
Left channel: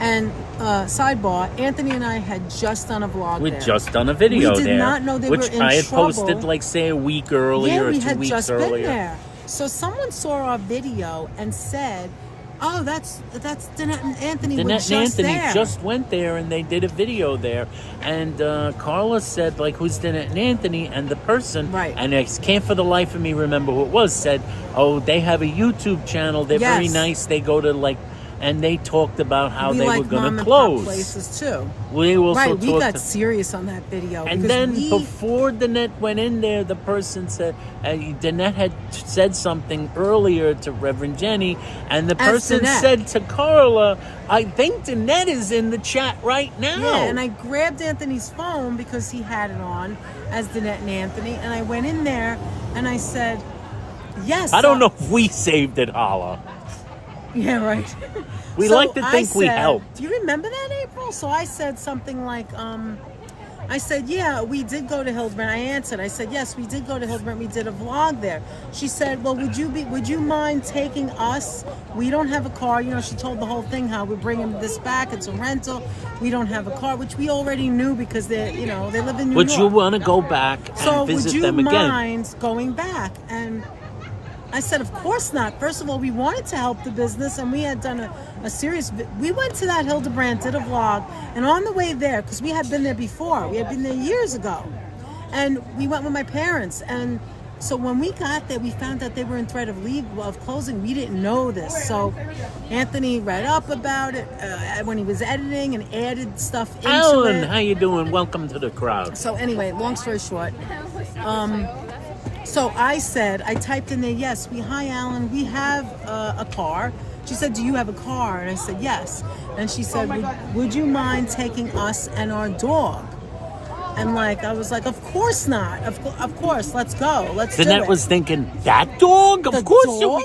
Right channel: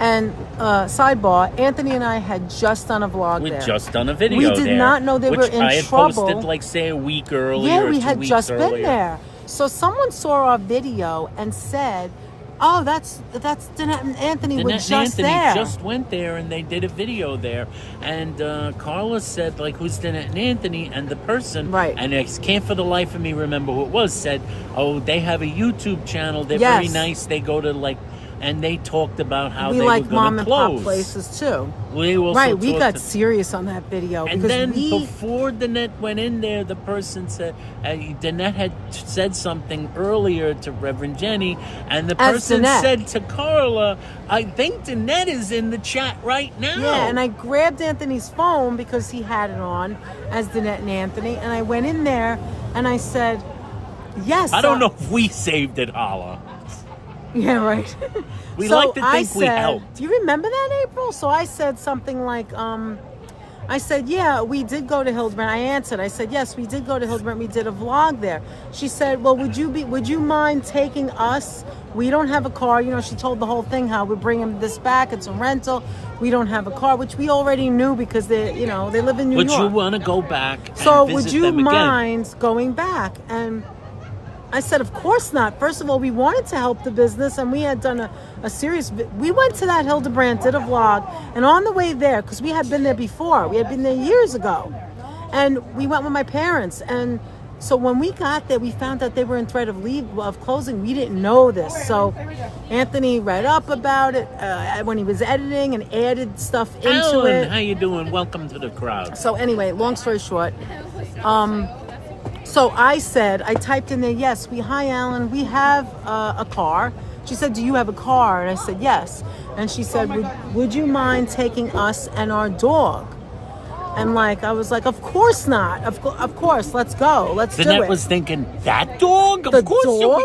And sidebar, Anthony and I had just done a vlog We'd there. just done a video We did there, not know they which were in I had trouble. posted, like, say, a week earlier Yeah, or we 2 had weeks just earlier. been there. So someone saw our video and said, oh, that's Danette and Anthony were Danette just and Anthony there. just went there and they did a video there. And Carla said, like, who's Danette and Anthony? And the person, Right. and I can't for the life of me remember who it was, said, oh, they have a YouTube channel. They're very Yes. nice. They go to, like, and they talked about how we they like were going mom to and pop close. places too. We also Right, we talked got serious on that video. And because then we, before Danette went in there, the person said, Danette had said something earlier to Reverend Jenny, and the As person Danette. said to Carla, I think Danette is in the chat right now. Yeah, and I grabbed Anthony's phone because he had it on as Danette and Anthony, and I went in there and I said, yes. I don't know if we saved it, Holla. Yeah, right. We So like to think we said, helped. You remember that, April? So I said something like, I said, yeah, we did go to Hildebrandt. I answered. I said, yes, we did go to Hildebrandt. We did a vlog there. She said, well, would you mind taking us? We don't have a car. You know, she told the whole thing how we're bringing this back. It's a rental. We don't have a car, which we already knew because they live in New Would York. you want to go back and So visit would you them again? mind going back? And I said, of course not. First of all, we wanted to help the business, and we had done a serious. We went to that Hildebrandt, did a vlog, and on the way there, because we had been there before, we had been there years ago, and we went with my parents. And so when we got there, we found that they were in threat of closing. We didn't know this, so Anthony read up about it when he was editing and added stuff into Alan, it. how you doing? Welcome to the crowd. So anyway, long story short, So I typed in there, yes, hi Alan, we have a car. She said, do you have a car? And I said, yes. And she said, would you mind taking us and our dog? And like, I was like, of course not. Of course, let's go. Let's do it. Danette was thinking, that dog? The Of course dog?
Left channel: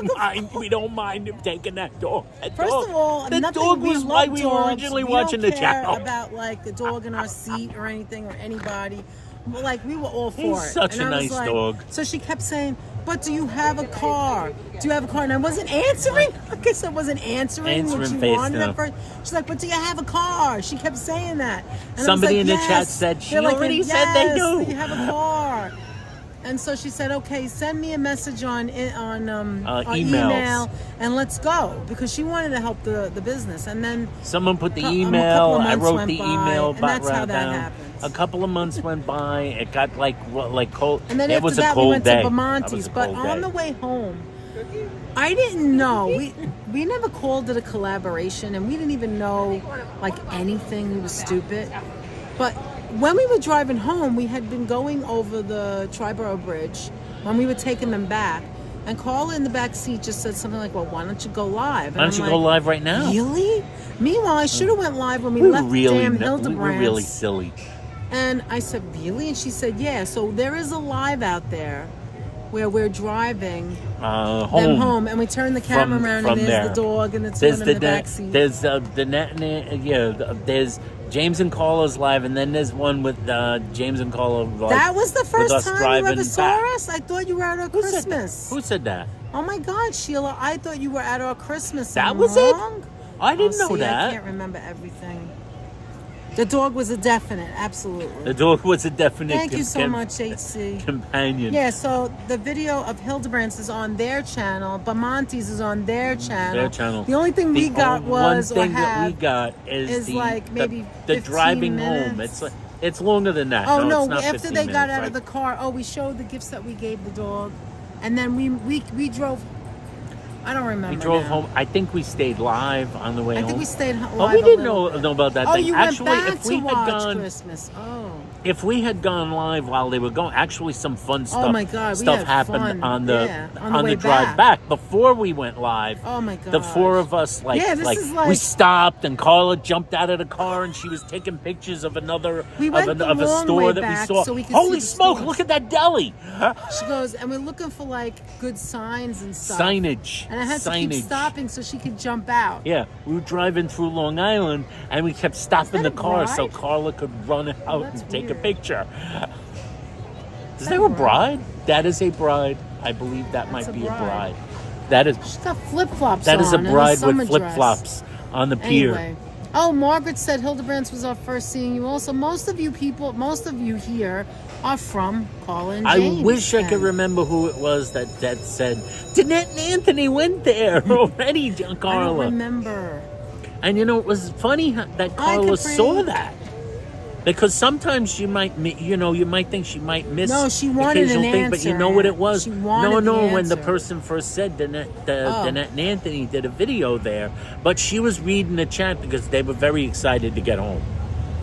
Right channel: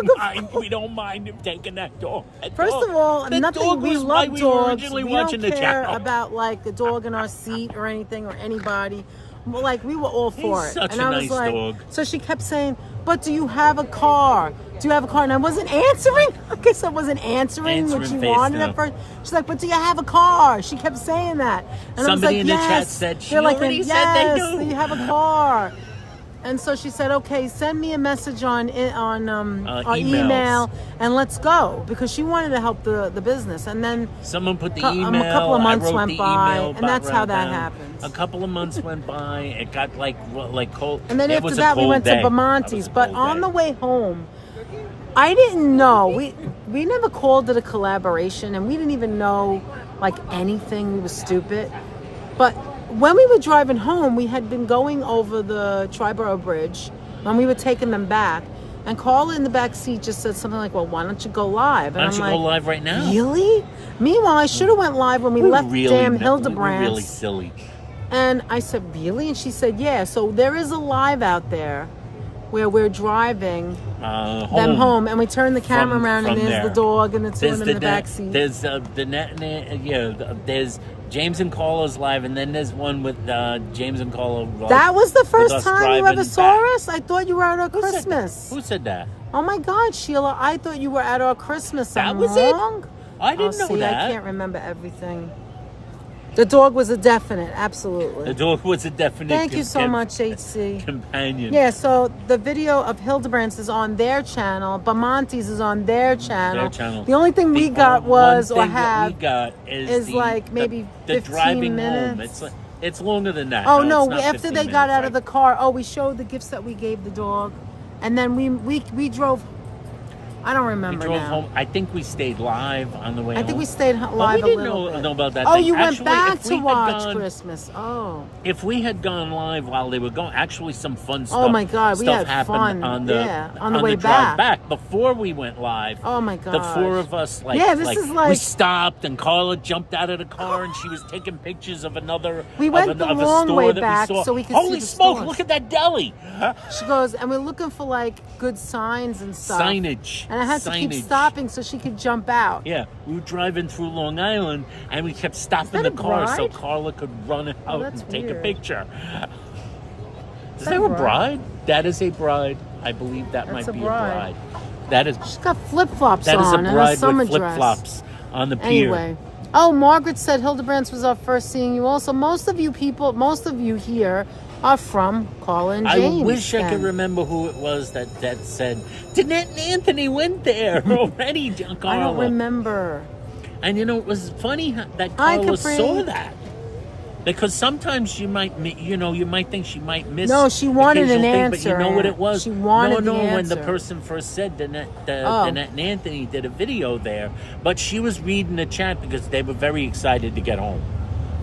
we don't mind him taking that dog. First of all, that dog was why we were originally watching the channel. We don't care about like the dog in our seat or anything or anybody. Like, we were all for it. He's such a nice dog. So she kept saying, but do you have a car? Do you have a car? And I wasn't answering. I guess I wasn't answering what she wanted at first. She's like, but do you have a car? She kept saying that. And somebody I was like, in the chat said she like, already said they do. Do you have a car? And so she said, okay, send me a message on our email and let's go, because she wanted to help the business. And then someone put the a email. couple of I months wrote went the by, email. and that's how that happens. A couple of months went by. It got like cold. And then it after was that, a cold we went day. to Bamonte's. But on the way home, I didn't know. We never called it a collaboration, and we didn't even know like anything. We were stupid. But when we were driving home, we had been going over the Triborough Bridge when we were taking them back. And Carla in the back seat just said something like, well, why don't you go live? And why don't you go live right now? Really? Meanwhile, I should have went live when we left damn Hildebrandt. We were really silly. And I said, really? And she said, yeah. So there is a live out there where we're driving them home, and we turn the camera around, and there's the dog and the two of them in the back seat. There's there's James and Carla's live, and then there's one with James and Carla. That was the first time you ever saw back. us? I thought you were at our Christmas. Who said that? Oh my God, Sheila, I thought you were at our Christmas. That was wrong? It? I didn't know that. I can't remember everything. The dog was a definite, absolutely. The dog was a definite. Thank you so much, HC. Companion. Yeah, so the video of Hildebrandt's is on their channel. Bamonte's is on their channel. The only thing we got was, or have, we got is like maybe the driving minutes. home. It's longer than that. Oh no! After they got out of the car, we showed the gifts that we gave the dog, and then we drove. I don't remember. We drove home. I think we stayed live on the way home. I think we stayed live. But we didn't know about that. Oh, thing. you Actually, went back if we to had watch gone, Christmas. Oh. If we had gone live while they were going, actually some fun stuff. Oh my God, we had happened fun. on the way drive back before we went live. Oh my God. The four of us, we stopped, and Carla jumped out of the car, and she was taking pictures of another we went of the a long store way that back we saw. So we could Holy see the smoke! stores. Look at that deli. She goes, and we're looking for like good signs and stuff. Signage. And I had to keep stopping so she could jump out. Yeah, we were driving through Long Island, and we kept stopping the car so Carla could run out and take a picture. Is there a bride? That is a bride. I believe that might be a bride. That is. She's got flip flops. That is a bride with flip flops on the pier. Anyway. Oh, Margaret said Hildebrandt was our first seeing you. Also, most of you here are from Carla and James. I wish I could remember who it was that said, Danette and Anthony went there already, Carla. I don't remember. And you know, it was funny that Carla saw that. Because sometimes you might think she might miss. No, she wanted an thing, answer. But you know what it was? She wanted the when the answer. person first said Danette and Anthony did a video there, but she was reading the chat because they were very excited to get home.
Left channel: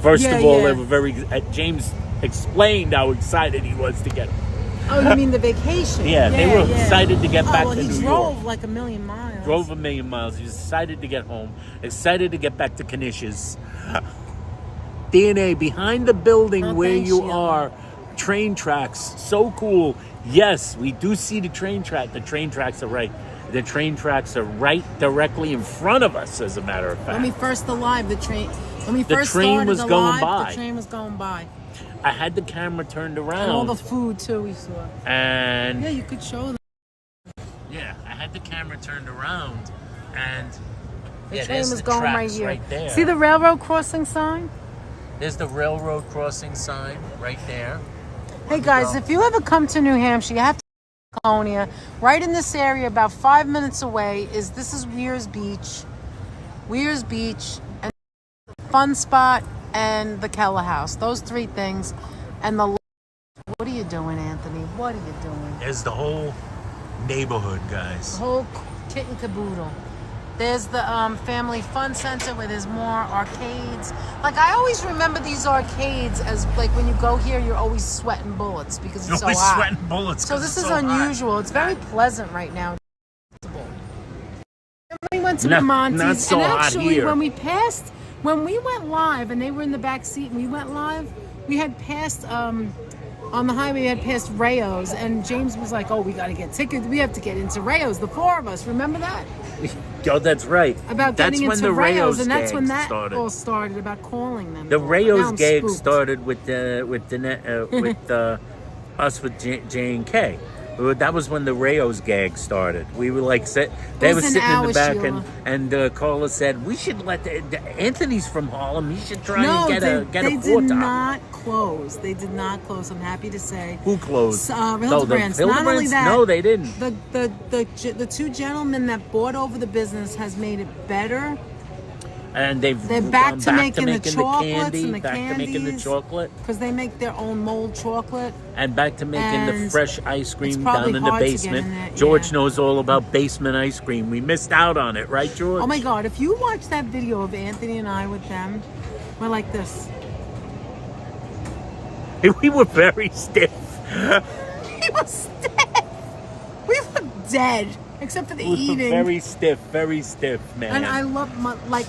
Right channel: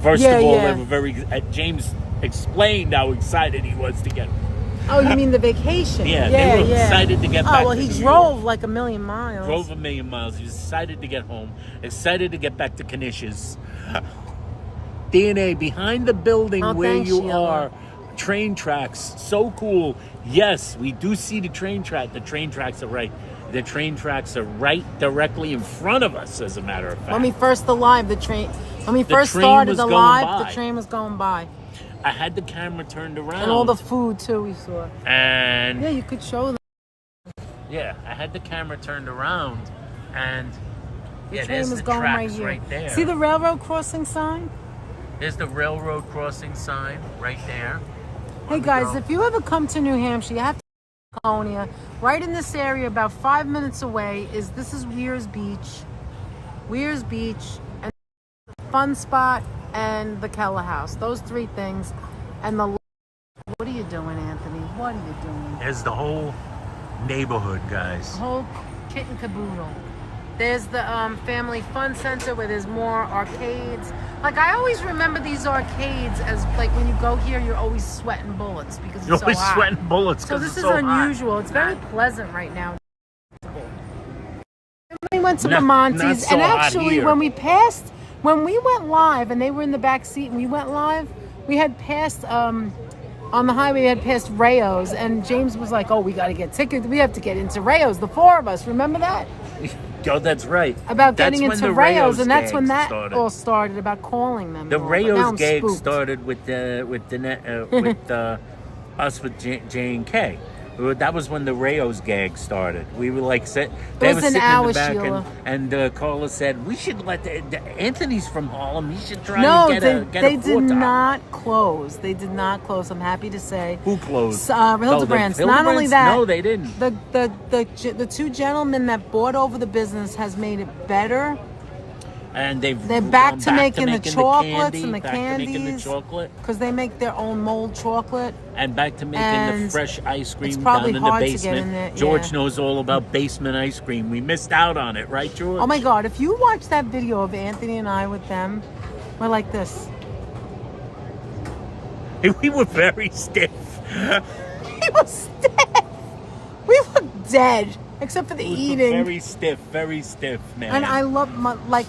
First of all, they were very. James explained how excited he was to get home. Oh, you mean the vacation? Yeah, they were excited to get back to New York. He drove like a million miles. Drove a million miles. He was excited to get home. Excited to get back to Canisius. DNA behind the building where you are. Train tracks. So cool. Yes, we do see the train track. The train tracks are right. The train tracks are right directly in front of us, as a matter of fact. When we first started the live, the train was going by. I had the camera turned around. And all the food, too, we saw. And... yeah, you could show them. Yeah, I had the camera turned around, and... The train there's was the going tracks right there. See the railroad crossing sign? There's the railroad crossing sign right there. Hey, guys, if you ever come to New Hampshire, you have to Laconia. Right in this area, about 5 minutes away, this is Weir's Beach. Weir's Beach, and Fun Spot, and the Keller House. Those three things. And the... What are you doing, Anthony? What are you doing? There's the whole neighborhood, guys. The whole kit and caboodle. There's the Family Fun Center where there's more arcades. Like, I always remember these arcades as, like, when you go here, you're always sweating bullets because You're it's so always hot. sweating bullets So because this it's is so unusual. hot. It's very pleasant right now. We went to Not Monty's, so and hot actually, here. when we went live, and they were in the back seat, and we went live, we had passed on the highway. We had passed Rayos, and James was like, "Oh, we got to get tickets. We have to get into Rayos." The four of us, remember that? Oh, that's right. About That's getting when into the Rayos, Rayos and that's when gag that started. all started. About calling them. The and all. But now Rayos I'm gag spooked. started with us with J and K. That was when the Rayos gag started. We were like, they were was an sitting in hour, the back, Sheila. and Carla said, "We should let Anthony's from Harlem. You should try No, and get they a four did top." not close. They did not close. I'm happy to say. Who closed? Hildebrandt. The Not only Hildebrandt? that, No, they didn't. the two gentlemen that bought over the business has made it better. And they're back gone to making the chocolates candy, and the back to making the candies. chocolate, Because they make their own mold chocolate. and back to making the And fresh ice it's cream probably down in the hard to get basement. in there, George yeah. knows all about basement ice cream. We missed out on it, right, George? Oh my God, if you watch that video of Anthony and I with them, we're like this. We were very stiff. We were stiff. We were dead. Except for the We were eating. very stiff, man. And I love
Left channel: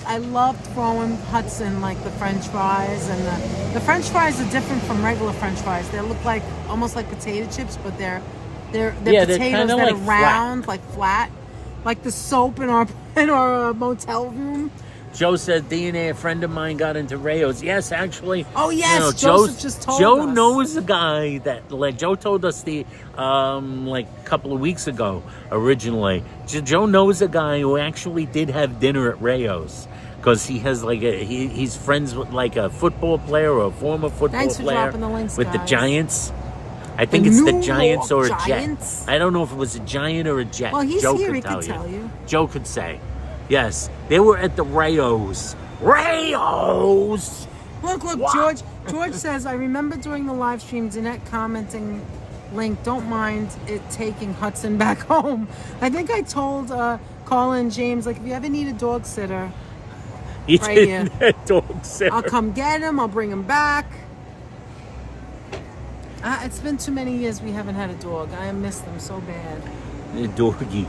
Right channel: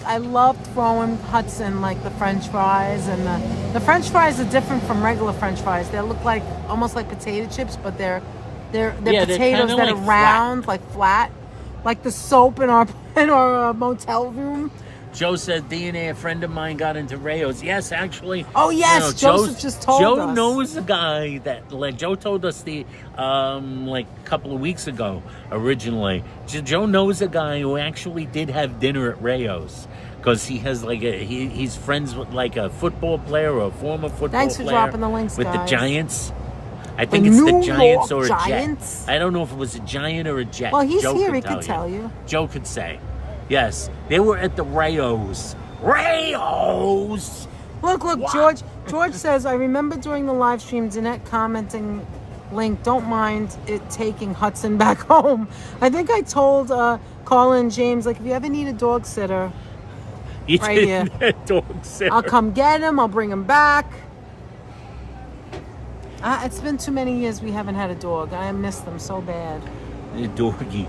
I love throwing Hudson like the French fries, and the French fries are different from regular French fries. They look like almost like potato chips, but they're they're potatoes kinda that like are round, like flat, like the soap in our motel room. Joe said DNA. A friend of mine got into Rayos. Yes, actually. Oh yes, Joseph just told Joe us. knows a guy that, like, Joe told us like a couple of weeks ago. Originally, Joe knows a guy who actually did have dinner at Rayos because he has like he's friends with like a football player or a former football Thanks for player dropping the links, with the guys. Giants. I think The it's the New Giants York or a Giants? Jet. I don't know if it was a Giant or a Jet. Well, he's Joe here. could He tell could tell you. Joe could say. Yes, they were at the Rayos. Rayos! Look, Wow. George says, I remember during the live stream, Danette commenting, Link, don't mind it taking Hudson back home. I think I told Carla and James, like, if you ever need a dog sitter, You Right didn't here. dog sitter. I'll come get him. I'll bring him back. It's been too many years we haven't had a dog. I miss them so bad. The doggy.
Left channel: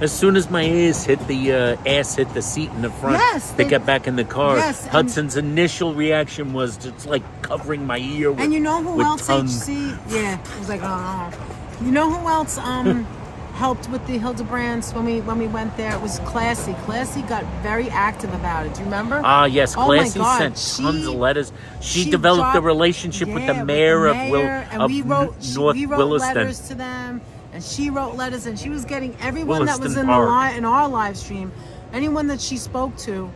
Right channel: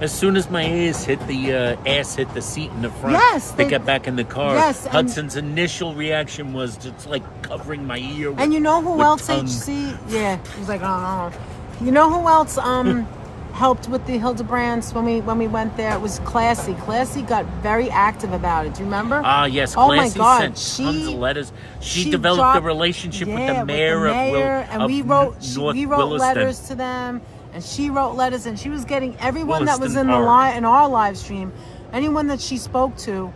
As soon as my ass hit the seat in the front Yes, to get back in the car, yes, and- Hudson's initial reaction was just like covering my ear with, And you know who with else, tongue. HC? Yeah, it was like, oh. You know who else helped with the Hildebrandts when we went there? It was Classy. Classy got very active about it. Do you remember? Ah, yes, Oh my Clancy God, sent tons of letters. She she developed a dropped- relationship with Yeah, the mayor of and we wrote North Williston. letters to them, and she wrote letters, and she was getting everyone that was Williston in Park. in our live stream, anyone that she spoke to.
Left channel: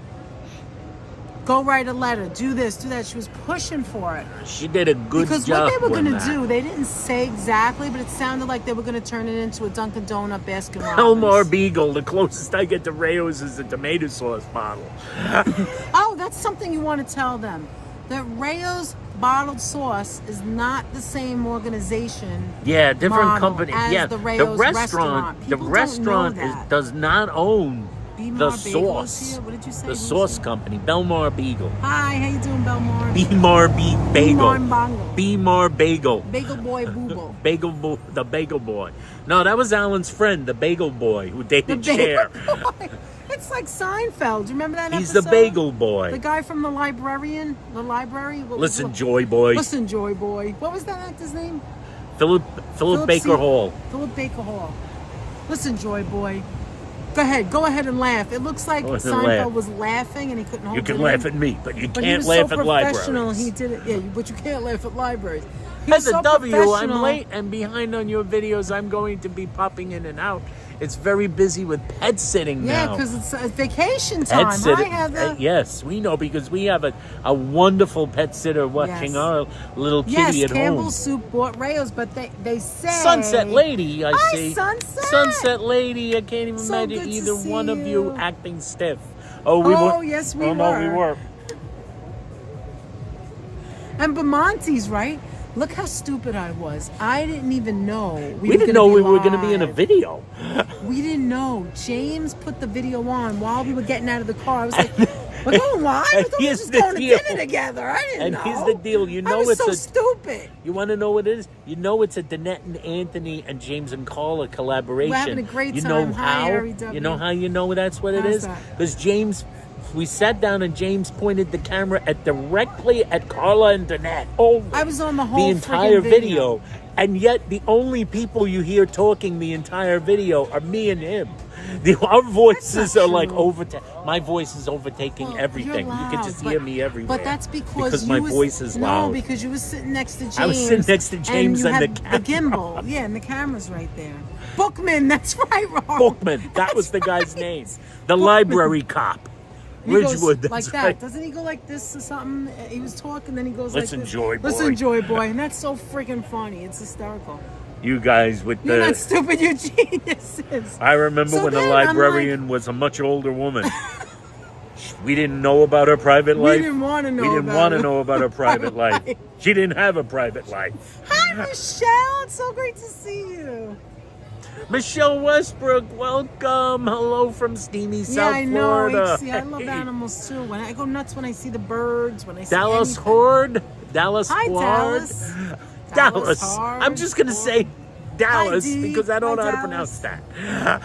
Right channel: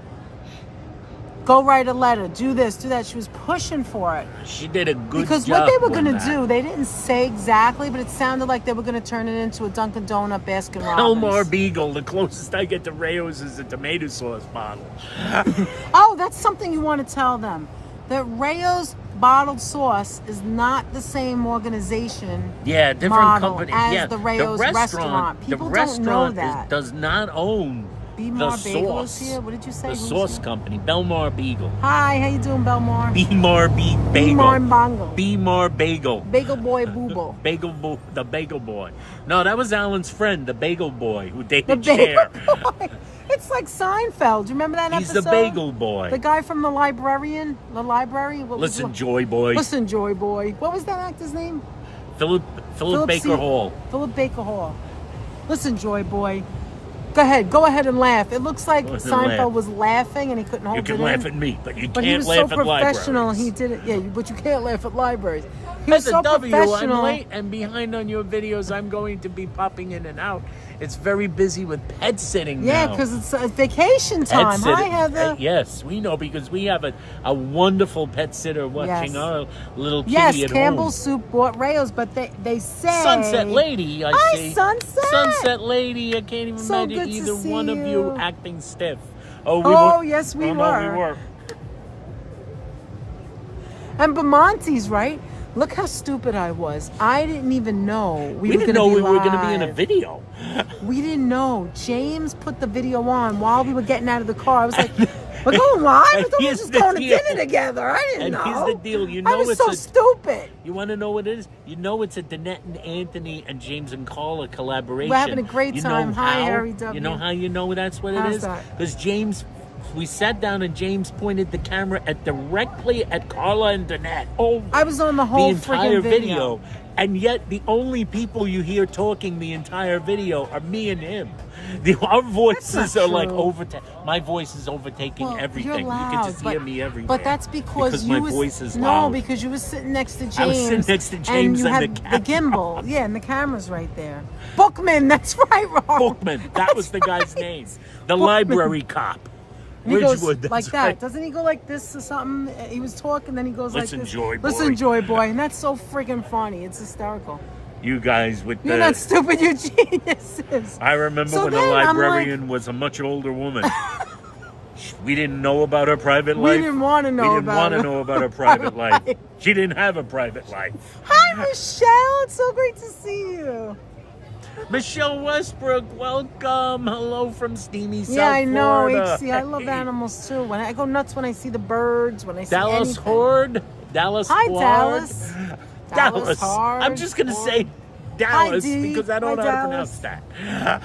Go write a letter. Do this. Do that. She was pushing for it. She did a good Because job. what they were with going to that. do, they didn't say exactly, but it sounded like they were going to turn it into a Dunkin' Donut basket. Elmar Beagle, the closest I get to Rayos is a tomato sauce bottle. Oh, that's something you want to tell them. That Rayos bottled sauce is not the same organization. Yeah, different model company. as Yeah, the Rayos restaurant. The People don't restaurant know that. does not own the Belmar Bagel is sauce. here. What did you say? The Who's sauce here? company, Belmar Beagle. Hi, how you doing, Belmar? Beemar Bagel. Beemar Bongo. Beemar Bagel. Bagel Boy Booble. The Bagel Boy. No, that was Alan's friend, the Bagel Boy, who The dated Bagel Cher. Boy. It's like Seinfeld. Do you remember that He's episode? the Bagel Boy. The guy from the librarian? The library? What was Listen, the- Joy Boy. Listen, Joy Boy. What was that actor's name? Philip Baker C. Hall. Philip Baker Hall. Listen, Joy Boy. Go ahead and laugh. It looks like Go ahead and Seinfeld laugh. was laughing and he couldn't hold You it can in. laugh at me, but you But he can't was laugh so at professional. libraries. He did it. Yeah, but you can't laugh at libraries. He was As a so W, I'm professional. late and behind on your videos. I'm going to be popping in and out. It's very busy with pet sitting Yeah, now. because it's vacation Pet time. sitter. I have a Yes, we know because we have a wonderful pet sitter watching Yes. our little kitty yes. at Campbell's home. Soup bought Rayos, but they say Sunset Lady, I Oh, see. Sunset. Sunset Lady. I can't even So imagine good to either see one of you you. acting stiff. Oh, we Oh, were. yes, we oh, no, we were. were. And Bamonte's, right? Look how stupid I was. I didn't even know We didn't know we were going to be in a video. We didn't know. James put the video on while we were getting out of the car. I was like, we're going live? I thought we were just going to dinner together. I didn't know. And here's the deal. You know I was it's so a, stupid. You want to know what it is? You know it's a Danette and Anthony and James and Carla collaboration. We're having a great you time. Know Hi, how? Harry W. You know how you know that's what it How's is? that? Because James, we sat down and James pointed the camera directly at Carla and Danette. Oh, I was on the whole entire friggin' video. And yet the only people you hear talking the entire video are me and him. Our voices are like my voice is overtaking everything. You're loud, you can just hear me everywhere. But that's because my voice is loud. No, because you were sitting next to James. I was sitting next to James and you and had the gimbal. Yeah, and the camera's right there. Bookman, that's right, Ron. Bookman, that was the guy's name. The library cop. He Ridgewood, goes that's like that. right. Doesn't he go like this or something? He was talking, then he goes Listen, like this. Joy Boy. Listen, Joy Boy. And that's so freaking funny. It's hysterical. You guys with You're the... not stupid, you're geniuses. I remember when the librarian was a much older woman. We didn't know about her private life. We didn't want to know We didn't want to know about her private life. She didn't have a private life. Hi, Michelle. It's so great to see you. Michelle Westbrook, welcome. Hello from steamy South Yeah, I know. Florida. See, I love animals too. When I go nuts when I see the birds, when I see Dallas anything. Horde. Dallas Hi, Horde. Dallas. Horde. I'm just going to say Dallas Hi, Dee. because I don't know Hi, how to Dallas. pronounce that.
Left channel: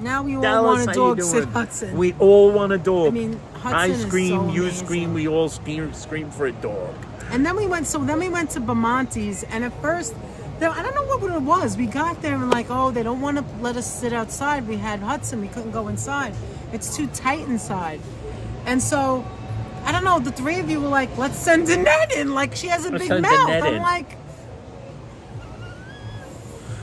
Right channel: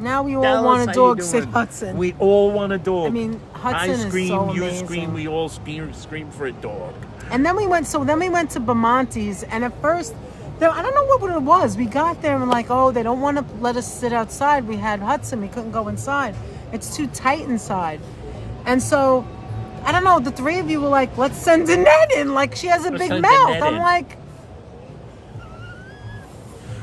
Now we all Dallas, want a how dog, you said doing? Hudson. We all want a dog. I mean, Hudson I is scream, so you amazing. scream, we all scream for a dog. And then we went to Bamonte's, and at first, I don't know what it was. We got there and like, oh, they don't want to let us sit outside. We had Hudson. We couldn't go inside. It's too tight inside. And so, I don't know, the three of you were like, let's send Danette in. Like, she has a big mouth. I'm like,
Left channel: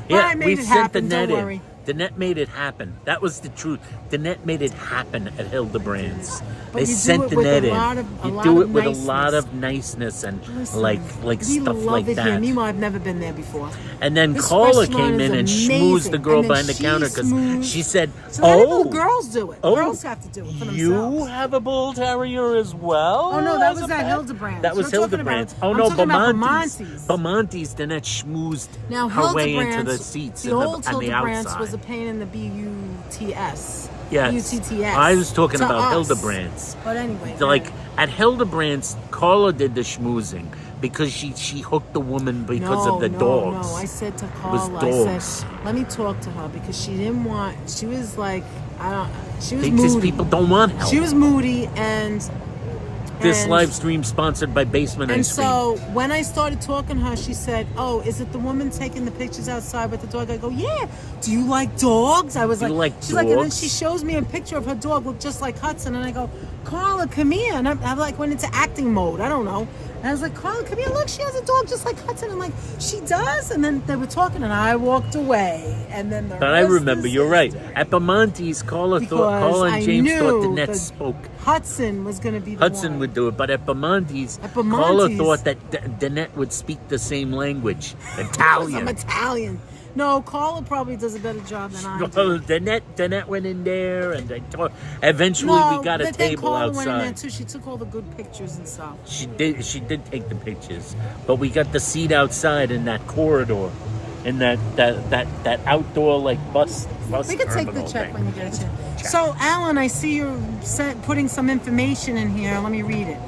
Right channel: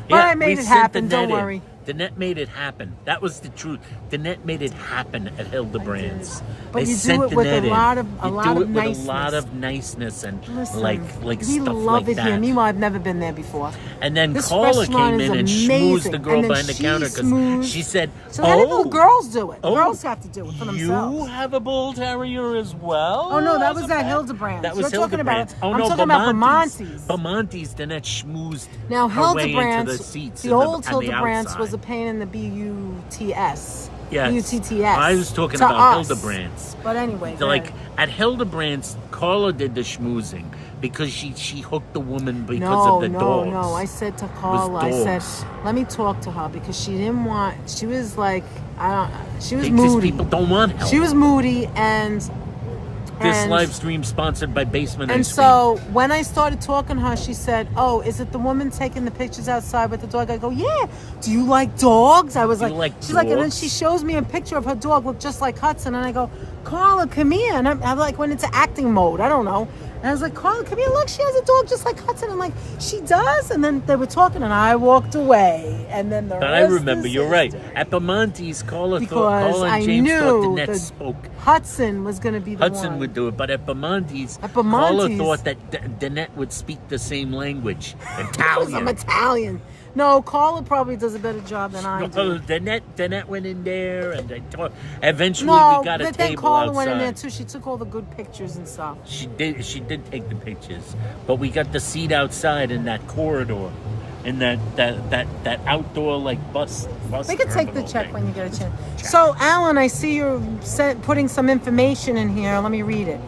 Yeah, all right, made it happen. Don't in. worry. Danette made it happen. That was the truth. Danette made it happen at Hildebrandt's. But They you sent do it with Danette a in. lot of You do it with niceness. a lot of niceness and Listen, like we stuff love like it that. Here. Meanwhile, I've never been there before. And then This Carla restaurant came is in and amazing. schmoozed the girl And then behind the she counter because schmoozed. she said, So how do the girls do it? Oh, Girls have to do it for themselves. You have a bull terrier as well? Oh, no, that was As a at pet? Hildebrandt. That was You're talking about- Hildebrandt. Oh, I'm no, talking about Bamonte's. Bamonte's. Bamonte's, Danette schmoozed Now, her way into the Hildebrandt, seats the old on the Hildebrandt outside. was a pain in the B-U-T-S. Yes. B-U-T-T-S. I was talking to about us. Hildebrandt's. But anyway. Like, at Hildebrandt's, Carla did the schmoozing because she hooked the woman because of the dogs. No, I said to was Carla, I dogs. said, let me talk to her because she didn't want, she was like, she was Because moody. people don't want help. She was moody and This live stream sponsored by Basement And Ice Cream. so when I started talking to her, she said, oh, is it the woman taking the pictures outside with the dog? I go, yeah. Do you like dogs? I was You like, like she's like, and then dogs? she shows me a picture of her dog, looked just like Hudson. And I go, Carla, come here. And I like went into acting mode. I don't know. And I was like, Carla, come here. Look, she has a dog just like Hudson. I'm like, she does? And then they were talking and I walked away. And then the But I rest remember, is you're right. history. At Bamonte's, Carla Because and I James knew thought Danette that spoke. Hudson was going to be the Hudson one. would do it, but at Bamonte's, At Carla Bamonte's- thought that Danette would speak the same language, I'm Italian. Italian. No, Carla probably does a better job than I do. No, Danette went in there, and eventually No, we got a but then table Carla went in there outside. too. She took all the good pictures and stuff. She did take the pictures, but we got the seat outside in that corridor, in that outdoor like bus. We can take the terminal check thing. when you get a chance. So, Alan, I see you're putting some information in here. Let me read it.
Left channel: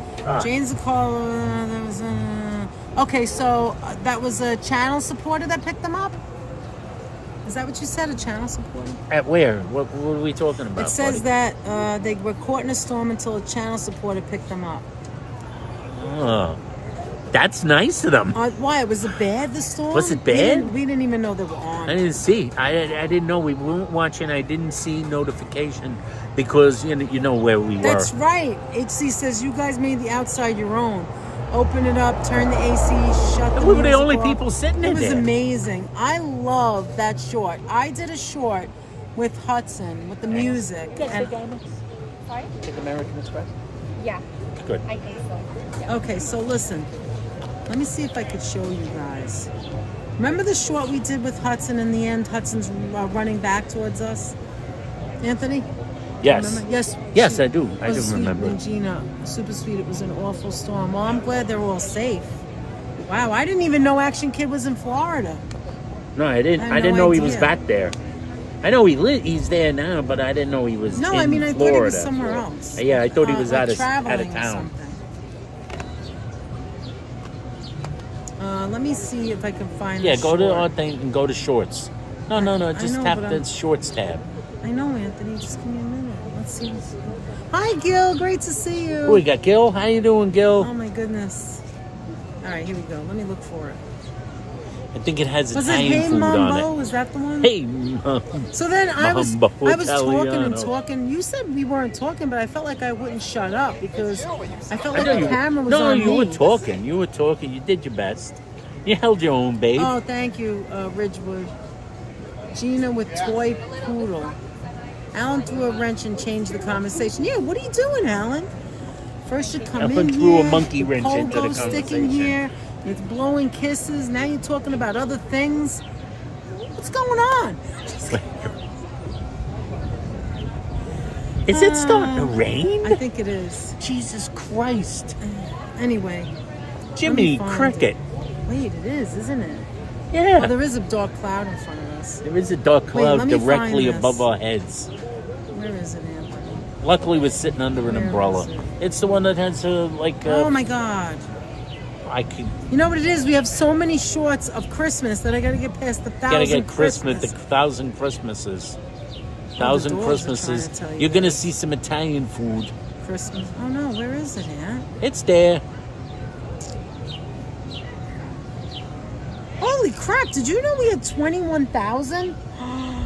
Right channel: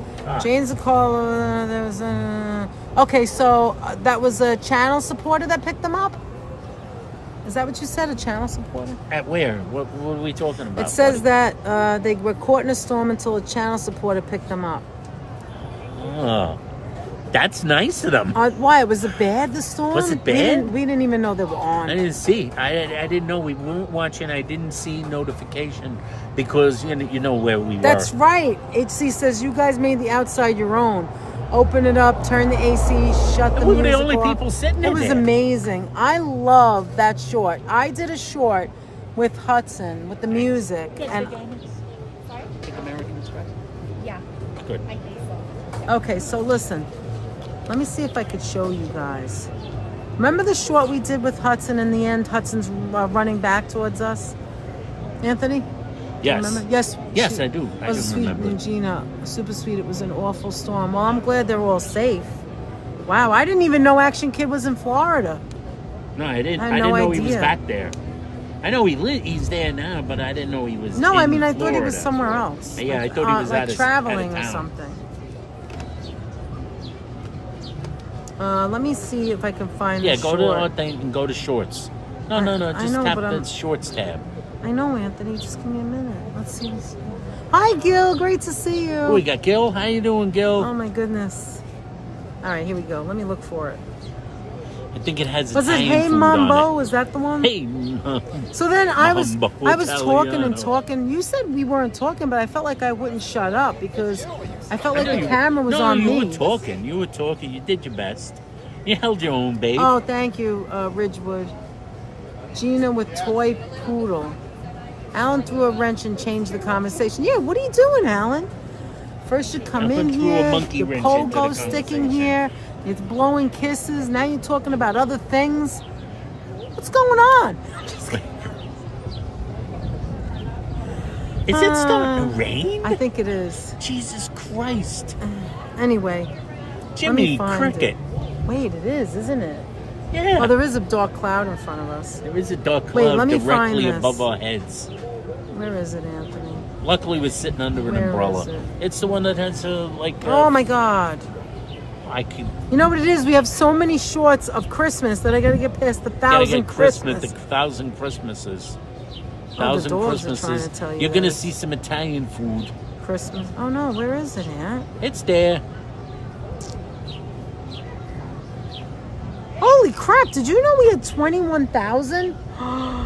James and Carla, there was a... Okay, so that was a channel supporter that picked them up? Is that what you said, a channel supporter? At where? What are we talking about? It says buddy? that they were caught in a storm until a channel supporter picked them up. Oh, that's nice of them. Why? Was it bad, the storm? Was it bad? We didn't even know they were on. I didn't see. I didn't know. We weren't watching. I didn't see notification because you know where we That's were. right. HC says you guys made the outside your own. Open it up, turn the AC, shut the We were the music only off. people sitting in It was there. amazing. I love that short. I did a short with Hudson, with the music. And, Sorry? American Express. Yeah, Good. I think so. okay, so listen. Let me see if I could show you guys. Remember the short we did with Hudson in the end? Hudson's running back towards us. Anthony? Yes. Remember? Yes. Yes, she I do. I was do sweet, remember. Regina, super sweet. It was an awful storm. Well, I'm glad they're all safe. Wow, I didn't even know Action Kid was in Florida. No, I didn't. I I had didn't no know he was idea. back there. I know he's there now, but I didn't know he was. No, in I mean I thought he was Florida. somewhere else. Yeah, I thought he was like out of traveling or town. something. Let me see if I can find. Yeah, the go to short. our thing and go to shorts. No, just know, tap but the shorts tab. I know, Anthony. Just give me a minute. Let's see this. Hi, Gil. Great to see you. Oh, we got Gil. How you doing, Gil? Oh my goodness. All right, here we go. Let me look for it. I think it has Was it Italian Hey food Mambo? on Was that the one? it. Hey, Mambo. So then I was talking and Italiano. talking. You said we weren't talking, but I felt like I wouldn't shut up because I felt like the camera was on me. No, you were talking. You were talking. You did your best. You held your own, babe. Oh, thank you, Ridgewood. Gina with toy poodle. Alan threw a wrench and changed the conversation. Yeah, what are you doing, Alan? First you come Alan in threw a here, monkey your wrench into the pogo sticking conversation. here, it's blowing kisses. Now you're talking about other things. What's going on? Is it starting to rain? I think it is. Jesus Christ. Anyway. Jimmy find Cricket. Wait, it is, isn't it? Yeah. Oh, there is a dark cloud in front of us. There is a dark Wait, cloud let me directly find this. above our heads. Where is it, Anthony? Luckily, we're sitting under an Where umbrella. is it? It's the one that has Oh my God. I can You know what it is? We have so many shorts of Christmas that I gotta get past the gotta 1,000 get Christmas, the 1,000 Christmases. the 1,000 doors are Christmases. trying to tell you You're gonna that. see some Italian food. Christmas. Oh no, where is it at? It's there. Holy crap, did you know we had 21,000?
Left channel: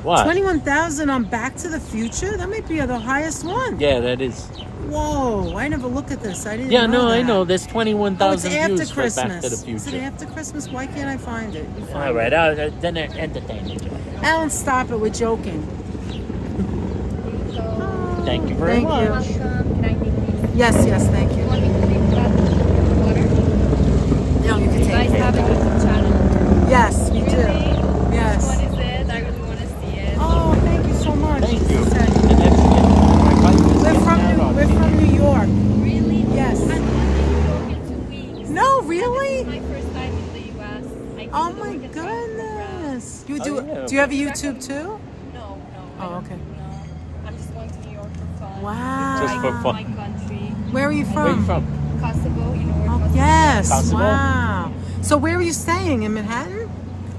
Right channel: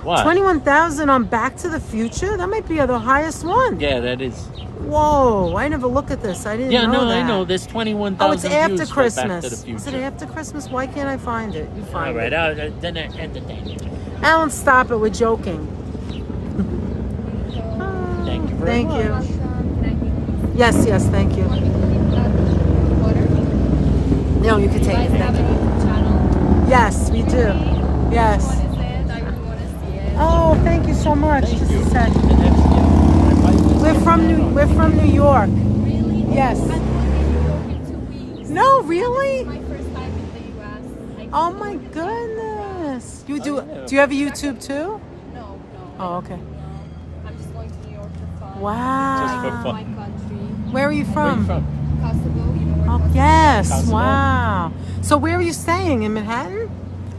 What? 21,000 on Back to the Future? That might be the highest one. Yeah, that is. Whoa, I never looked at this. I didn't Yeah, know no, that. I know. There's Oh, it's 21,000 after views for Christmas. Back to the Is it Future. after Christmas? Why can't I find it? You find All right, it. then entertain you. Alan, stop it. We're joking. Thank you very Thank much. you. Can I take these? Yes, thank You want you. me to leave that water? No, you can You take guys it. have a YouTube channel? Yes, we do. Really? Yes. Which one is it? I really want to see it. Oh, thank you so much. Thank you. We're We're from New York. Really? Yes. I'm going to New York in 2 weeks. No, really? This is my first time in the U.S. I came Oh to my work at Rayos. goodness. You Oh, do? yeah. Do you have a YouTube too? No. Oh, okay. No. I'm just going to New York for fun. Wow. Just for I fun. my country. Where are you from? Kosovo, you know where Oh, Kosovo yes. Kosovo. Wow. So where are you staying? In Manhattan?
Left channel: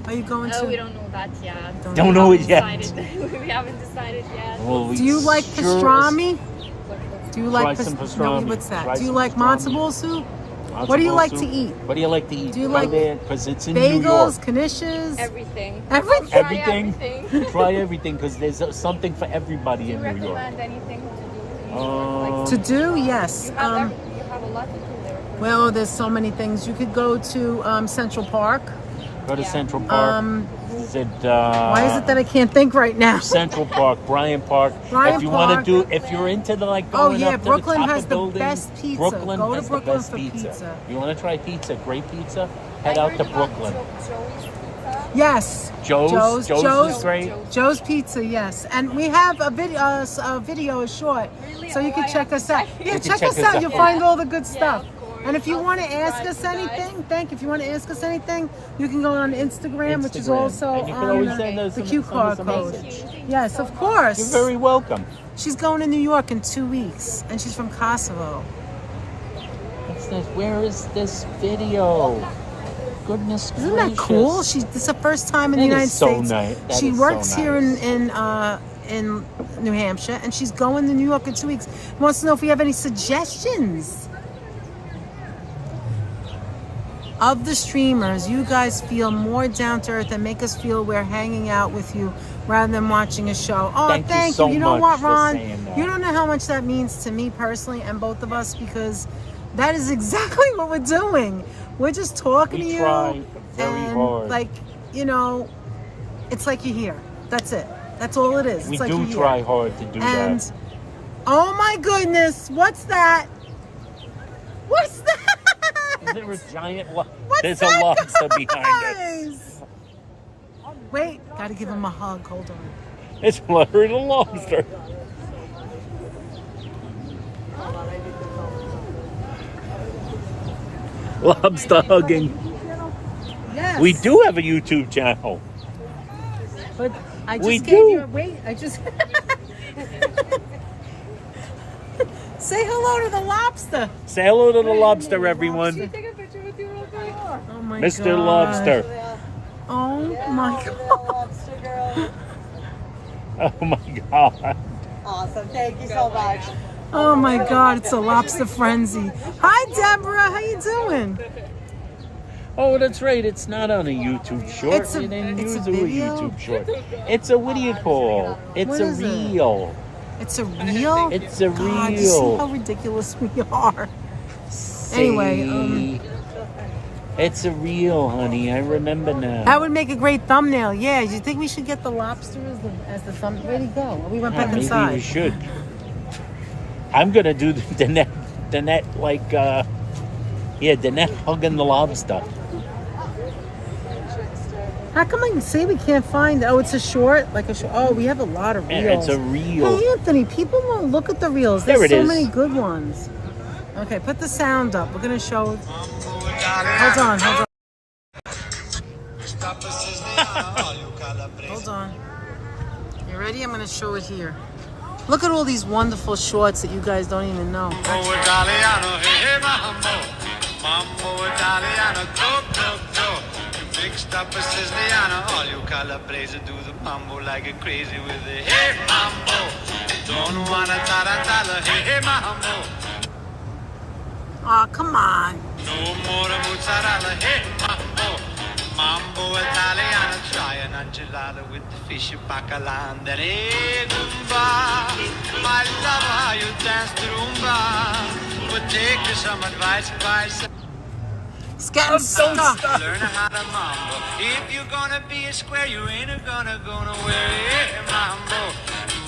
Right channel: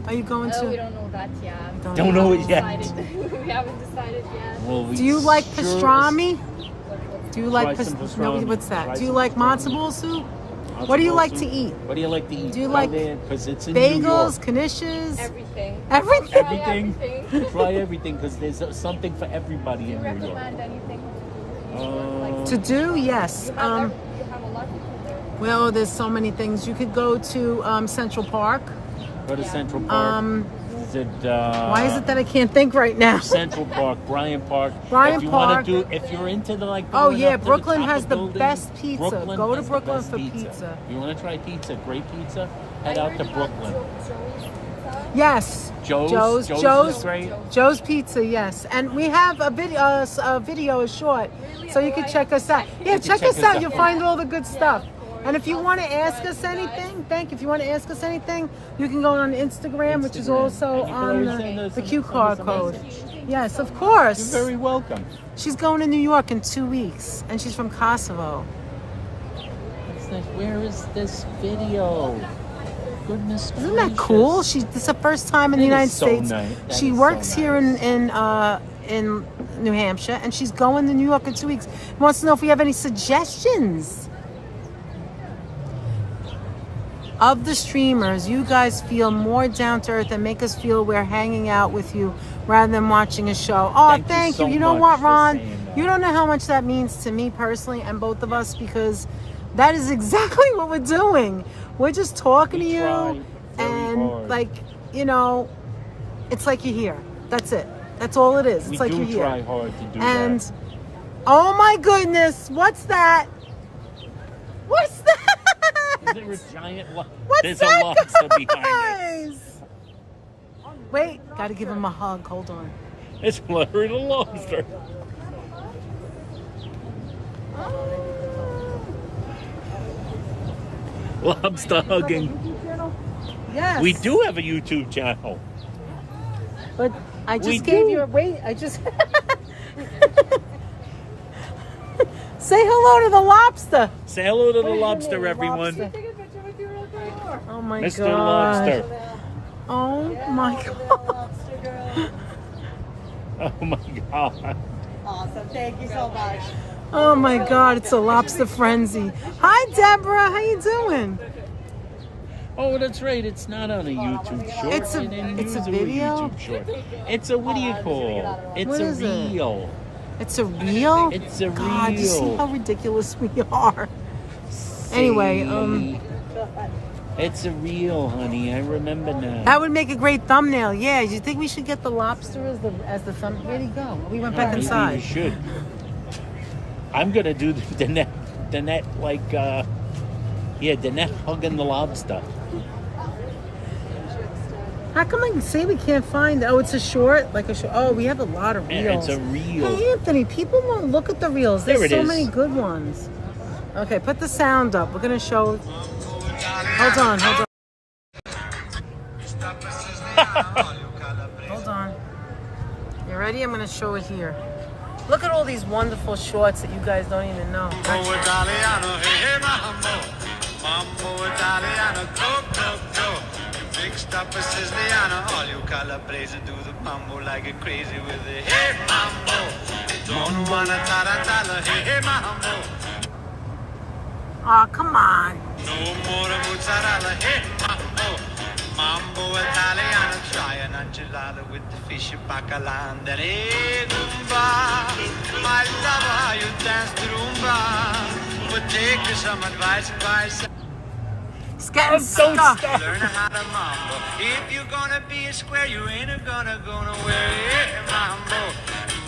Are you going is? to? Oh, we don't know that yet. Don't know it We yet. haven't we haven't decided yet. Do you like pastrami? Do you like Try some no? pastrami. What's that? Try Do you some like matzo ball soup? What do you like to eat? What do you like to eat? Do you like Because it's in New Bagels, York. knishes, Everything. everything? Everything. Everything. Try everything because there's something for everybody Do you in New York. recommend anything to do? To do? Yes. You have a lot to do there. Well, there's so many things. You could go to Central Park. Go to Central Park. Is it, Why is it that I can't think right now? Central Park, Bryant Park. Bryant if you Park. want to do, if you're into the like. Oh, going yeah, up to Brooklyn the top has of the buildings, best pizza. Brooklyn Go to has the Brooklyn best for pizza. You want to try pizza? Great pizza. Head out to Brooklyn. Yes. Joe's is great. Joe's Pizza, yes. And we have a video, a short, so you can check us out. Yeah, can check check us us out. out. You'll find all the good stuff. And if you want to ask us anything, if you want to ask us anything, you can go on Instagram, which is also And you can on always send us the a- Q send card us a code. message. Yes, of course. You're very welcome. She's going to New York in 2 weeks, and she's from Kosovo. What's this? Where is this video? Goodness Isn't that cool? gracious. This is the first time in the That United is so States. nice. That She is so works here nice. in New Hampshire, and she's going to New York in 2 weeks. Wants to know if we have any suggestions. Of the streamers, you guys feel more down to earth and make us feel we're hanging out with you rather than watching a show. Oh, Thank you thank you. so You know much what, for Ron? saying that. You don't know how much that means to me personally and both of us, because that is exactly what we're doing. We're just talking We to try you, very and hard. like, you know, it's like you're here. That's it. That's all it is. We It's like do you're try here. hard to do And that. oh my goodness, what's that? What's that? Is there a giant What's There's that, a lobster behind guys? us. Wait, gotta give him a hug. Hold on. It's Larry the lobster. Lobster hugging. Yes. We do have a YouTube channel. But I just We gave do. you a wait. I just say hello to the lobster. Say hello to the Wait a lobster, minute, everyone. lobster. Take a picture with you real quick. Oh my Mr. god. Lobster. Oh my god. Lobster girl. Oh my god. Awesome. Thank you so much. Oh my god, it's a lobster frenzy. Hi Deborah, how you doing? Oh, that's right. It's not on a YouTube short. It's a- They didn't it's a use video? YouTube short. It's a what do you call? It's What a is it? reel. It's a reel? It's a God, you see reel. how ridiculous we are. Anyway, See? It's a reel, honey. I remember now. that would make a great thumbnail. Yeah, do you think we should get the lobster as the thumb? Where'd he go? We went back Maybe inside. we should. I'm gonna do the net like the net hugging the lobster. How come I can say we can't find? Oh, it's a short, like a short. Oh, we have a lot of Yeah, reels. it's a reel. Hey, Anthony, people won't look at the reels. There's There it so is. many good ones. Okay, put the sound up. We're gonna show. Hold on. Hold on. You ready? I'm gonna show it here. Look at all these wonderful shorts that you guys don't even know. Mambo Italiano, hey, hey, mambo. Mambo Italiano, go, go, go. You mixed up a Siciliano. All you Calabrese do the mambo like a crazy with the hey, mambo. Don't wanna tarantella, hey, hey, mambo. Oh, come on. No more mozzarella, hey, mambo. Mambo Italiano, try an enchilada with the fish bacala and then hey, Goomba. I love how you dance the rumba. But take some advice. It's getting stuck. Learn how to mambo. If you're gonna be a square, you ain't gonna go nowhere. Hey, mambo.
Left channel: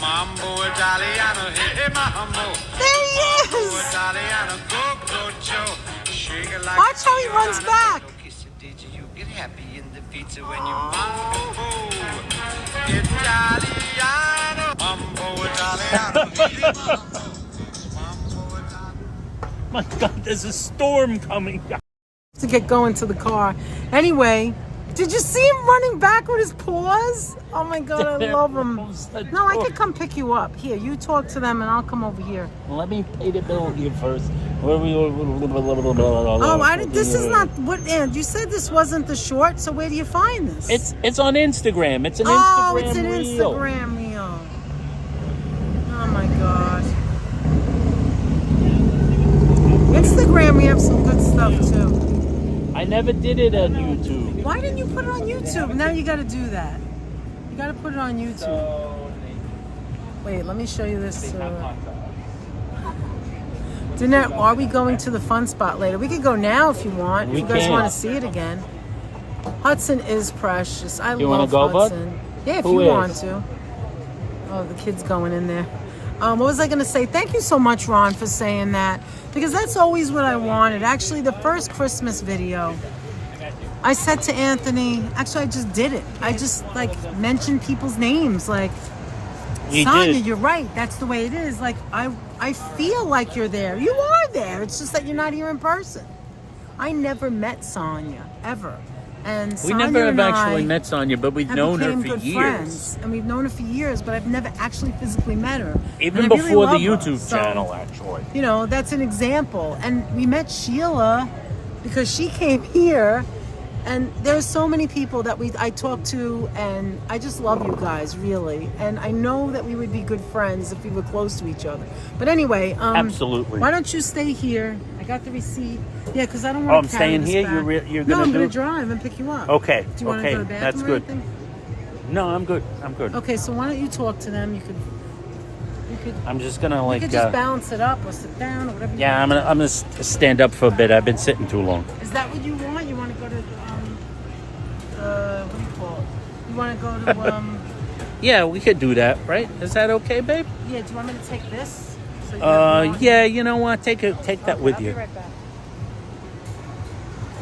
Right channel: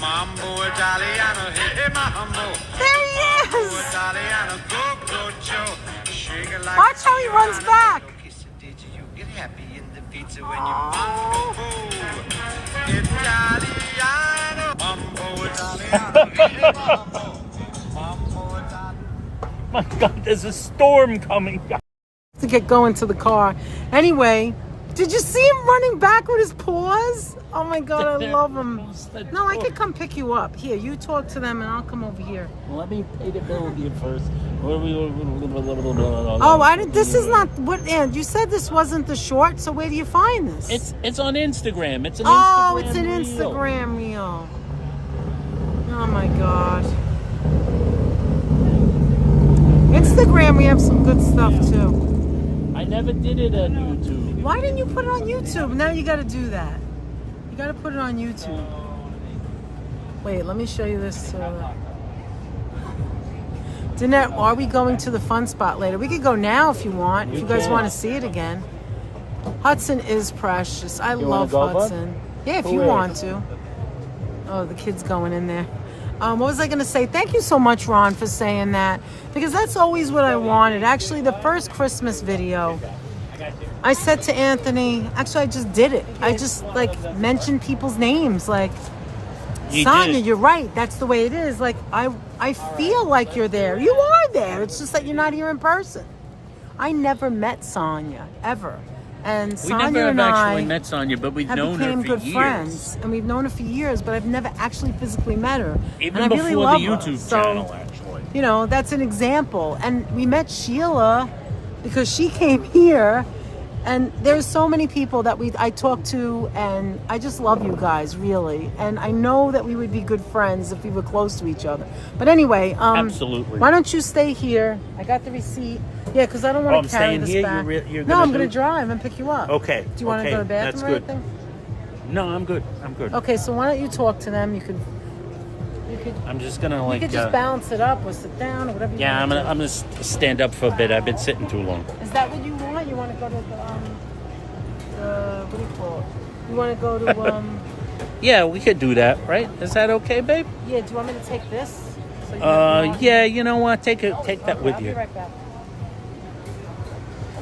Mambo Italiano, hey, mambo. There he Mambo is. Italiano, go, go, Joe. Shake it like Watch how he runs Giordano. back. Kiss it, did you get happy in the pizza when you mambo. Italiano, mambo Italiano. My God, there's a storm coming. To get going to the car. Anyway, did you see him running back with his paws? Oh my god, I love him. No, I could come pick you up. Here, you talk to them and I'll come over here. Let me pay the bill here first. Oh, This is not what. And you said this wasn't the short. So where do you find this? It's on Instagram. It's an Oh, Instagram. it's an reel. Instagram reel. Oh my god. Instagram, we have some good stuff too. I never did it on YouTube. Why didn't you put it on YouTube? Now you got to do that. You got to put it on YouTube. Wait, let me show you this. Danette, are we going to the fun spot later? We could go now if you want. If you guys can. want to see it again. Hudson is precious. I You love wanna go, bud? Hudson. Yeah, if Who you is? want to. Oh, the kid's going in there. What was I going to say? Thank you so much, Ron, for saying that. Because that's always what I wanted. Actually, the first Christmas video, I said to Anthony, actually, I just did it. I just, mentioned people's names. You Sonia, did. you're right. That's the way it is. I feel like you're there. You are there. It's just that you're not here in person. I never met Sonia, ever. And We Sonia never have and actually I met Sonia, but we've have known her become for good years. friends. And we've known her for years, but I've never actually physically met her. Even And I before really love the her. YouTube So, channel, actually. you know, that's an example. And we met Sheila because she came here, and there's so many people that I talked to, and I just love you guys, really. And I know that we would be good friends if we were close to each other. But anyway, Absolutely. why don't you stay here? I got the receipt. Yeah, because I don't Oh, want I'm to carry staying this here? back. You're No, gonna I'm going do- to drive and pick you up. Okay. Do you want to okay. go to the bathroom That's or good. anything? No, I'm good. I'm good. Okay, so why don't you talk to them? You could I'm just gonna you could just balance it up or sit down or whatever you yeah, want. I'm gonna stand up for a bit. I've been sitting too long. Is that what you want? You want to go to the what do you call it? You want to go to Yeah, we could do that, right? Is that okay, babe? yeah? Do you want me to take this? So you can- Yeah. You know what? Take that with I'll be you. right back.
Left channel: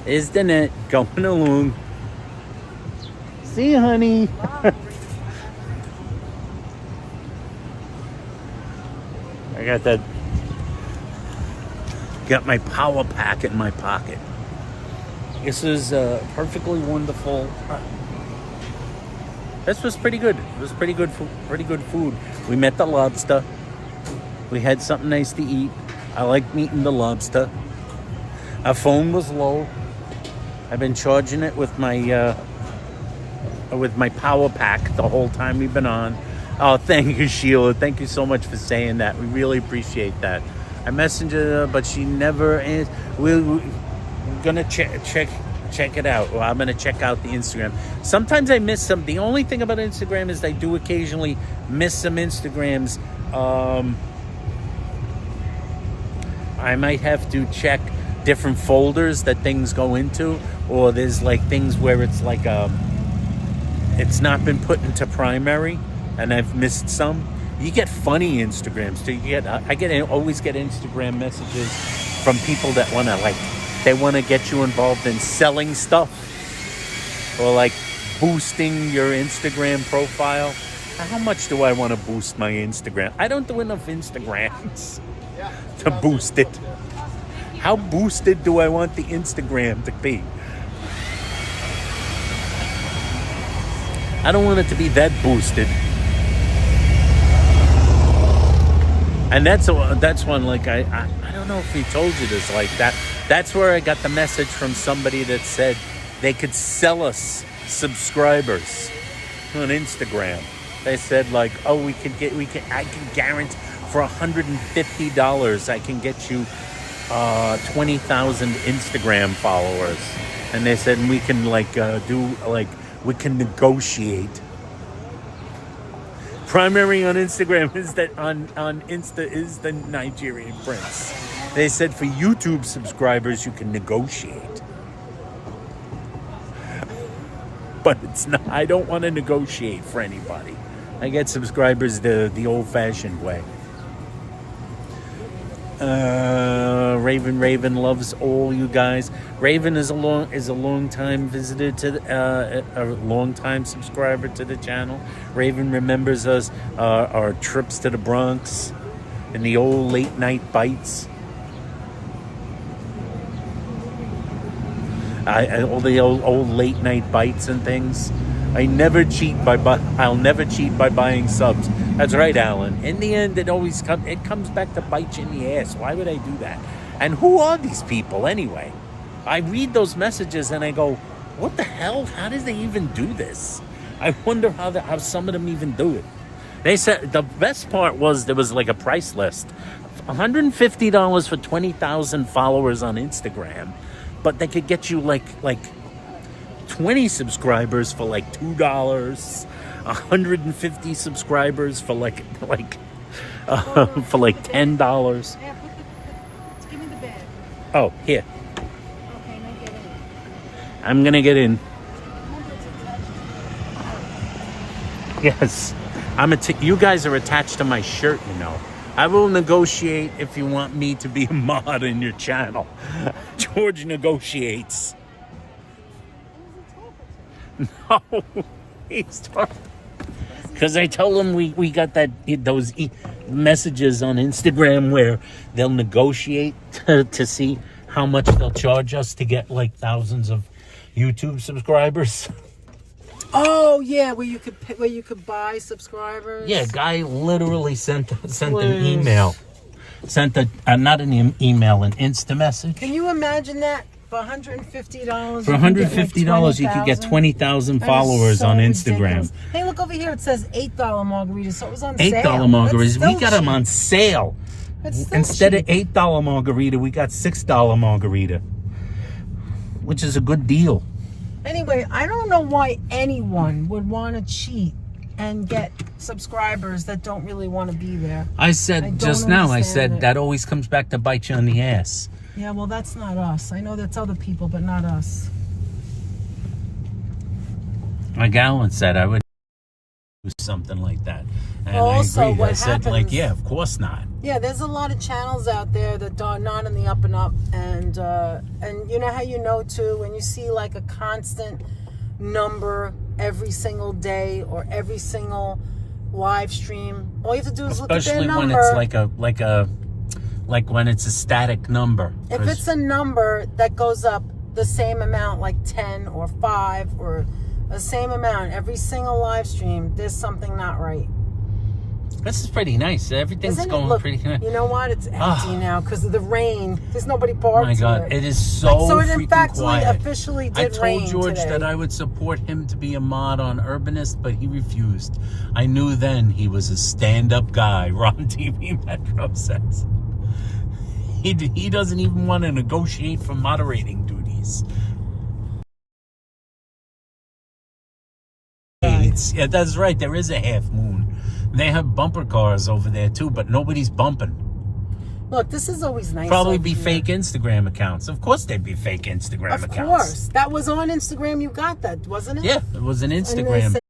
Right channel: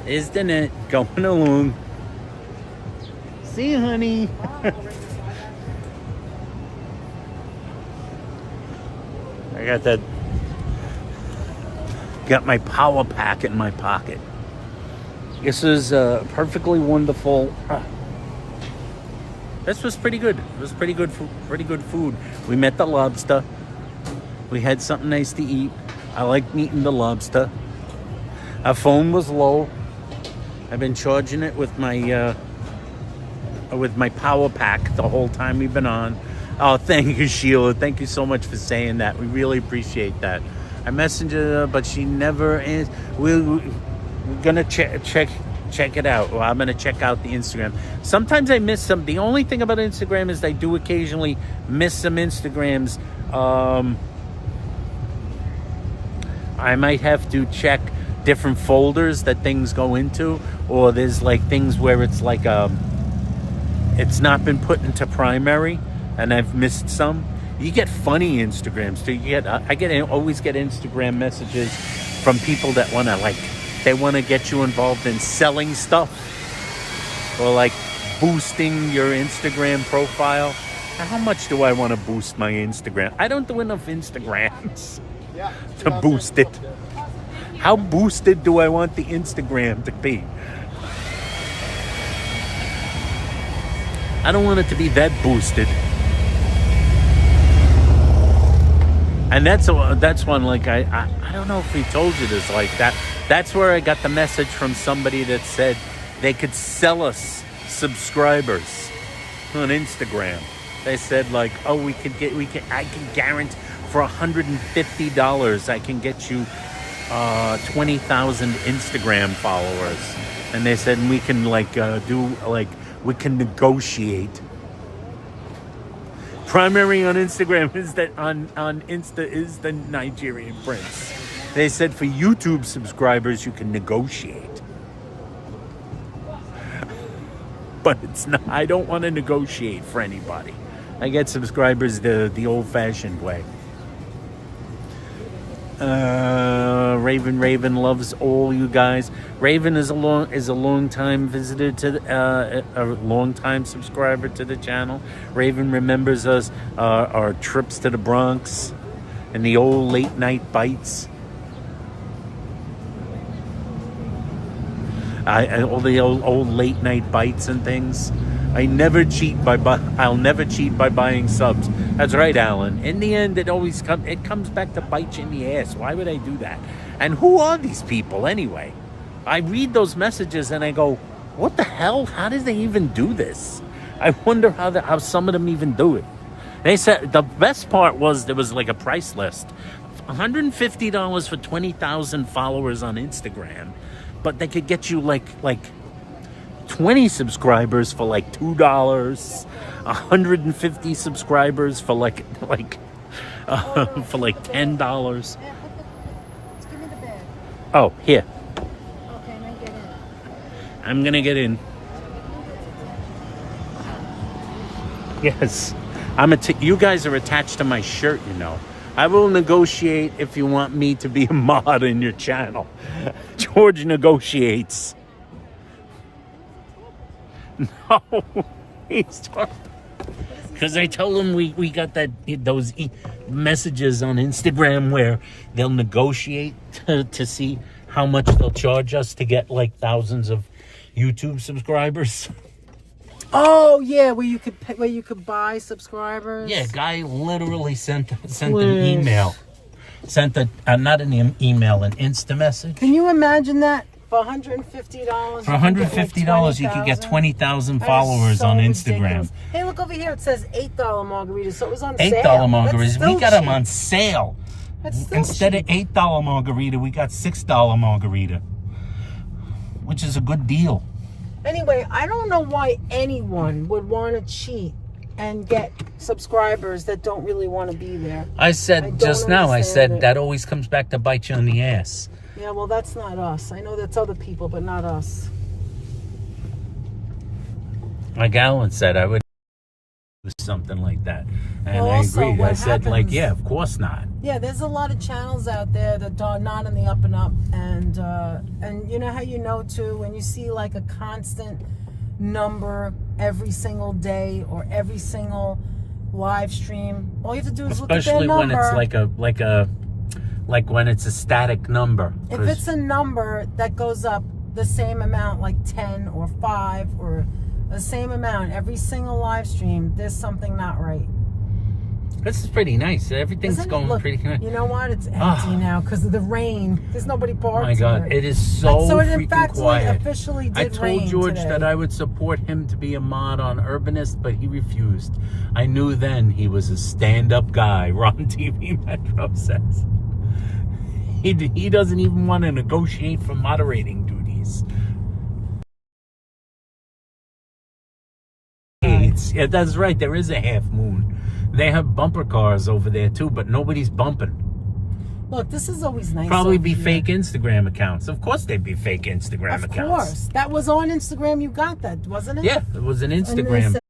Is the net going along? See you, honey. I got my power pack in my pocket. This is perfectly wonderful. This was pretty good. It was pretty good food. We met the lobster. We had something nice to eat. I like meeting the lobster. Our phone was low. I've been charging it with my power pack the whole time we've been on. Oh, thank you, Sheila. Thank you so much for saying that. We really appreciate that. I messaged her, but she never is. We're gonna check it out. Well, I'm gonna check out the Instagram. Sometimes I miss some. The only thing about Instagram is I do occasionally miss some Instagrams. I might have to check different folders that things go into, or there's like things where it's like it's not been put into primary, and I've missed some. You get funny Instagrams too. I always get Instagram messages from people that want to get you involved in selling stuff, or like boosting your Instagram profile. How much do I want to boost my Instagram? I don't do enough Instagrams to boost it. How boosted do I want the Instagram to be? I don't want it to be that boosted. And that's one, like, I don't know if we told you this, like that. That's where I got the message from somebody that said they could sell us subscribers on Instagram. They said like, oh, I can guarantee for $150 I can get you 20,000 Instagram followers. And they said we can we can negotiate. Primary on Instagram is that on Insta is the Nigerian prince. They said for YouTube subscribers you can negotiate. But it's not. I don't want to negotiate for anybody. I get subscribers the old-fashioned way. Raven loves all you guys. Raven is a long time visitor to a long time subscriber to the channel. Raven remembers us, our trips to the Bronx, and the old late night bites. All the old late night bites and things. I'll never cheat by buying subs. That's right, Alan. In the end, it comes back to bite you in the ass. Why would I do that? And who are these people anyway? I read those messages and I go, what the hell? How did they even do this? I wonder how some of them even do it. They said the best part was there was like a price list. $150 for 20,000 followers on Instagram, but they could get you like 20 subscribers for like $2, 150 subscribers for like $10. Give me the bed. Oh, here. Okay, now get in. I'm gonna get in. Yes, you guys are attached to my shirt, you know. I will negotiate if you want me to be a mod in your channel. George negotiates. No, he's talking. Because I told him we got those messages on Instagram where they'll negotiate to see how much they'll charge us to get like thousands of YouTube subscribers. Oh yeah, where you could buy subscribers. Yeah, guy literally sent an email, not an email, an Insta message. Can you imagine that? For $150. For $150, you could get 20,000 followers on Instagram. Ridiculous. Hey, look over here. It says $8 margaritas. So it was on sale. $8 margaritas. We got them on cheap. sale. Instead of $8 margarita, we got $6 margarita, which is a good deal. Anyway, I don't know why anyone would want to cheat and get subscribers that don't really want to be there. I said just now, that always comes back to bite you on the ass. Yeah, well, that's not us. I know that's other people, but not us. Like Alan said, I would do something like that. And well, I agreed. I said, yeah, of course not. Yeah, there's a lot of channels out there that are not in the up and up. And you know how you know, too, when you see like a constant number every single day or every single live stream, all you have to do is look at their number. Especially when it's like when it's a static number. If it's a number that goes up the same amount, like 10 or 5 or the same amount every single live stream, there's something not right. This is pretty nice. Everything's Isn't it? going Look, pretty nice. you know what? It's empty now because of the rain. There's nobody parked. Oh my God, here. it is so it freaking in fact quiet. officially did I told rain George today. that I would support him to be a mod on Urbanist, but he refused. I knew then he was a stand-up guy, Ron TV Metro says. He doesn't even want to negotiate for moderating duties. Yeah, that's right. There is a half moon. They have bumper cars over there too, but nobody's bumping. Look, this is always nice. Probably over be here. fake Instagram accounts. Of course they'd be fake Instagram accounts. Of course. That was on Instagram. You got that, wasn't it? Yeah, it was an And they Instagram. said